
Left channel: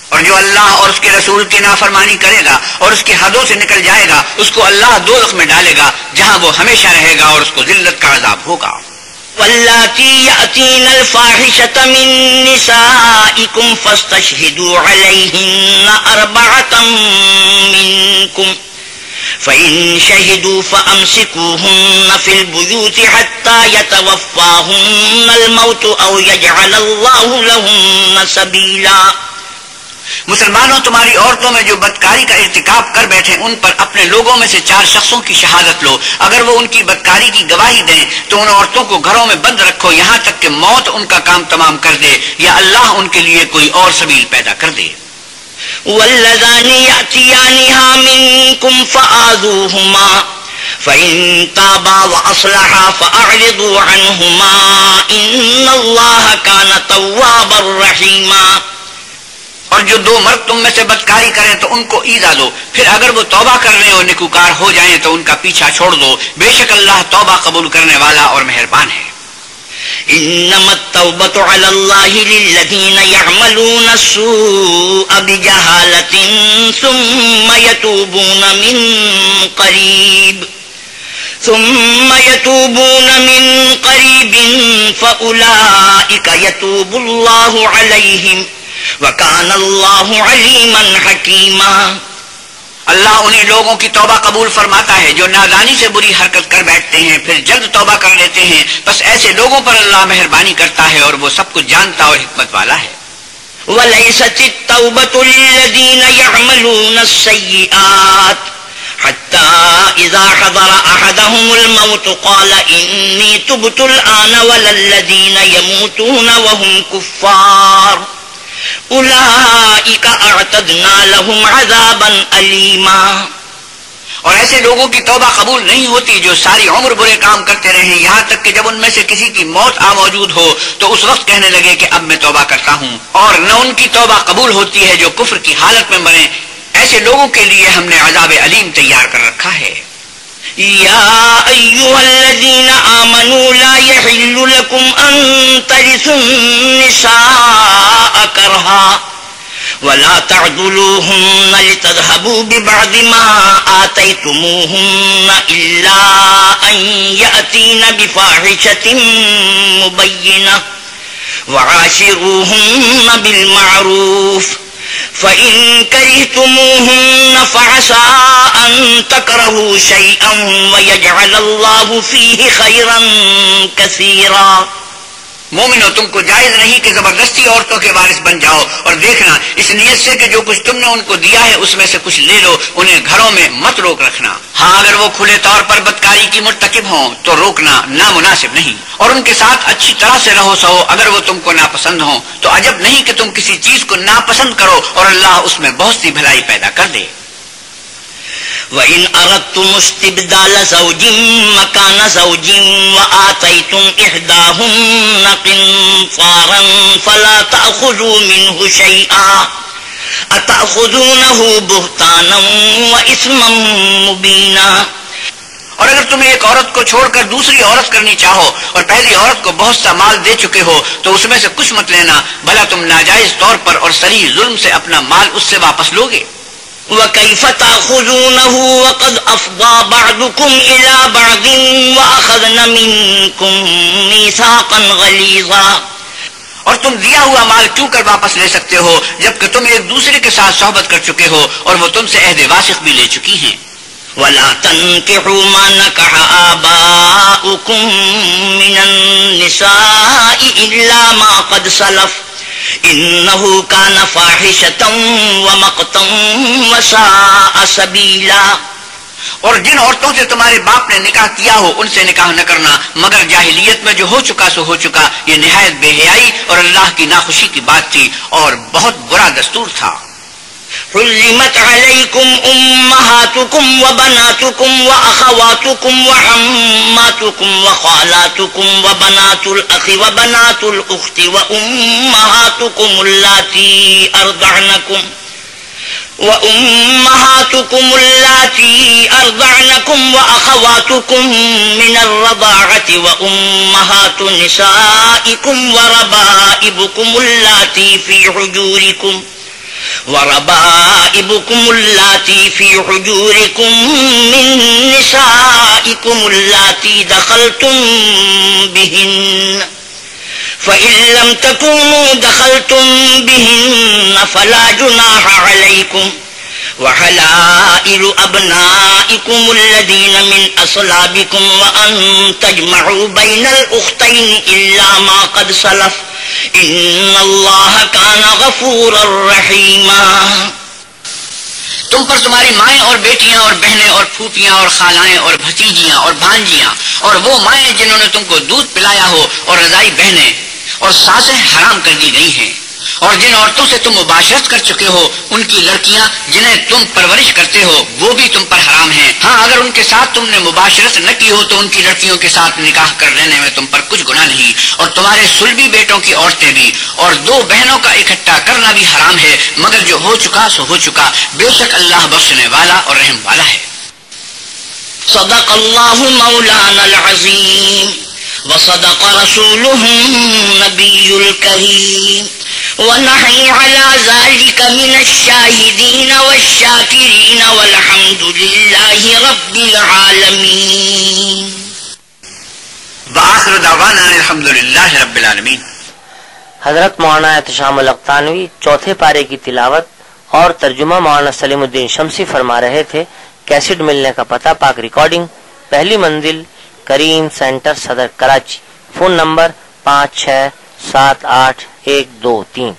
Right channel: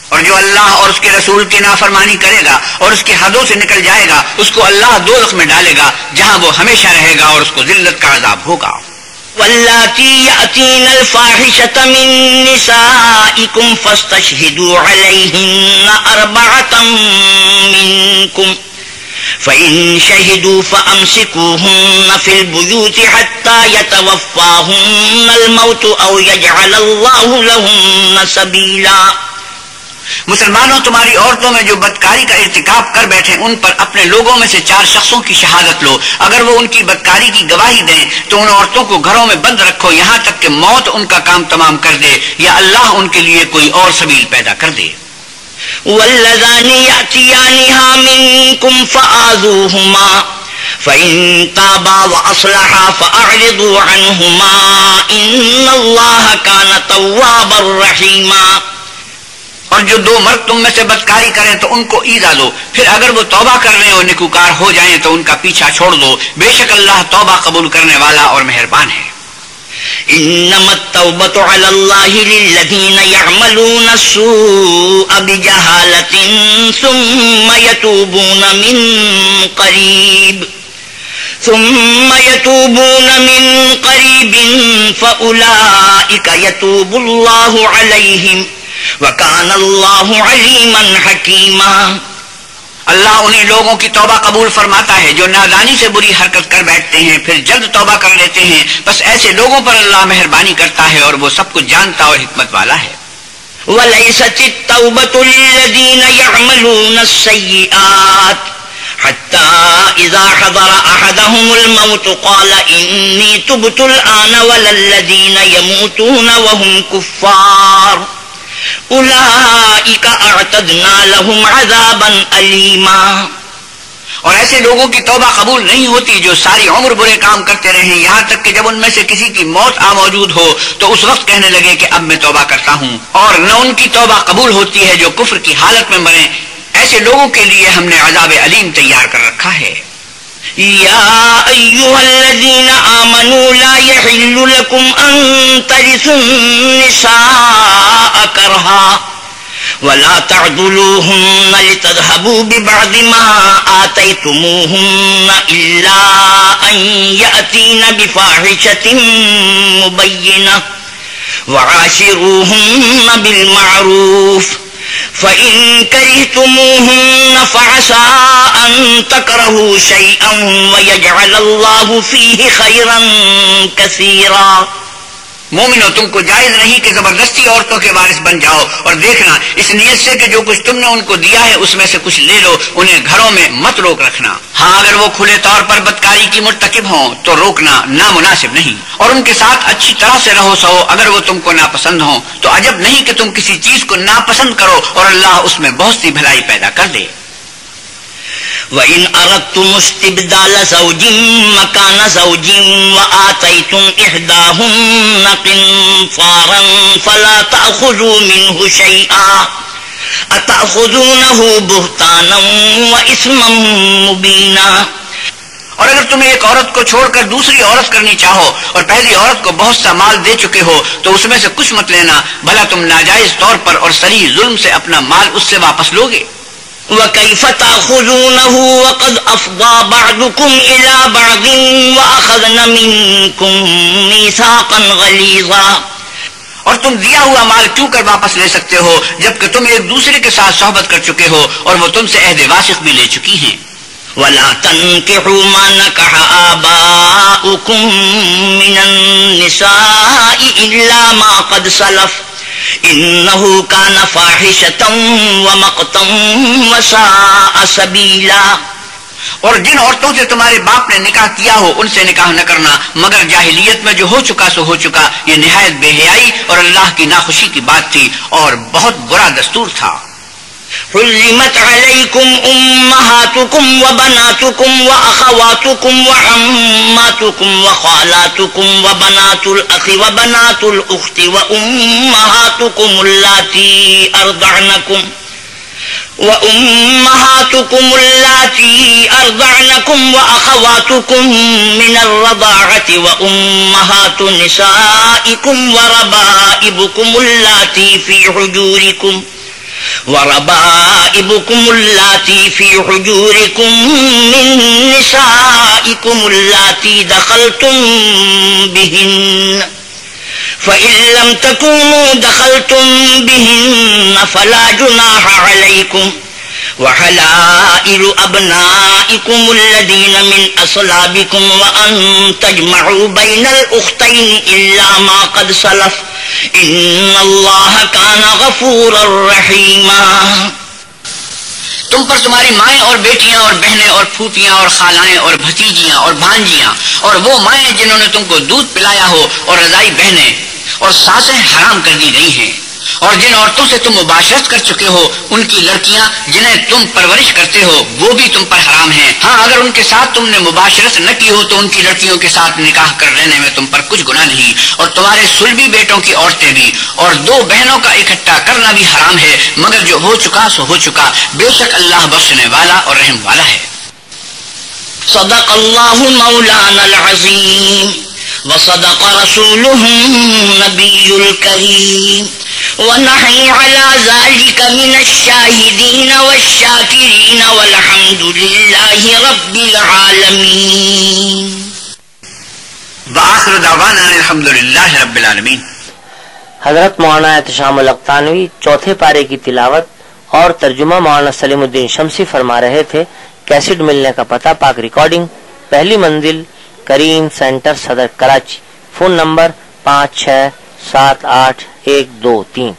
اور جو اللہ اور اس کے رسول کی نافرمانی کرے گا اور اس کی حدوں سے نکل جائے گا اس کو اللہ دوزخ میں ڈالے گا جہاں وہ ہمیشہ رہے گا اور اس کو ذلت کا عذاب ہوگا۔ واللاتی یأتین الفاحشة من نسائکم فاستشہدوا علیہن 4 منکم فإن شہدوا فأمسکوہن فی البیوت حتی یتوفاہن الموت او یجعل اللہ لہن سبیلا۔ مسلمانوں، تمہاری عورتوں میں جو بدکاری کا ارتکاب کر بیٹھے ان پر اپنے لوگوں میں سے 4 شخصوں کی شہادت لو. اگر وہ ان کی بدکاری کی گواہی دیں تو ان عورتوں کو گھروں میں بند رکھو یہاں تک کہ موت ان کا کام تمام کر دے یا اللہ ان کے لیے کوئی اور سبیل پیدا کر دے. واللذان يأتيانها منكم فآذوهما فإن تابا وأصلحا فأعرضوا عنهما إن الله كان توابا رحيما. اور جو 2 مرد تم میں سے بدکاری کریں تو ان کو ایذا دو، پھر اگر وہ توبہ کرنے اور نیکوکار ہو جائیں تو ان کا پیچھا چھوڑ دو، بے شک اللہ توبہ قبول کرنے والا اور مہربان ہے. انما التوبة على الله للذين يعملون السوء بجهالة ثم يتوبون من قريب فأولئك يتوب الله عليهم وَكَانَ اللَّهُ عَلِيمًا حَكِيمًا. اللہ انہی لوگوں کی توبہ قبول فرماتا ہے جو نادانی سے بری حرکت کر بیٹھتے ہیں پھر جلد توبہ کر لیتے ہیں، بس ایسے لوگوں پر اللہ مہربانی کرتا ہے اور وہ سب کچھ جانتا اور حکمت والا ہے. وَلَيْسَتِ التَّوْبَةُ لِلَّذِينَ يَعْمَلُونَ السَّيِّئَاتِ حَتَّى إِذَا حَضَرَ أَحَدَهُمُ الْمَوْتُ قَالَ إِنِّي تُبْتُ الْآنَ وَلَا الَّذِينَ يَمُوتُونَ وَهُمْ كُفَّارٌ اولئک اعتدنا لهم عذابا الیما. اور ایسے لوگوں کی توبہ قبول نہیں ہوتی جو ساری عمر برے کام کرتے رہیں یہاں تک کہ جب ان میں سے کسی کی موت موجود ہو تو اس وقت کہنے لگے کہ اب میں توبہ کرتا ہوں. اور نہ ان کی توبہ قبول ہوتی ہے جو کفر کی حالت میں مریں. ایسے لوگوں کے لیے ہم نے عذاب علیم تیار کر رکھا ہے. یا ایھا الذین آمنوا لا یحل لکم ان ترثوا النساء کرہا ولا تعضلوهن لتذهبوا ببعض ما آتيتموهن إلا أن يأتين بفاحشة مبينة وعاشروهن بالمعروف فإن كرهتموهن فعسى أن تكرهوا شيئا ويجعل الله فيه خيرا كثيرا. مومنو، تم کو جائز نہیں کہ زبردستی عورتوں کے وارث بن جاؤ، اور دیکھنا اس نیت سے کہ جو کچھ تم نے ان کو دیا ہے اس میں سے کچھ لے لو، انہیں گھروں میں مت روک رکھنا. ہاں اگر وہ کھلے طور پر بدکاری کی مرتکب ہوں تو روکنا نامناسب نہیں، اور ان کے ساتھ اچھی طرح سے رہو سہو اگر وہ تم کو ناپسند ہوں تو عجب نہیں کہ تم کسی چیز کو ناپسند کرو اور اللہ اس میں بہت سی بھلائی پیدا کر دے. وَإِنْ أَرَدْتُمُ اسْتِبْدَالَ زَوْجٍ مَّكَانَ زَوْجٍ وَآتَيْتُمْ إِحْدَاهُنَّ قِنطَارًا فَلَا تَأْخُذُوا مِنْهُ شَيْئًا أَتَأْخُذُونَهُ بُهْتَانًا وَإِثْمًا مُّبِينًا. اور اگر تم ایک عورت کو چھوڑ کر دوسری عورت کرنی چاہو اور پہلی عورت کو بہت سا مال دے چکے ہو تو اس میں سے کچھ مت لینا، بھلا تم ناجائز طور پر اور صریح ظلم سے اپنا مال اس سے واپس لوگے. وَكَيْفَ تَأْخُذُونَهُ وَقَدْ أَفْضَىٰ بَعْضُكُمْ إِلَىٰ بَعْضٍ وَأَخَذْنَ مِنكُم مِّيثَاقًا غَلِيظًا. اور تم دیا ہوا مال کیوں کر واپس لے سکتے ہو جبکہ تم ایک دوسرے کے ساتھ صحبت کر چکے ہو اور وہ تم سے عہد واسق بھی لے چکی ہیں. وَلَا تَنكِحُوا مَا نَكَحَ آبَاؤُكُم مِّنَ النِّسَاءِ إِلَّا مَا قَدْ سَلَفَ إِنَّهُ كَانَ فَاحِشَةً وَمَقْتًا وَسَاءَ سَبِيلًا. اور جن عورتوں سے تمہارے باپ نے نکاح کیا ہو ان سے نکاح نہ کرنا مگر جاہلیت میں جو ہو چکا سو ہو چکا، یہ نہایت بے حیائی اور اللہ کی ناخوشی کی بات تھی اور بہت برا دستور تھا. حرمت علیکم امہاتکم وبناتکم واخواتکم وعماتکم وخالاتکم وبنات الاخ وبنات الاخت وامہاتکم اللاتی ارضعنکم واخواتکم من الرضاعة وامہات نسائکم وربائبکم اللاتی فی حجورکم من نسائکم اللاتی دخلتم بہن فإن لم تكونوا دخلتم بهن فلا جناح عليكم وحلائل أبنائكم الذين من أصلابكم وأن تجمعوا بين الأختين إلا ما قد سلف ان اللہ کان غفورا رحیما. تم پر تمہاری مائیں اور بیٹیاں اور بہنیں اور پھوپھیاں اور خالائیں اور بھتیجیاں اور بھانجیاں اور وہ مائیں جنہوں نے تم کو دودھ پلایا ہو اور رضائی بہنیں اور ساسیں حرام کر دی گئی ہیں، اور جن عورتوں سے تم مباشرت کر چکے ہو ان کی لڑکیاں جنہیں تم پرورش کرتے ہو وہ بھی تم پر حرام ہیں. ہاں اگر ان کے ساتھ تم نے مباشرت نہ کی ہو تو ان کی لڑکیوں کے ساتھ نکاح کر لینے میں تم پر کچھ گناہ نہیں، اور تمہارے صلبی بیٹوں کی عورتیں بھی، اور دو بہنوں کا اکٹھا کرنا بھی حرام ہے، مگر جو ہو چکا سو ہو چکا، بے شک اللہ بخشنے والا اور رحم والا ہے. صدق اللہ مولانا العظیم وصدق رسوله النبی الکریم ونحن على ذلك من الشاهدين والشاكرين والحمد لله رب العالمين. وآخر دعوانا الحمد للہ رب العالمین. حضرت مولانا احتشام الاقتانوی چوتھے پارے کی تلاوت اور ترجمہ مولانا سلیم الدین شمسی فرما رہے تھے. کیسٹ ملنے کا پتہ پاک ریکارڈنگ، پہلی منزل، کریم سینٹر، صدر کراچی. Phone number 56781223.